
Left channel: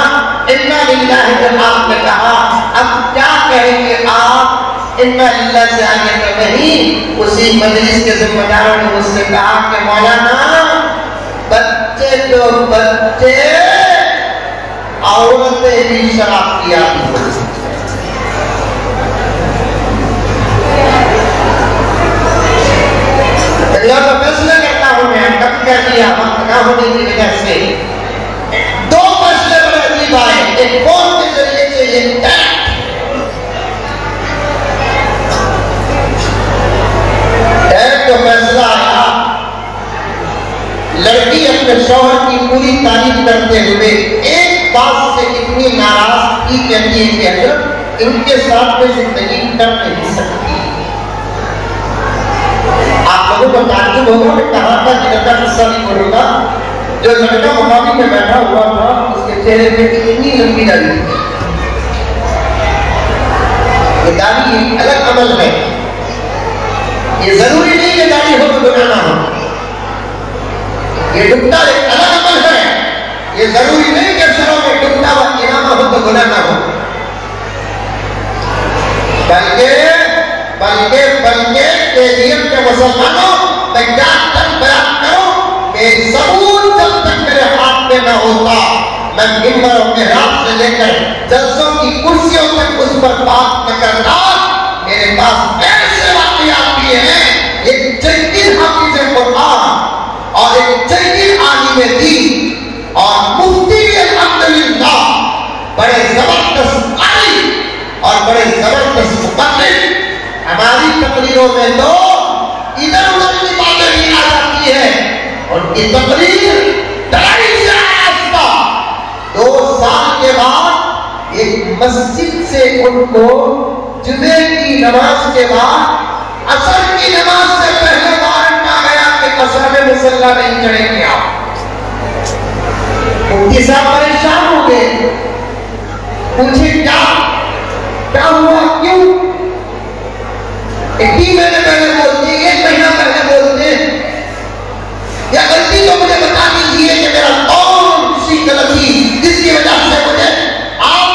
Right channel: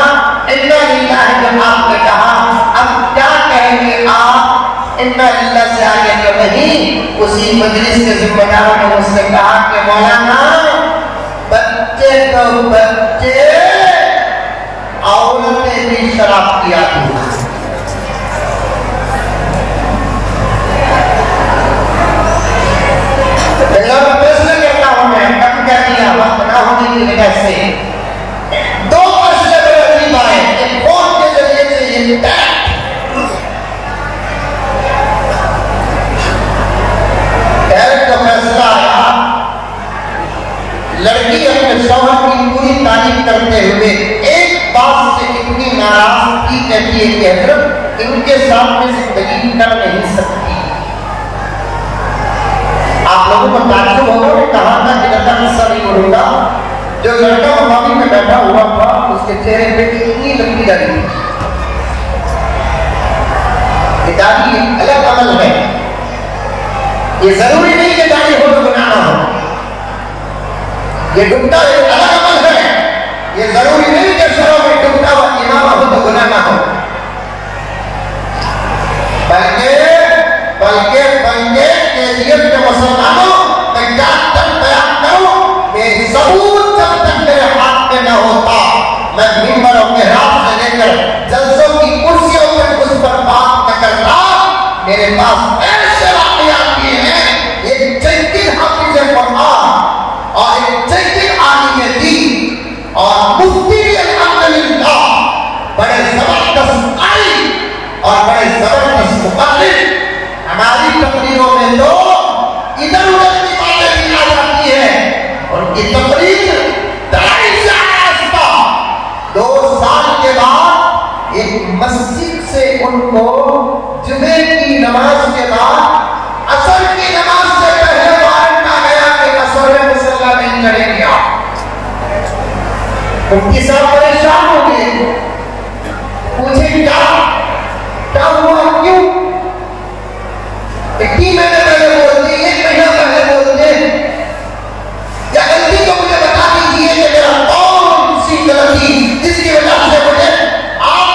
इन्ना लिल्लाह जब आपने कहा अब क्या कहेंगे आप इन्ना लिल्लाह से आगे तो नहीं। उसी मजलिस के जिम्मेदारों ने मुझसे कहा कि मौलाना बच्चे तो बच्चे औरतें भी शराब की आदी हैं। फैसले करता हूं मैं कब क्या किया ना होने की वजह से 2 फैसले बड़े अजीब आए। एक फोन के जरिए से ये डायरेक्ट फैसला आया, लड़की अपने शौहर की पूरी तारीफ करते हुए एक बात से इतनी नाराज थी, कहती है कि हजरत इनके साथ में जिंदगी कर नहीं सकती। आप लोगों को ताज्जुब होगा, मैं कहा था कि लड़का गुस्सा नहीं करूंगा। जो लड़का मावी में बैठा हुआ था उसके चेहरे पे इतनी लंबी दाढ़ी थी। ये दाढ़ी अलग अमल है, ये जरूरी नहीं कि दाढ़ी हो तो गुनाह ना हो। ये डुबता एक अलग अमल है, ये जरूरी नहीं कि शराब में डुबता हुआ इमाम हो तो गुनाह ना हो। बल्कि तेजियत के मुसलमानों मैं क्या बयान करूं कि सबूत जब तक मेरे हाथ में ना होता मैं मिंबर अपने हाथ से लेकर जल्सों की कुर्सियों तक उस पर बात न करता। मेरे पास ऐसे वाक़यात हैं ये जिनकी हम सरकारी तकरीरों में तो इधर उधर की बातें की जा सकती है। उनकी तकरीर 2 साल के बाद एक मस्जिद से उनको जुमे की नमाज के बाद असर की नमाज से पहले वारंट आ गया कि असर में मुसल्ला नहीं करेंगे आप। मुफ्ती साहब परेशान हो गए, पूछे क्या हुआ, क्यों? 3 महीने पहले बोलते, 1 महीना पहले बोलते, या गलती तो मुझे बता दीजिए कि मेरा कौन सी गलती जिसकी वजह से मुझे आप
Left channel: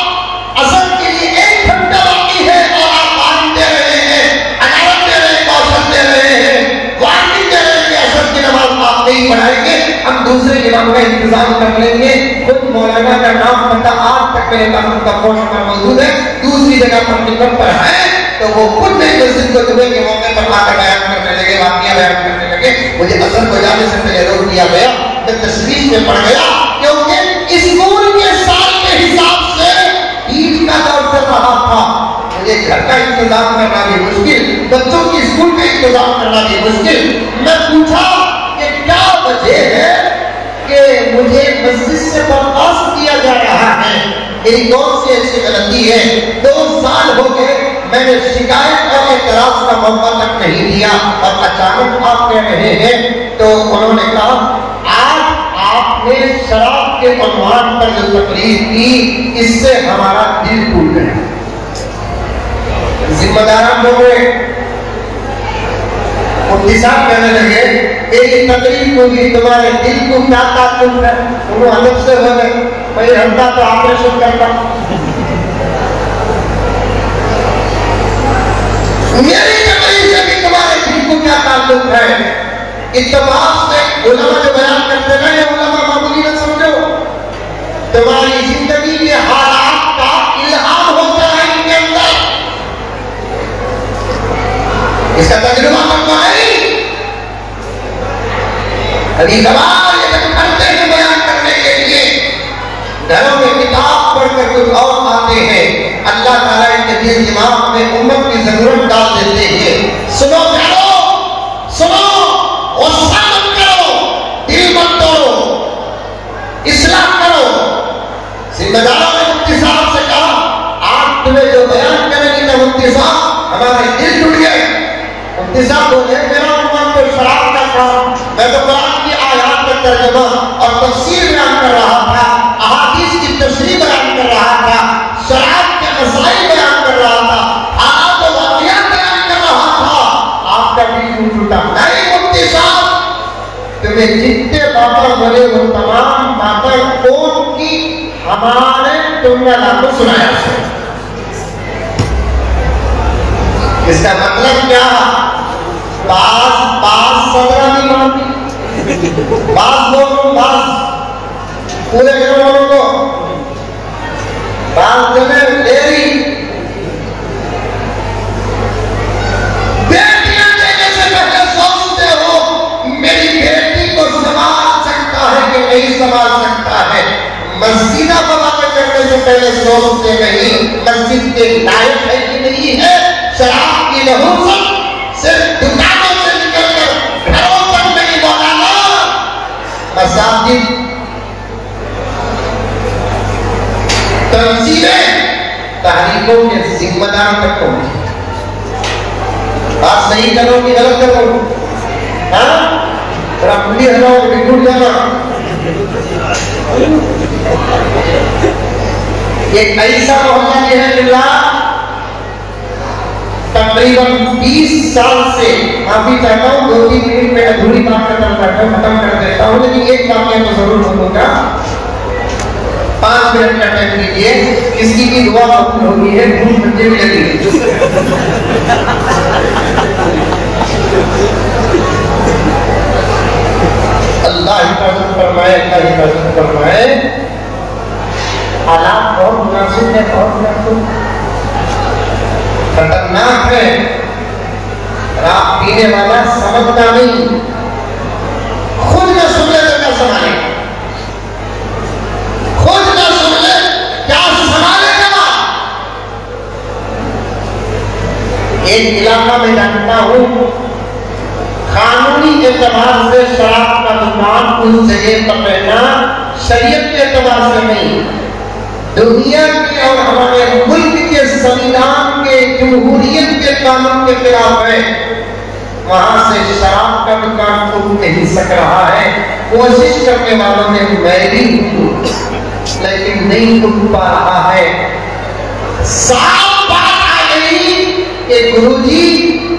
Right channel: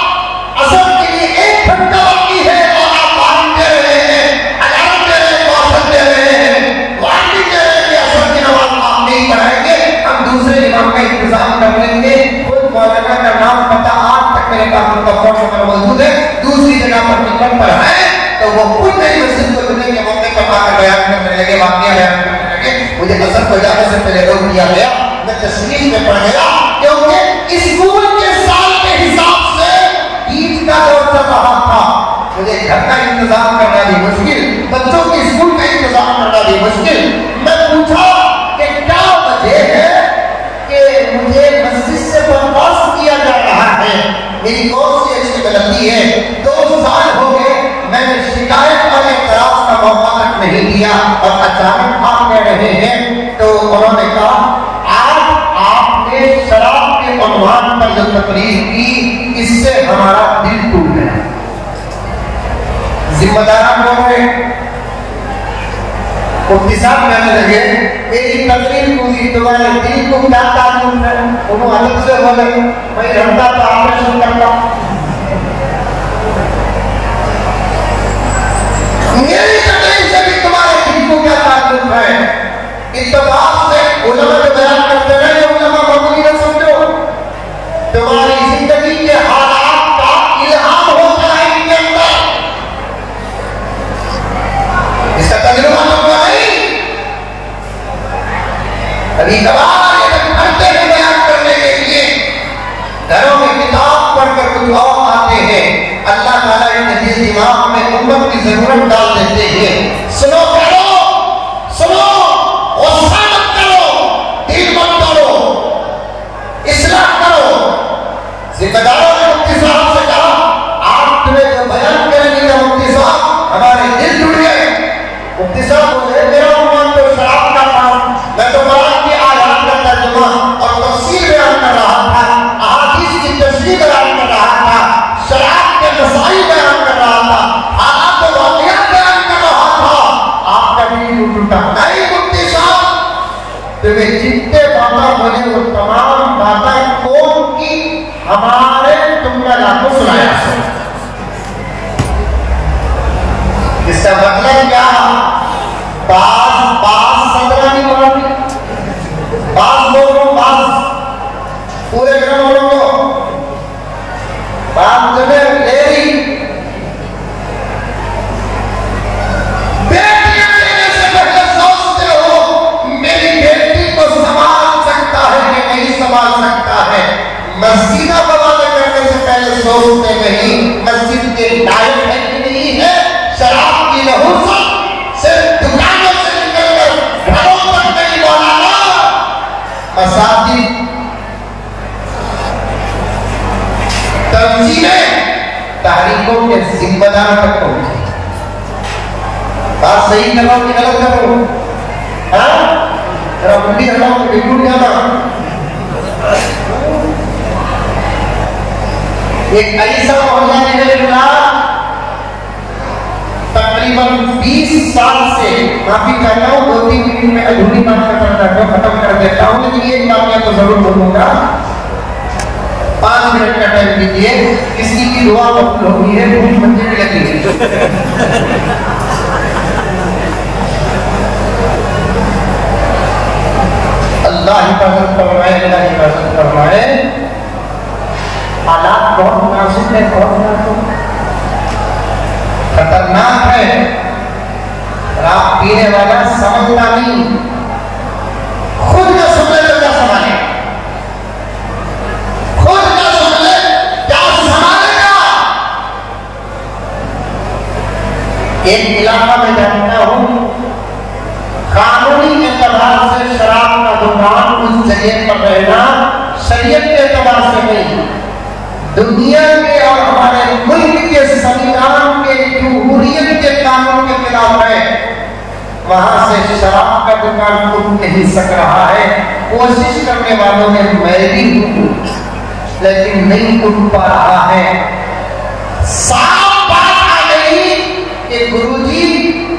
असर के लिए 1 घंटा बाकी है और आप वारंट दे रहे हैं, अलार्म दे रहे हैं, कौशल दे रहे हैं, वारंटी दे रहे हैं कि असर की नमाज आप नहीं पढ़ाएंगे, हम दूसरे इमाम का इंतजाम कर लेंगे। खुद मौलाना का नाम पता आज तक मेरे पास उनका फोन नंबर मौजूद है, दूसरी जगह पर निकलता है तो वो खुद मेरी मस्जिद को जुमे के मौके पर लाकर बयान करने लगे, वाकया बयान करने लगे। मुझे असर को जाने से पहले रोक दिया गया, मैं तशवीश में पड़ गया क्योंकि स्कूल के साल के हिसाब से ईद का दौर चल रहा था। मुझे घर का इंतजाम करना भी मुश्किल, बच्चों की स्कूल का इंतजाम करना भी मुश्किल। मैं पूछा कि क्या वजह है कि मुझे मस्जिद से बर्खास्त किया जा रहा है, मेरी कौन सी ऐसी गलती है? 2 साल हो गए, मैंने शिकायत और एतराज का मौका तक नहीं दिया और अचानक आप कह रहे हैं। तो उन्होंने कहा आज आपने शराब के उन्वान पर जो तकरीर की, इससे हमारा दिल टूट गया। जिम्मेदार बोल रहे, मुफ्ती साहब कहने लगे एक तकरीर होगी, तुम्हारे दिल को क्या ताल्लुक है? उन्होंने अलग से बोले, भाई हमदा तो ऑपरेशन करता, मेरी तकलीफ से भी तुम्हारे दिल को क्या ताल्लुक है? इत्तेफाक से उलमा जो बयान करते हैं, ये उलमा मौजूद न समझो, तुम्हारी जिंदगी के हालात का इल्हाम होता है इनके अंदर, इसका तजुर्बा होता है। अभी कबार ये जब करते हैं बयान करने के लिए, घरों में किताब पढ़कर कुछ और आते हैं, अल्लाह ताला इनके दिल दिमाग में उम्मत की जरूरत डाल देते हैं। सुनो करो, सुनो, गुस्सा मत करो, दिल मत तोड़ो, इस्लाम करो। जिम्मेदारों ने मुफ्ती साहब से कहा, आप तुम्हें जो बयान करेंगे तो मुफ्ती साहब हमारे दिल जुड़ गए। मुफ्ती साहब बोले मेरा उम्मत तो शराब का काम, मैं तो कुरान की आयत का तर्जुमा और तफसीर बयान कर रहा था, अहादीस की तशरीह बयान कर रहा था, शराब के मसाइल बयान कर रहा था, हालात व वाक़ियात बयान कर रहा था। आपका दिल टूटा नहीं मुफ्ती साहब, तुम्हें जितने बातें बोले वो तमाम बातें कौन की हमारे तुमने आपको सुनाया। इसका मतलब क्या? बास सदरा की मानी, बास लोगों, बास पूरे ग्राम वालों को, बास जगह लेरी बेटियां देने से पहले सोचते हो मेरी बेटी को संभाल सकता है कि नहीं संभाल सकता है। मस्जिदा बवाल करने से पहले सोचते नहीं मस्जिद के लायक है कि नहीं है। शराब की नहुसत सिर्फ दुकानों से निकलकर घरों तक नहीं दौड़ाना, मसाजिद, तंजीमें, तहरीकों के जिम्मेदार तक पहुंचे। बात सही करो कि गलत करो? जरा खुली हवा में बिल्कुल जाना। एक ऐसा मोहल्ला है तकरीबन 20 साल से, काफी चाहता हूँ 2-3 मिनट में अधूरी बात खत्म कर देता हूँ, लेकिन एक बात मैं तो जरूर बोलूंगा। 5 मिनट का टाइम दीजिए, इसकी भी दुआ कबूल होगी है, मुझे भी लगी है। अल्लाह हिफाजत करवाए, अल्लाह हिफाजत करवाए। हालात बहुत नाजुक है, बहुत नाजुक खतरनाक है। रात पीने वाला समझता नहीं, खुद का सुन ले तो क्या संभाले, खुद का सुन ले क्या संभालेगा। एक इलाका में रहता हूँ, कानूनी एतबार से शराब का दुकान उस जगह पर रहना शरीयत के एतबार से नहीं, दुनिया के और हमारे मुल्क के संविधान के जमहूरियत के कानून के खिलाफ है। वहां से शराब का दुकान खुल नहीं सक रहा है। कोशिश करने वालों ने मैं भी हूं, लेकिन नहीं खुल पा रहा है। साफ बात आ गई कि गुरुजी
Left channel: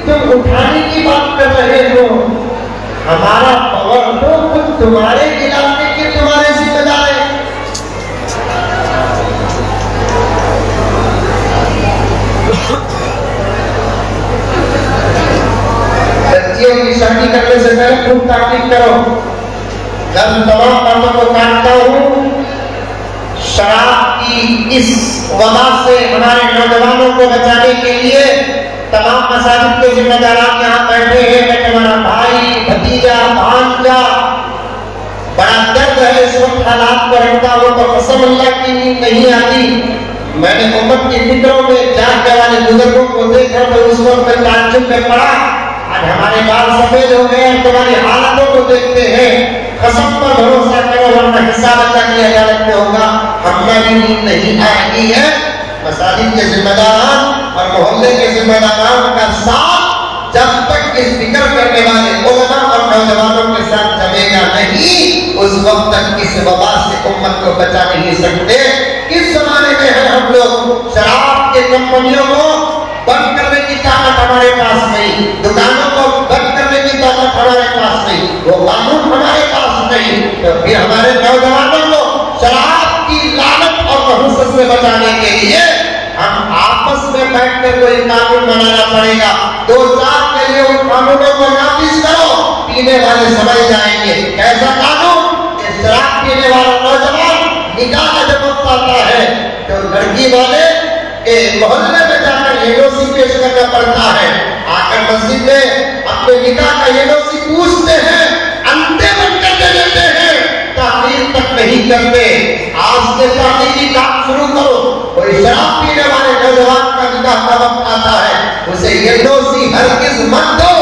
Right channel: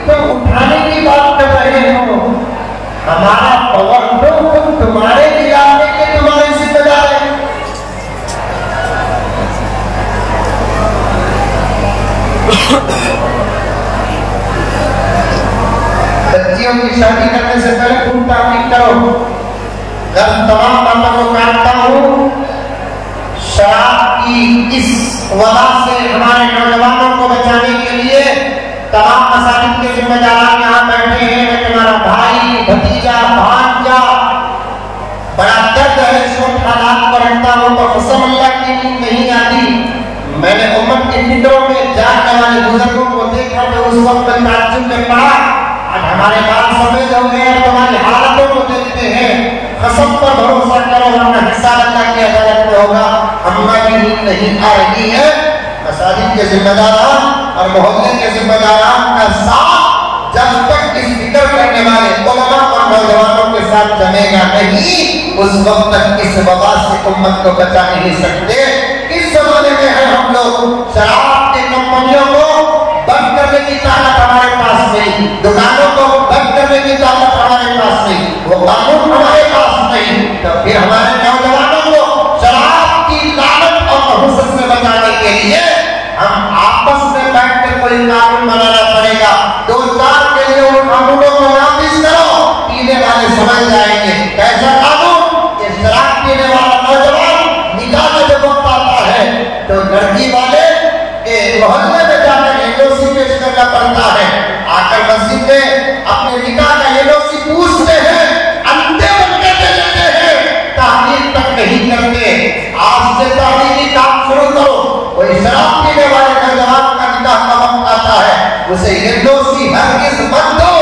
तुम उठाने की बात कर रहे हो, हमारा पवर तो खुद तुम्हारे इलाके के तुम्हारे जिम्मेदार है। बच्चियों की शादी करने से पहले खूब ताकीद करो। तमाम बातों को काटता हूँ। शराब की इस वजह से हमारे नौजवानों को बचाने के लिए तमाम मसाजिद के जिम्मेदार यहाँ बैठे हैं। मैं तुम्हारा भाई, भतीजा, भांजा, बड़ा दर्द है इस वक्त हालात पर रखता हूँ तो कसम अल्लाह की नींद नहीं आती। मैंने उम्मत की फिक्रों में जाने वाले बुजुर्गों को देखकर तो उस वक्त मैं ताज्जुब में पड़ा। आज हमारे बाल सफेद हो गए, तुम्हारी हालतों को देखते हैं। कसम पर भरोसा करो, अपना हिसाब अल्लाह की अदालत में होगा। हमारी नींद नहीं आएगी है। मसाजिद के जिम्मेदारान और मोहल्ले के जिम्मेदारान का साथ जब तक इस फिक्र करने वाले उलमा और नौजवानों के साथ जमेगा नहीं, उस वक्त तक इस वबा से उम्मत को बचा नहीं सकते। किस जमाने में है हम लोग? शराब के कंपनियों को बंद करने की ताकत हमारे पास नहीं, दुकानों को बंद करने की ताकत हमारे पास नहीं, वो कानून हमारे पास नहीं, तो फिर हमारे नौजवानों को शराब की लानत और नहुसत से बचाने के लिए हम आपस में बैठकर कोई कानून बनाना पड़ेगा। 2-4 के लिए उन कानूनों को नाफिज करो, पीने वाले समझ जाएंगे। कैसा कानून? शराब पीने वाला नौजवान निकाह का जब वक्त आता है तो लड़की वाले के मोहल्ले में जाकर एनओसी पेश करना पड़ता है। आकर मस्जिद में अपने निकाह का एनओसी पूछते हैं, अंते बंद करते रहते हैं, तामीर तक नहीं करते। आज से तामीरी काम शुरू करो। कोई शराब पीने वाले नौजवान का निकाह का वक्त आता है, उसे एनओसी हरगिज़ मत दो।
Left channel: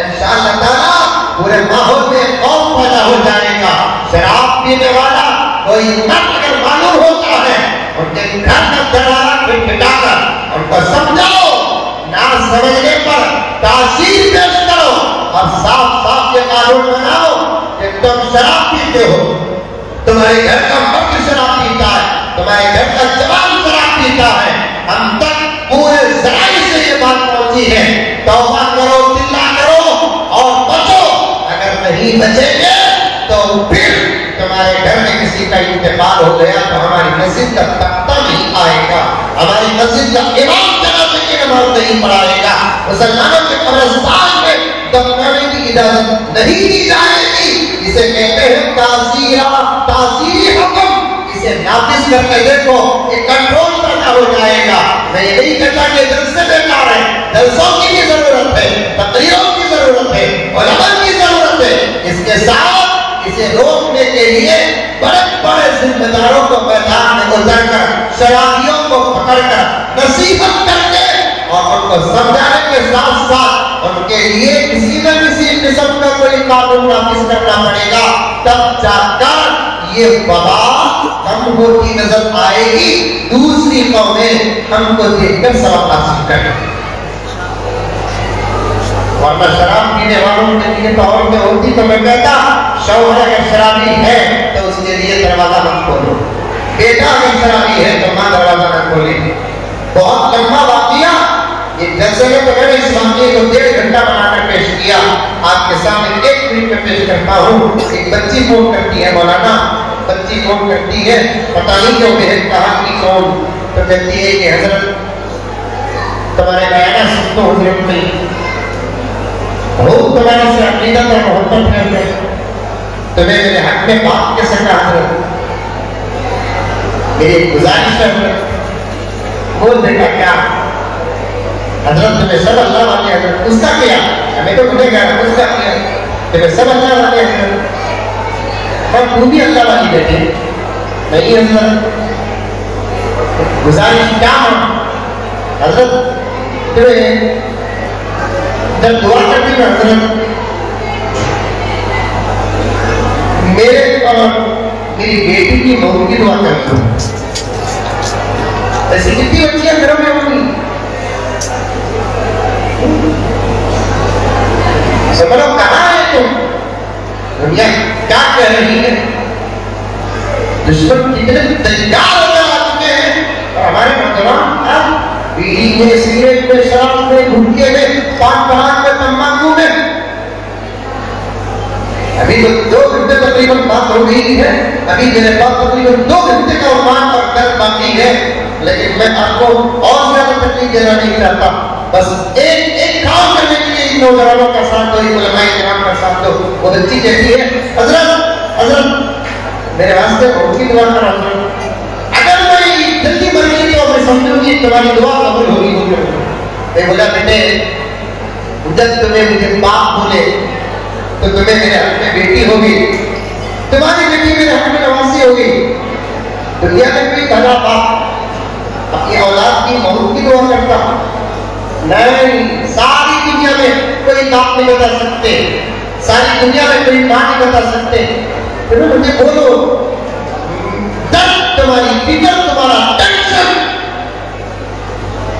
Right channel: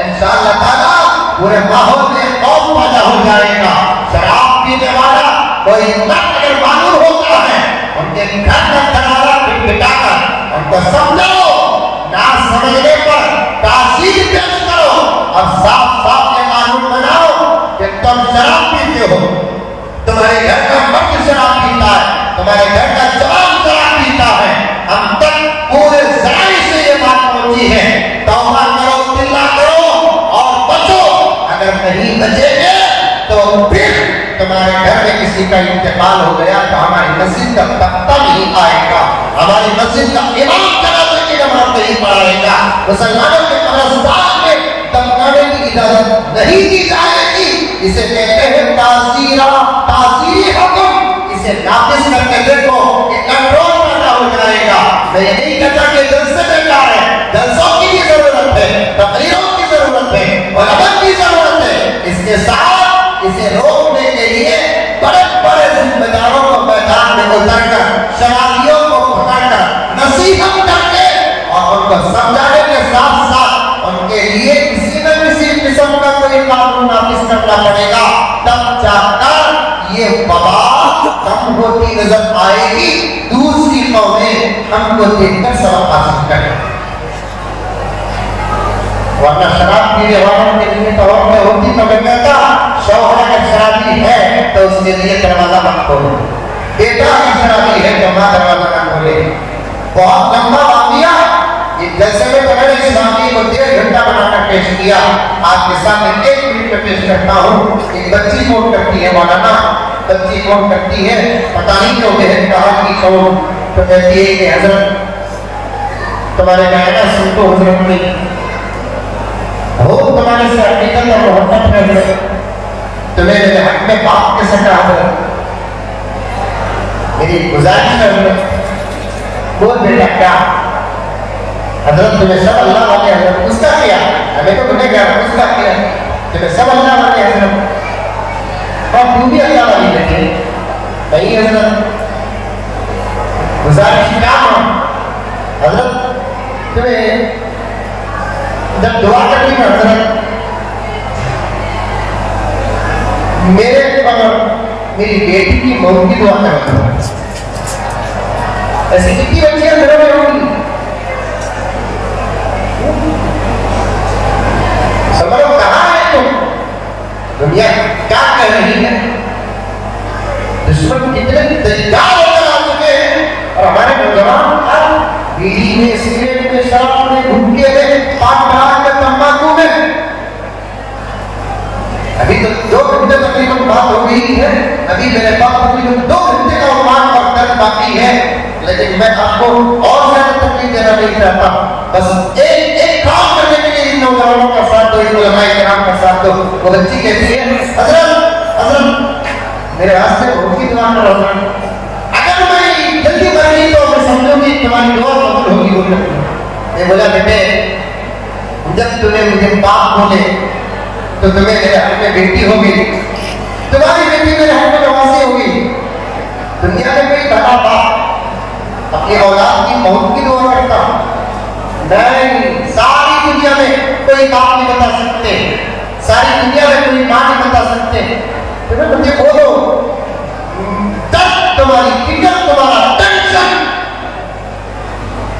इंशाअल्लाह ताला पूरे माहौल में कौम पैदा हो जाएगा। शराब पीने वाला कोई नट अगर मालूम होता है, उनके घर में दरारा पिटाकर उनको समझो, ना समझने पर तासीर पेश करो और साफ साफ ये कानून बनाओ कि तुम शराब पीते हो, तुम्हारे घर का मर्द शराब पीता है, तुम्हारे घर का जवान शराब पीता है। हम तक पूरे ज़राए से ये बात पहुंची है। तौबा करो, तिल्ला करो और बचो। अगर नहीं बचेंगे तो फिर तुम्हारे घर में किसी का इंतकाल हो गया तो हमारी मस्जिद का तख्ता नहीं आएगा, हमारी मस्जिद का इमाम जनाजे की नमाज नहीं पढ़ाएगा, मुसलमानों के कब्रिस्तान में दफनाने की इजाजत नहीं दी जाएगी। इसे कहते हैं ताज़ीरा, ताज़ीरी हुक्म। इसे नाफिज करके देखो, ये कंट्रोल करना हो जाएगा। मैं ये नहीं कहता कि जलसे बेकार है, जलसों की भी जरूरत है, तकरीरों की जरूरत है, उलमा की जरूरत है। इसके साथ इसे रोकने के लिए बड़े बड़े जिम्मेदारों को मैदान में उतरकर, शराबियों को पकड़कर नसीहत करके और उनको समझाने के साथ साथ उनके लिए किसी न किसी किस्म का कोई कानून नाफिज करना पड़ेगा। तब जाकर ये वबा कम होती नजर आएगी। दूसरी कौमें हमको देखकर सबक हासिल करें। वरना शराब पीने वालों के लिए तो और में होती तो मैं कहता शौहर अगर शराबी है तो उसके लिए दरवाजा मत खोलो, बेटा अगर शराबी है तो मां दरवाजा मत खोले। बहुत लंबा वाकया ये जैसे में बगैर इस्लामी को 1.5 घंटा बनाकर पेश किया। आपके सामने 1 मिनट में पेश करता हूँ। एक बच्ची फोन करती है, मौलाना बच्ची फोन करती है, पता नहीं क्यों बहन कहा कि कौन, तो कहती है कि हजरत तुम्हारे गाना सुन तो हजरत में बहुत तुम्हारे से अकीदत और मोहब्बत कर रहे, तुम्हें मेरे हक में बात कैसे कहा, मेरी गुजारिश कर वो बेटा क्या हजरत तुम्हें सब अल्लाह वाले हजरत उसका किया, हमें तो मुझे क्या उसका किया, तुम्हें सब अल्लाह वाले हजरत और तू भी अल्लाह वाली बेटी नहीं हजरत। गुजारिश क्या हजरत तुम्हें मेरी बेटी की मौत की दुआ करना। ऐसी कितनी बच्चियां घरों में होंगी, समझो कहाँ है तुम, दुनिया क्या कह रही है, दुश्मन कितने तैयार होकर आ चुके हैं और हमारे नौजवान बीड़ी में, सिगरेट में, शराब में, गुटखे में, पान पराग में, तंबाकू में। अभी तो 2 घंटे तकरीबन बात हो गई है, अभी मेरे पास तकरीबन 2 घंटे का अनुमान का दर्द बाकी है, लेकिन मैं आपको और ज्यादा तकलीफ देना नहीं चाहता। बस एक काम करने के लिए इन नौजवानों का साथ दो, इन उलमाए किराम का साथ दो। वो बच्ची कहती है, हज़रत मेरे वास्ते बहुत की दुआ करो, अगर मैं जल्दी मरी तो मैं समझूंगी तुम्हारी दुआ कबूल होगी। मैं बोला बेटे, जब तुम्हें मुझे बाप बोले तो तुम्हें मेरे हाथ में बेटी होगी, तुम्हारी बेटी मेरे हाथ में नवासी होगी। दुनिया में कोई दादा बाप अपनी औलाद की मौत की दुआ करता नहीं, सारी दुनिया में कोई बाप नहीं बता सकते, सारी दुनिया में कोई मां नहीं बता सकते। तुम्हें मुझे बोलो, दर्द तुम्हारी फिक्र, तुम्हारा टेंशन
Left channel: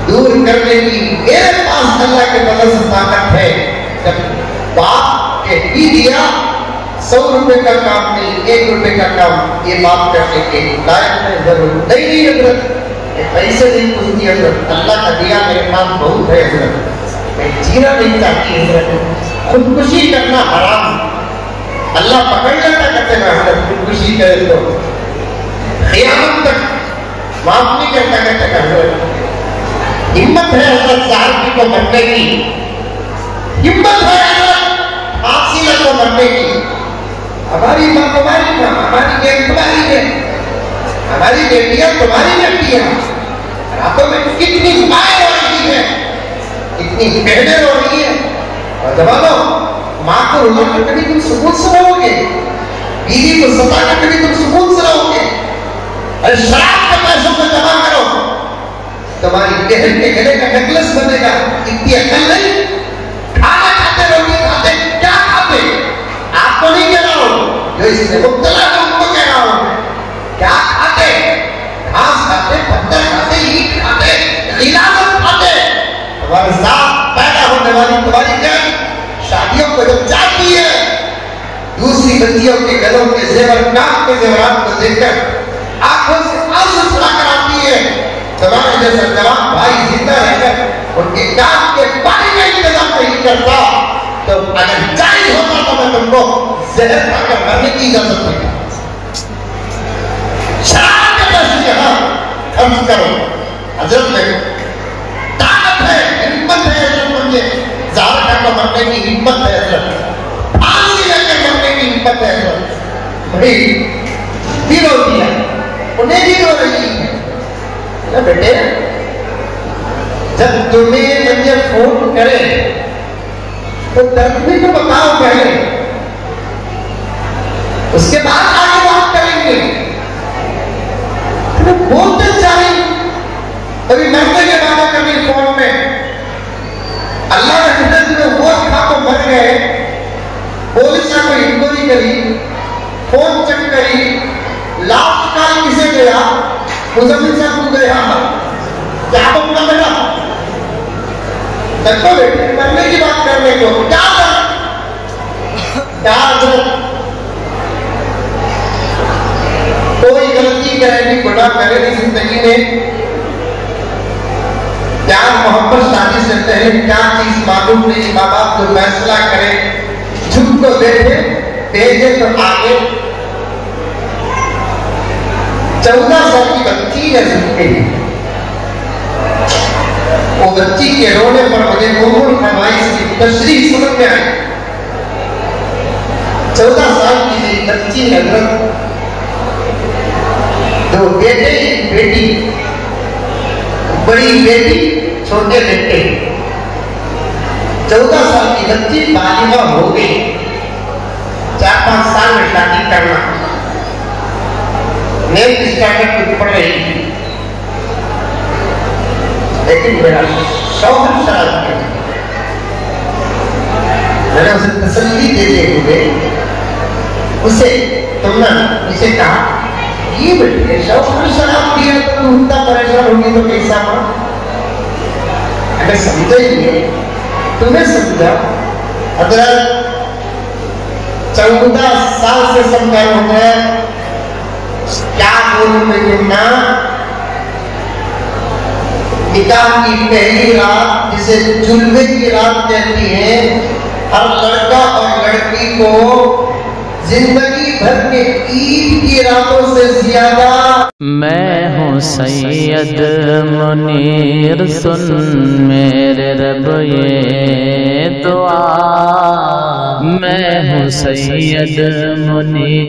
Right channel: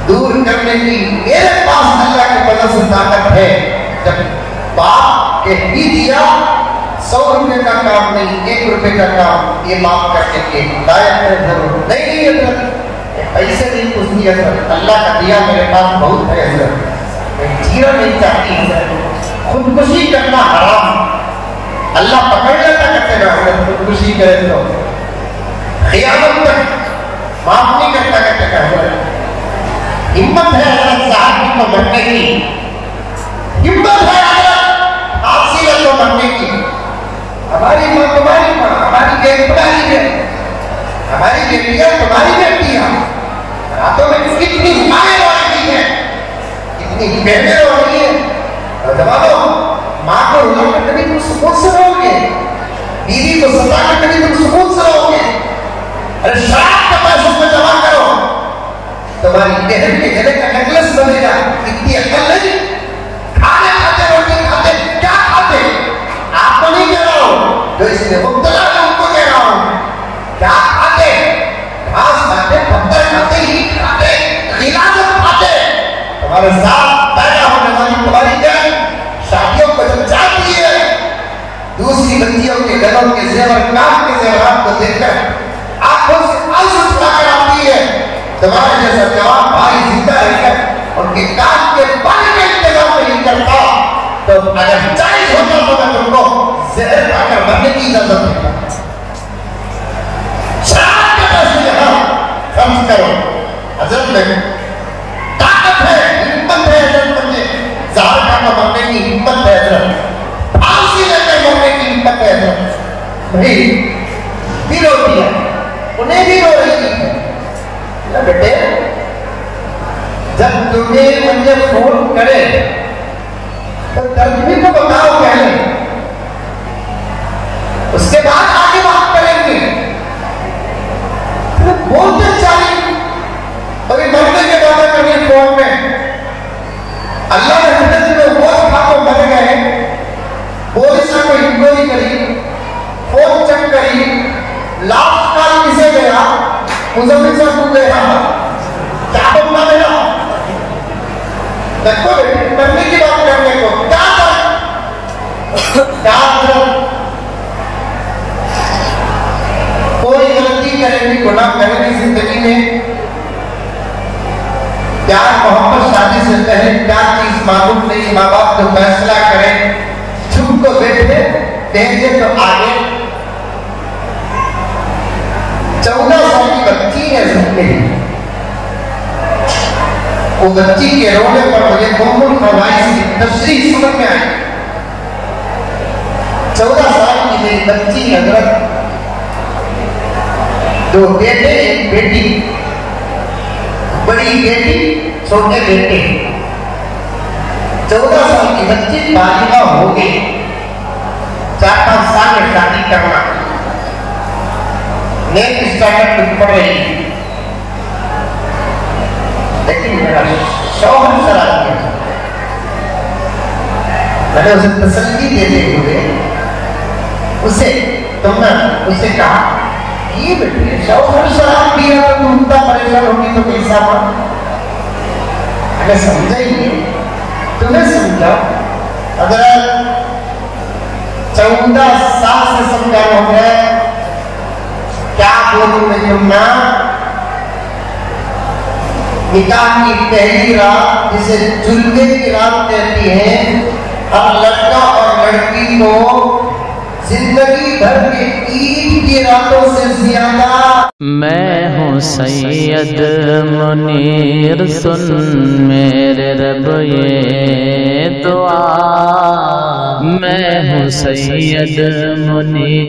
दूर करने की मेरे पास अल्लाह के फजल से ताकत है। जब बाप ही दिया, 100 रुपए का काम नहीं, 1 रुपए का काम ये बाप करने के लायक है, जरूर नहीं हजरत, पैसे नहीं पूछती हजरत, अल्लाह का दिया मेरे पास बहुत है हजरत, मैं जीना नहीं चाहती हजरत, खुदकुशी करना हराम, अल्लाह पकड़ने का करते ना हजरत, खुदकुशी करे तो क़यामत तक माफ नहीं करता करते का हजरत। हिम्मत है हजरत साहब की को मरने की, हिम्मत है को मरने की। हमारी माँ तुम्हारी माँ, हमारी बेटी तुम्हारी है, हमारी बेटियां तुम्हारी बेटियां, रातों में कितनी माएं आती है, इतनी बहनें हो रही है, और जवाबो माँ को रुला कर कभी तुम सुकून से रहोगे, बीवी को सता कर कभी तुम सुकून से रहोगे। अरे शराब के पैसों को जमा करो, तुम्हारी बहन के गले का नेकलेस बनेगा, इतनी अकल नहीं। खाना खाते रोटी खाते क्या खाते, आपको नहीं कह रहा हूं, जो इसमें मुब्तला है उनको कह रहा हूं। क्या खाते, घास खाते, पत्थर खाते, ईंट खाते, गिलास खाते। तुम्हारे साथ पैदा होने वाली तुम्हारी जान शादियों को जब जाती है, दूसरी बच्चियों के गलों के जेवर, कान के जेवरात को देखकर आंखों से आंसू छुड़ाकर आती है। तुम्हारे जैसा जवान भाई जिंदा रहकर उनके कान के पानी में इंतजाम नहीं करता, तो अगर जायज होता तो मैं तुमको जहर खाकर मरने की इजाजत देता। शराब के पैसे यहाँ खर्च करो, हजरत में ताकत है, हिम्मत है, हजरत मुझे जहर खाकर मरने की हिम्मत है, हजरत फांसी लेकर मरने की हिम्मत है हजरत। भाई भी रोती है, उन्हें भी रो रही है। बेटे जब तुम्हें मुझे फोन करे तो दर्द भी तो बताओ पहले, उसके बाद आगे बात करेंगे। तो बोलते चाहिए अभी मरने के बाद कभी फोन में अल्लाह के हुक्म से वो खा तो मर गए, पुलिस ने कोई इंक्वायरी करी, फोन चेक करी, लास्ट कॉल किसे गया, मुजम्मिल साहब को गया, क्या बोलना मेरा देखो करने की बात करने को क्या कोई गलती करेगी, गुनाह करेगी जिंदगी में, प्यार मोहब्बत शादी से पहले क्या चीज मालूम नहीं, माँ बाप जो फैसला करें, झुक को बैठे भेजे तो आगे। 14 साल की बच्ची है जिंदगी, वो बच्ची के रोने पर मुझे कौन फरमाइश की तशरीह समझ में आई। 14 साल की मेरी बच्ची हजरत, जो बेटे बेटी, बड़ी बेटी छोटे बेटे, 14 साल की बच्ची बालिगा हो गई, 4-5 साल में शादी करना, नेक्स्ट स्टार्ट पढ़ रही थी, लेकिन मेरा शौहर शराब किया। मैंने उसे तसल्ली देते हुए उसे तुमने उसे कहा ये बेटे सलाम दिया तो तुम इतना परेशान होगी तो कैसा हुआ? अगर समझा ही नहीं तुम्हें समझा। अगर 14 साल से समझा हो गया क्या बोलूं मैं तुमना। निकाह की पहली रात जिसे जुल्मे की रात कहती है, हर लड़का और लड़की को जिंदगी भर के ईद की रातों से ज्यादा। मैं हूँ सैयद मुनीर, सुन मेरे रब ये दुआ। मैं हूँ सैयद मुनीर।